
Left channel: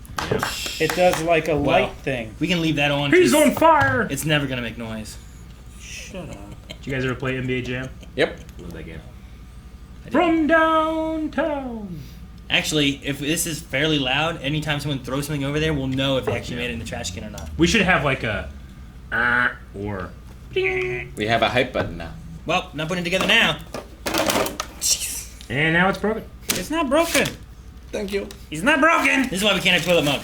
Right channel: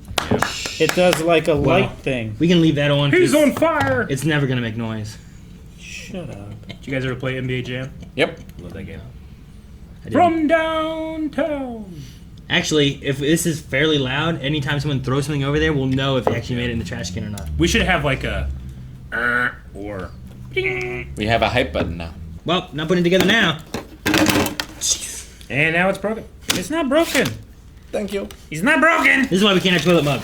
it does like a light thing. We can leave that on. He's 'cause on fire! It's never gonna make noise. Shut up. Did you guys ever play NBA Jam? Yep. Love that game. I didn't. From downtown. Actually, if this is fairly loud, anytime someone throws something over there, we'll know if they actually made it in the trash can or not. We should have like a or We have a hype button now. Well, not putting it together now. Jeez. and now it's broken. It's not broken. Thank you. He's not broken. This is why we can't have toilet mug.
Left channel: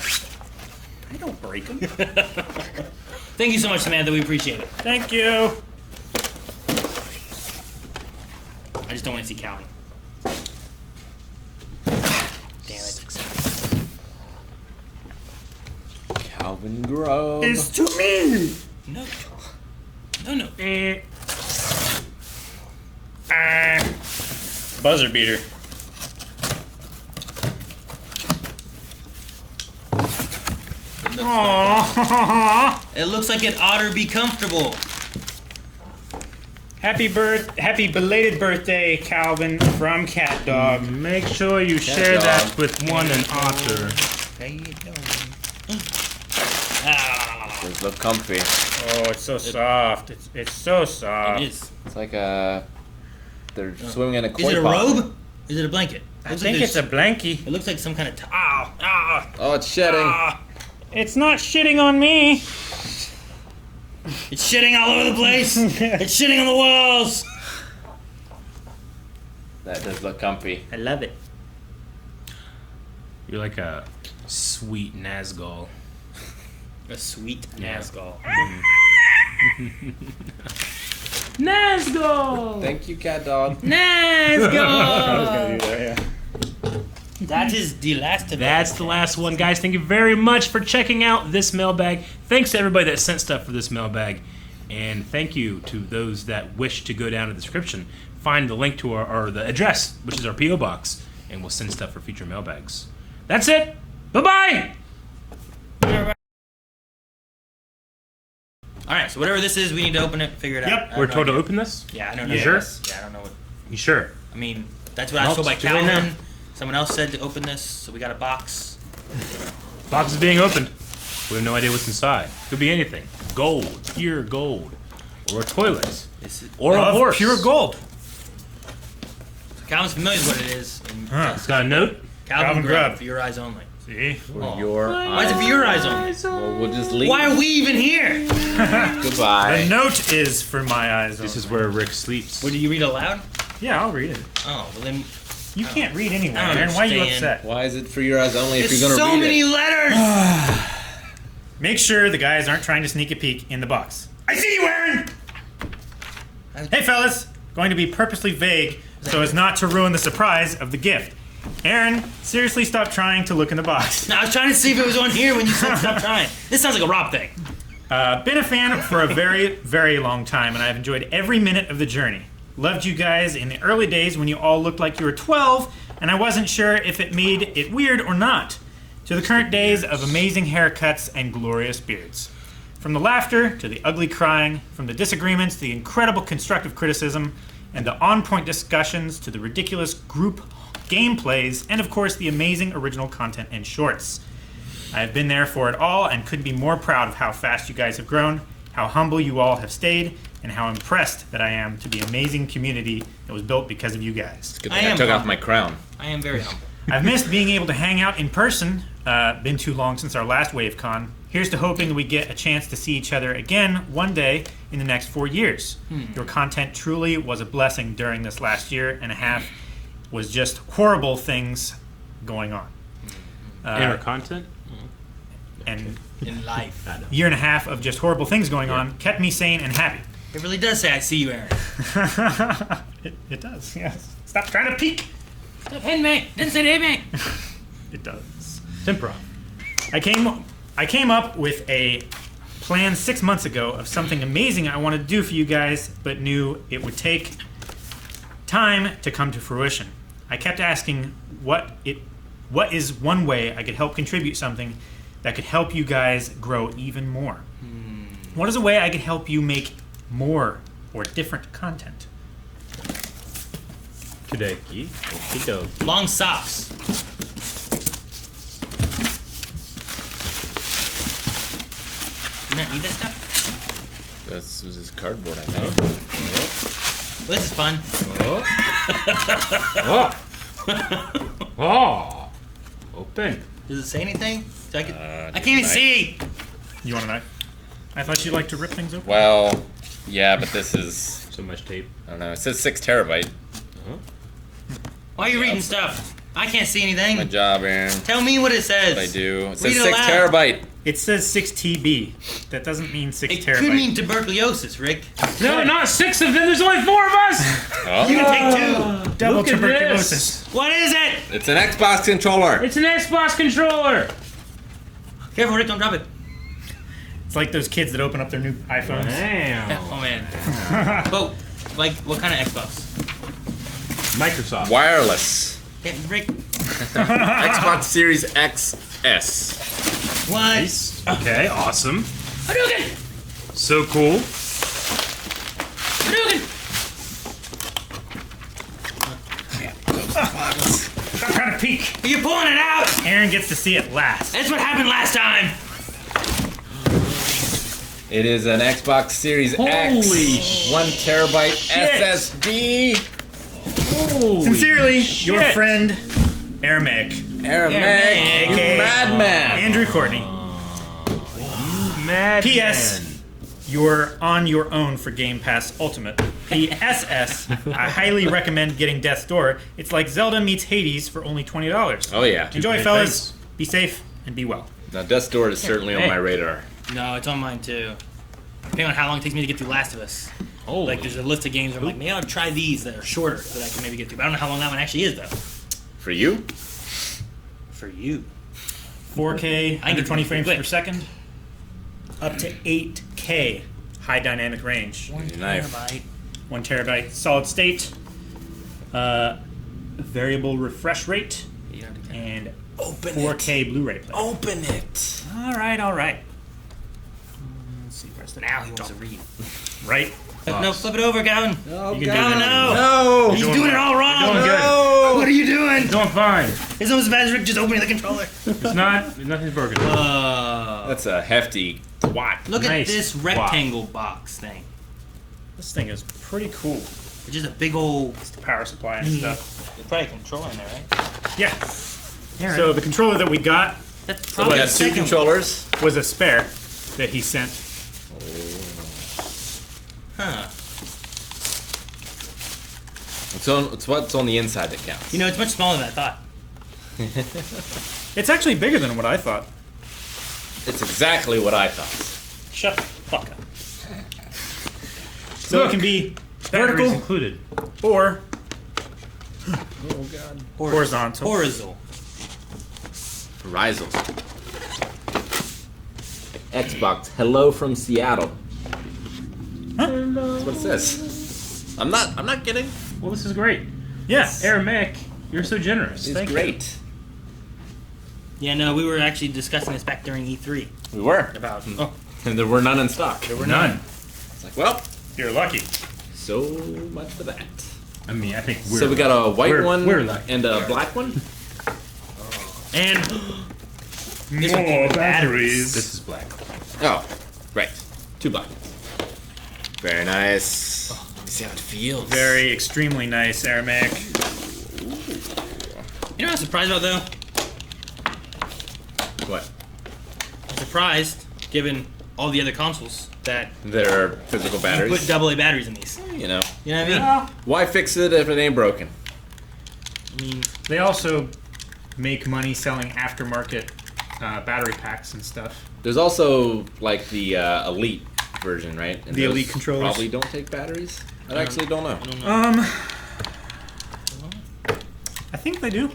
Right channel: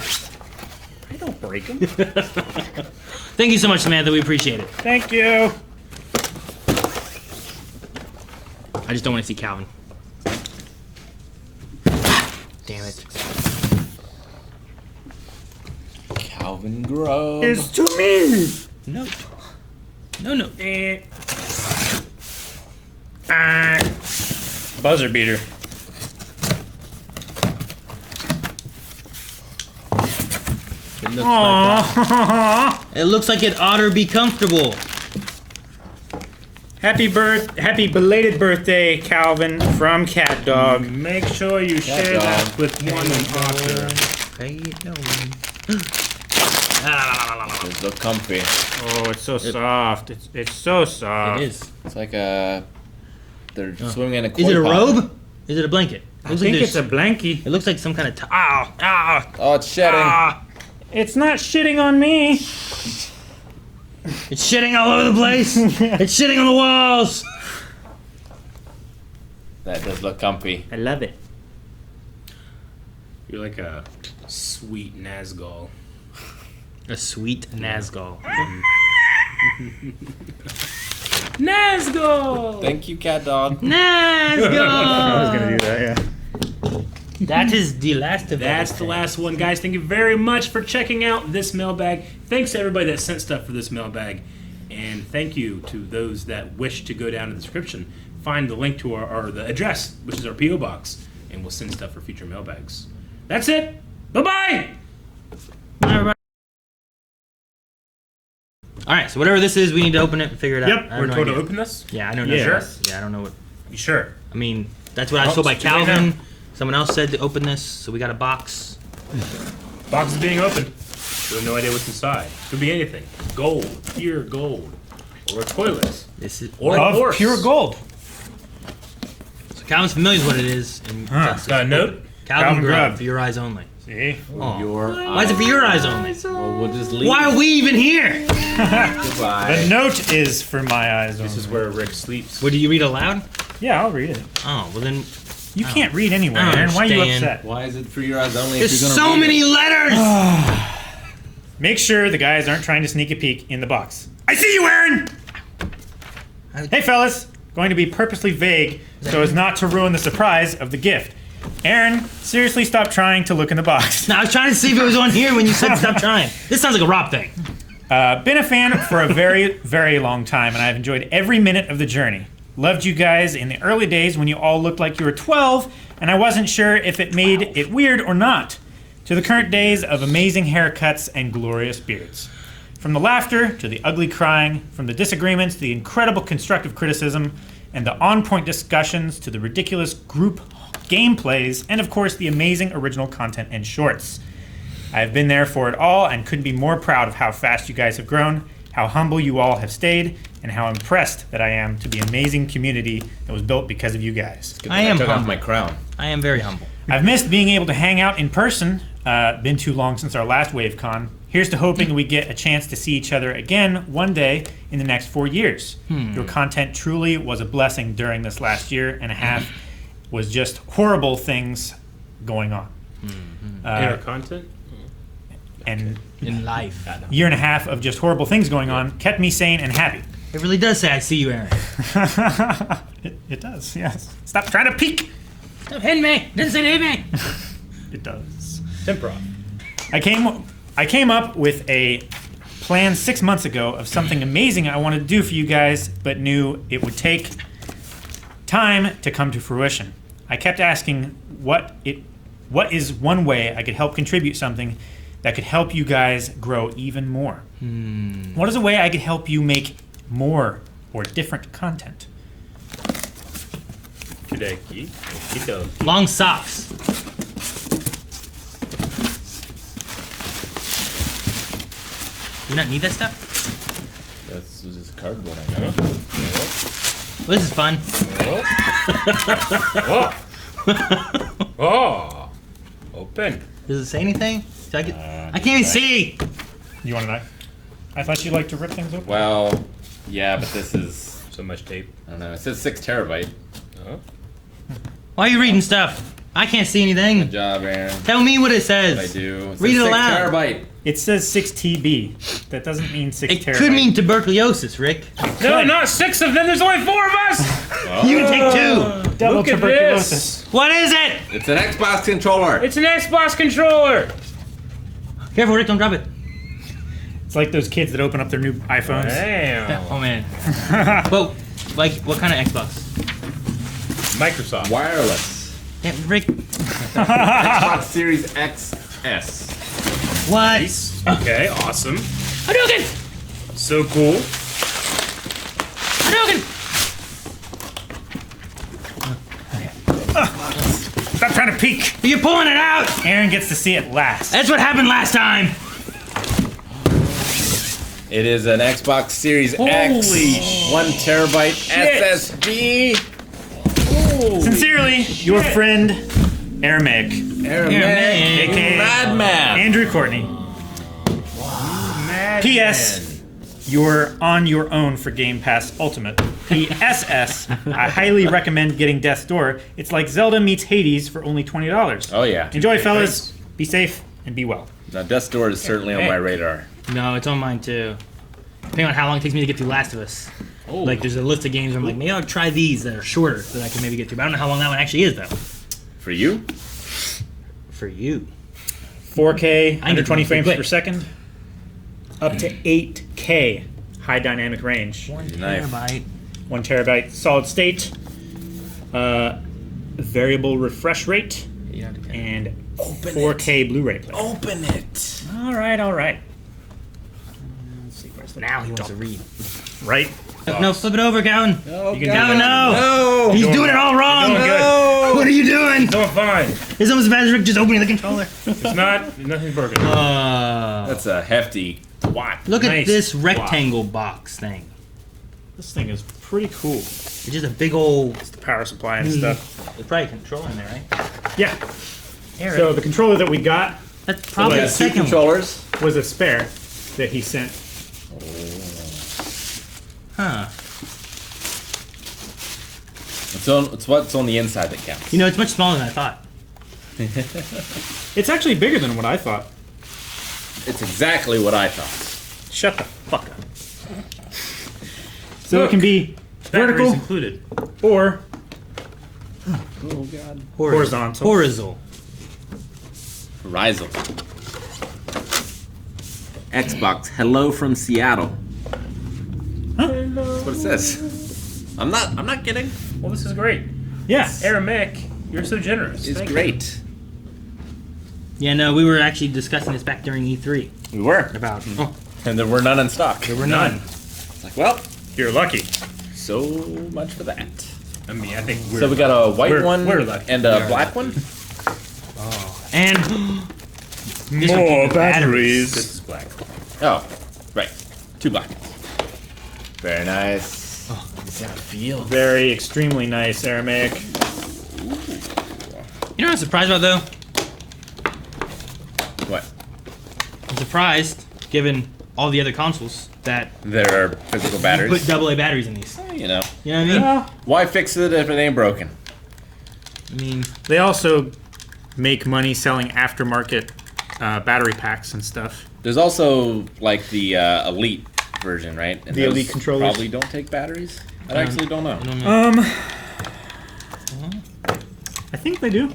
I don't break him. Thank you so much, Samantha. We appreciate it. Thank you. I just don't want to see Calvin. Damn it. Calvin Grove. It's to me. No. No. Buzzer beater. Aww. It looks like it ought to be comfortable. Happy belated birthday, Calvin, from Cat Dog. Make sure you share dog. that with one and Otter. How you doing? Does look comfy. Oh, it's so soft. It's so soft. It is. It's like they're swimming in a koi Is it a pond. robe? Is it a blanket? I think it's a blankie. It looks like some kind of. Oh, it's shedding. It's not shitting on me. It's shitting all over the place. It's shitting on the walls. That does look comfy. I love it. You're like a sweet Nazgul. A sweet Nazgul. Nazgul! Thank you, cat dog. I was Nazgul. gonna do that, yeah. That is the last of That's the last one, guys. Thank you very much for checking out this mailbag. Thanks to everybody that sent stuff for this mailbag. And thank you to those that wish to go down in the description. Find the link to our the address, which is our P.O. Box, and we'll send stuff for future mailbags. That's it. Bye-bye! Alright, so whatever this is, we need to open it and figure it out. Yep, I have we're no told to idea. open this. Yeah, I don't know. Yeah. Sure? Yeah, I don't know what. You sure? I mean, that's what I was Well, told by it's too late Calvin. now. Someone else said to open this, so we got a box. Box is being opened. We have no idea what's inside. Could be anything. Gold, pure gold, or a toilet, This is. or a Of horse. pure gold. So Calvin's familiar with what it is. And Got a note. Calvin Calvin Grubb, Grubb. for your eyes only. See? Oh. Your Why is it for your eyes only? Well, we'll just leave. Why are we even here? Goodbye. The note is for my eyes. This is where Rick sleeps. What, do you read aloud? Yeah, I'll read it. Oh, well then. You can't read anyway, I don't Aaron. Why are you understand. upset? Why is it for your eyes only? There's if you're so gonna read many it? letters! Make sure the guys aren't trying to sneak a peek in the box. I see you, Aaron! Hey, fellas. Going to be purposely vague so as not to ruin the surprise of the gift. Aaron, seriously stop trying to look in the box. No, I was trying to see if it was on here when you said stop trying. This sounds like a Rob thing. Been a fan for a very, very long time, and I've enjoyed every minute of the journey. Loved you guys in the early days when you all looked like you were 12, and I wasn't sure if it made it weird or not. To the current days of amazing haircuts and glorious beards. From the laughter to the ugly crying, from the disagreements to the incredible constructive criticism, and the on-point discussions to the ridiculous group gameplays, and of course the amazing original content and shorts. I've been there for it all and couldn't be more proud of how fast you guys have grown. how humble you all have stayed, and how impressed that I am to the amazing community that was built because of you guys. Good I thing am took off humble. my crown. I am very humble. I've missed being able to hang out in person. Been too long since our last WaveCon. Here's to hoping we get a chance to see each other again one day in the next 4 years. Your content truly was a blessing during this last year and a half. Was just horrible things going on. Our content? And In life. year and a half of just horrible things going on kept me sane and happy. It really does say I see you, Aaron. It does, yes. Stop trying to peek. Stop hitting me. Didn't say to hit me. It does. Improv. I came up with a plan 6 months ago of something amazing I wanted to do for you guys, but knew it would take time to come to fruition. I kept asking what is one way I could help contribute something that could help you guys grow even more? What is a way I could help you make more or different content? Kudeki. Kito. Long socks. You not need that stuff? This is just cardboard, I know. Well, this is fun. Oh! Open. Does it say anything? So I can't even see. You want to know? I thought you'd like to rip things open. Well, yeah, but this is, So much tape. I don't know, it says 6 terabyte. Why are you reading stuff? I can't see Good anything. job, Aaron. Tell me what it says. I do. It says Read it 6 aloud. terabyte. It says 6 TB. That doesn't mean 6 It terabyte. could mean tuberculosis, Rick. No, not 6 of them. There's only 4 of us. You can take 2. double Look at tuberculosis. What is it? It's an Xbox controller. It's an Xbox controller. Careful, Rick, don't drop it. It's like those kids that open up their new iPhones. Damn. Oh, man. But, like, what kind of Xbox? Microsoft. Wireless. Yeah, Rick, Xbox Series XS. what? Nice. Okay, awesome. Hadouken! So cool. Hadouken! Stop trying to peek. You're pulling it out! Aaron gets to see it last. That's what happened last time! It is an Xbox Series Holy X. shit. 1 terabyte SSD. Sincerely, your shit. friend, Aramaic. Aramaic. AKA Madman. Andrew Courtney. Mad P.S. You're on your own for Game Pass Ultimate. P.S.S. I highly recommend getting Death's Door. It's like Zelda meets Hades for only $20. Oh, yeah. Enjoy, Okay, fellas. Be safe and be well. Now, Death's Door is certainly on my radar. No, it's on mine too. Depending on how long it takes me to get through Last of Us. Oh. Like, there's a list of games where I'm like, maybe I'll try these that are shorter that I can maybe get through. But I don't know how long that one actually is, though. For you? For you. 4K, I under get 20 it. frames Quick. per second. Up to 8K, high dynamic range. Knife. 1 terabyte solid state. Variable refresh rate. And 4K Blu-ray player. Open it. All right. Let's see, where's the... Now he wants to read. Right? No, flip it over, Calvin. You can do Calvin, that. no! No. He's doing it all wrong! Doing good. What are you doing? Doing fine. It's almost as bad as Rick just opening the controller. It's not. Nothing's broken. That's a hefty twat. Look at Nice. this Wow. rectangle box thing. This thing is pretty cool. It's just a big old... It's the power supply and stuff. There's probably a controller in there, right? Yeah. Eric, So the controller that we got that's We probably the got 2 second one. controllers. was a spare that he sent. Huh. It's what's on the inside that counts. You know, it's much smaller than I thought. It's actually bigger than what I thought. It's exactly what I thought. Shut the fuck up. So it can be Batteries vertical included. or Horizontal. Horizontal. Horizontal. Horizon. Xbox. Hello from Seattle. What is this? I'm not kidding. Well, this is great. Yes. Aramaic, you're so generous. It's Thank you. great. Yeah, no, we were actually discussing this back during E3 We were. about. And there were none in stock. There were none. It's like, well, You're lucky. so much for that. I mean, I think we're. So we got a white one We're lucky. and a black one. And this one came More with batteries. This is black. Oh, right. 2 black ones. Very nice. Oh, let me see how it feels. Very extremely nice, Aramaic. You know what I'm surprised about though? What? I'm surprised, given all the other consoles, that There are physical you batteries. put AA batteries in these. You know. You know what I mean? Well, Why fix it if it ain't broken? I mean, they also make money selling aftermarket battery packs and stuff. There's also like the Elite version, right? And The those Elite controllers? probably don't take batteries. I actually don't know. I don't know. I think they do.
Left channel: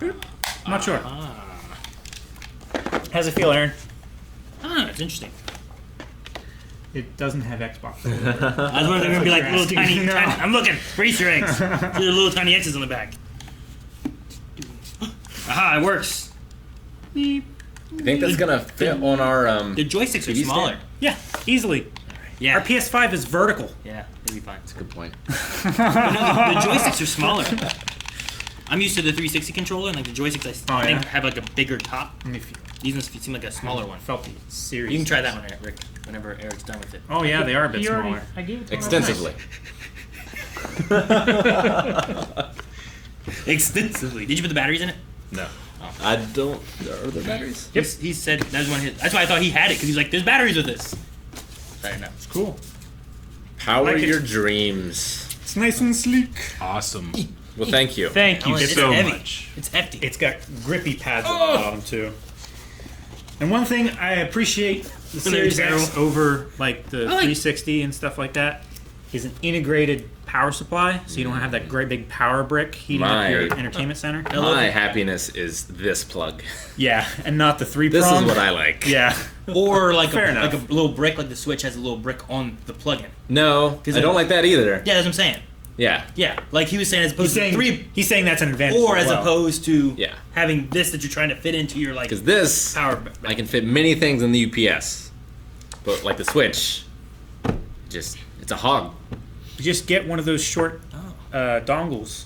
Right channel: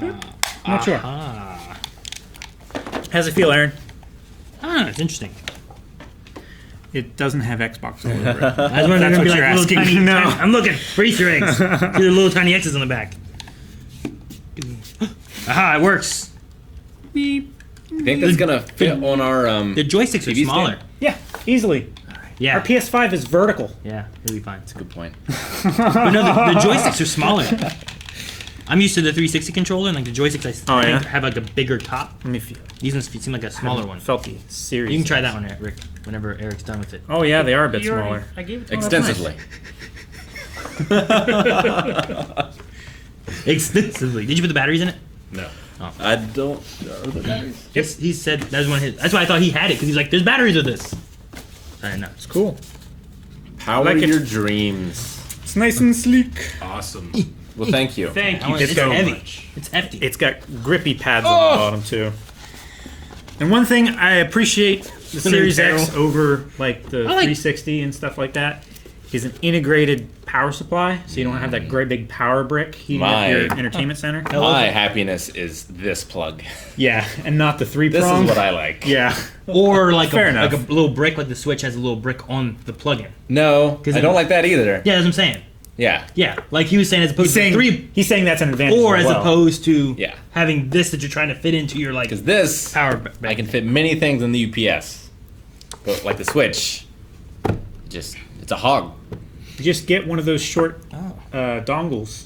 I'm not sure. Ah, How's it feel, Aaron? it's interesting. It doesn't have Xbox all over it. I was wondering That's if it'd be what like you're little asking. tiny. No. I'm looking for Easter eggs. See the little tiny X's on the back. Aha! It works. You think that's gonna fit on our The joysticks are TV smaller. stand? Yeah, easily. Yeah. Our PS5 is vertical. Yeah, it'll be fine. Good point. But no, the joysticks are smaller. I'm used to the 360 controller, and like the joysticks, I Oh, think yeah? have like a bigger top. Let me feel. These ones seem like a smaller one. Felt the series. You can try that one, Rick, whenever Eric's done with it. Oh yeah, they are a bit smaller. I gave it to Extensively. Extensively. Did you put the batteries in it? No. I don't. Are there batteries? He said that was one of his. That's why I thought he had it, because he's like, "There's batteries with this." I don't know. It's cool. Power like it. your dreams. It's nice and sleek. Awesome. Well, thank you. Thank you It's so heavy. much. It's hefty. It's got grippy pads on the bottom too. And one thing I appreciate the Series X terrible. over like the like- 360 and stuff like that is an integrated power supply, so you don't have that great big power brick heating up your entertainment center. My happiness is this plug. Yeah, and not the three This prong. is what I like. Yeah. Or like Fair a enough. little brick, like the Switch has a little brick on the plug-in. No, I don't like that either. Yeah, that's what I'm saying. Yeah. Yeah, like he was saying, as opposed He's saying to three, he's saying that's an advantage. or as well. opposed to Yeah. having this that you're trying to fit into your like Because this, power. I can fit many things in the UPS. But like the Switch, it's a hog. You just get one of those short dongles.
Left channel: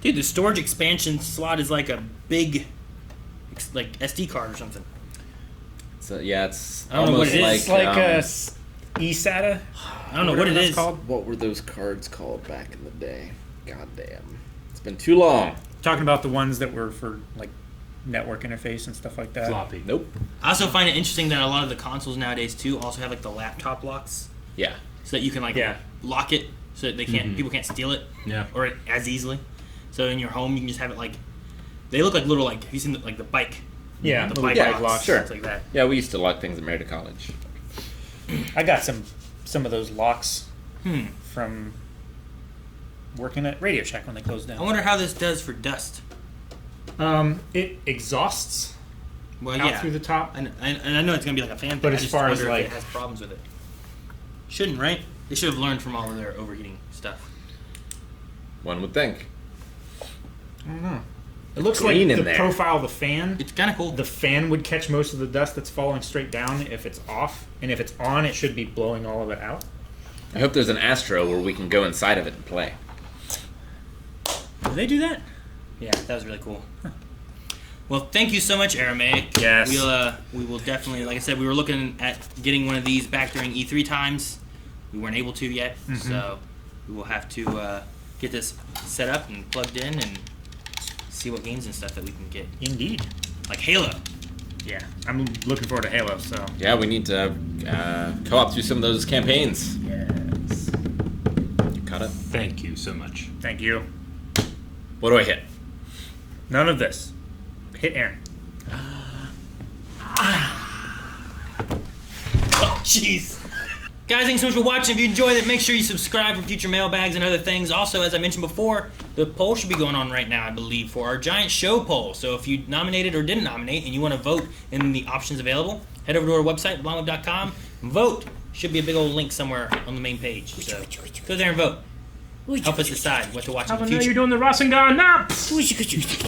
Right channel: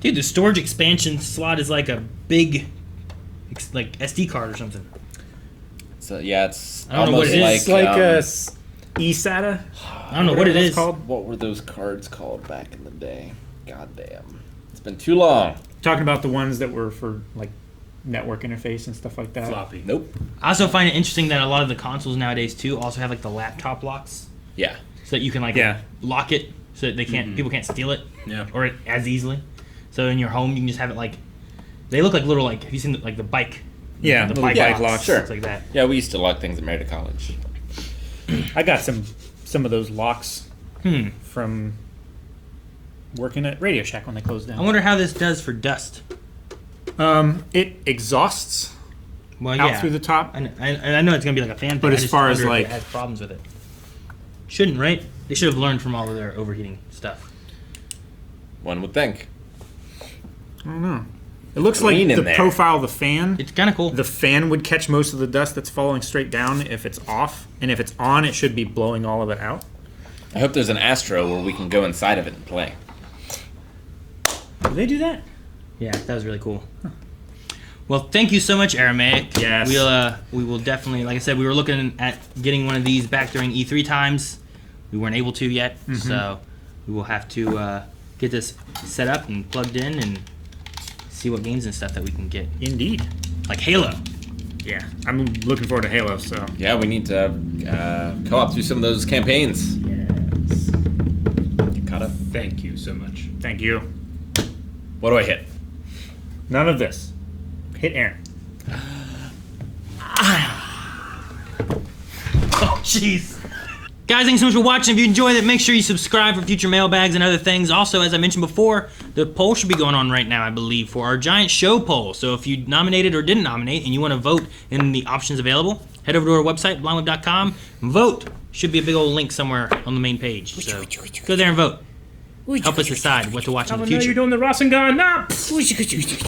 Dude, the storage expansion slot is like a big, like SD card or something. So yeah, it's I don't know what almost it like is. It's like a eSATA. I don't know what it That's is. called. what were those cards called back in the day? God damn, it's been too long. Talking about the ones that were for like network interface and stuff like that. Floppy. Nope. I also find it interesting that a lot of the consoles nowadays too also have like the laptop locks, Yeah. so that you can like Yeah. lock it so that they can't people can't steal it. Yeah. Or as easily. So in your home, you can just have it like. They look like little like. Have you seen like the bike? Yeah, the little bike bike locks, locks. Sure. It's like that. Yeah, we used to lock things at Marietta College. I got some of those locks Hmm. from working at Radio Shack when they closed I down. wonder how this does for dust. It exhausts Well, out yeah. through the top. And I know it's gonna be like a fan thing. But I as just far as, wonder if like- it has problems with it. Shouldn't, right? They should have learned from all of their overheating stuff. One would think. I don't know. It looks like green in the there. profile of the fan. It's kind of cool. The fan would catch most of the dust that's falling straight down if it's off, and if it's on, it should be blowing all of it out. I hope there's an Astro where we can go inside of it and play. Do they do that? Yeah, that was really cool. Well, thank you so much, Aramaic. Yes. We will definitely, like I said, we were looking at getting one of these back during E3 times. We weren't able to yet, so we will have to get this set up and plugged in and see what games and stuff that we can get, Indeed. like Halo. Yeah, I'm looking forward to Halo. So Yeah, we need to co-op through some of those campaigns. Yes. Got it. Thank you so much. thank you. What do I hit? None of this. Hit Aaron. Oh, jeez. Guys, thanks so much for watching. If you enjoyed it, make sure you subscribe for future mailbags and other things. Also, as I mentioned before, the poll should be going on right now, I believe, for our giant show poll. So if you nominated or didn't nominate and you want to vote in the options available, head over to our website, blindweb.com. Vote. Should be a big old link somewhere on the main page. So go there and vote. Help us decide what to watch in the You're future. doing the Rasengan. Nah.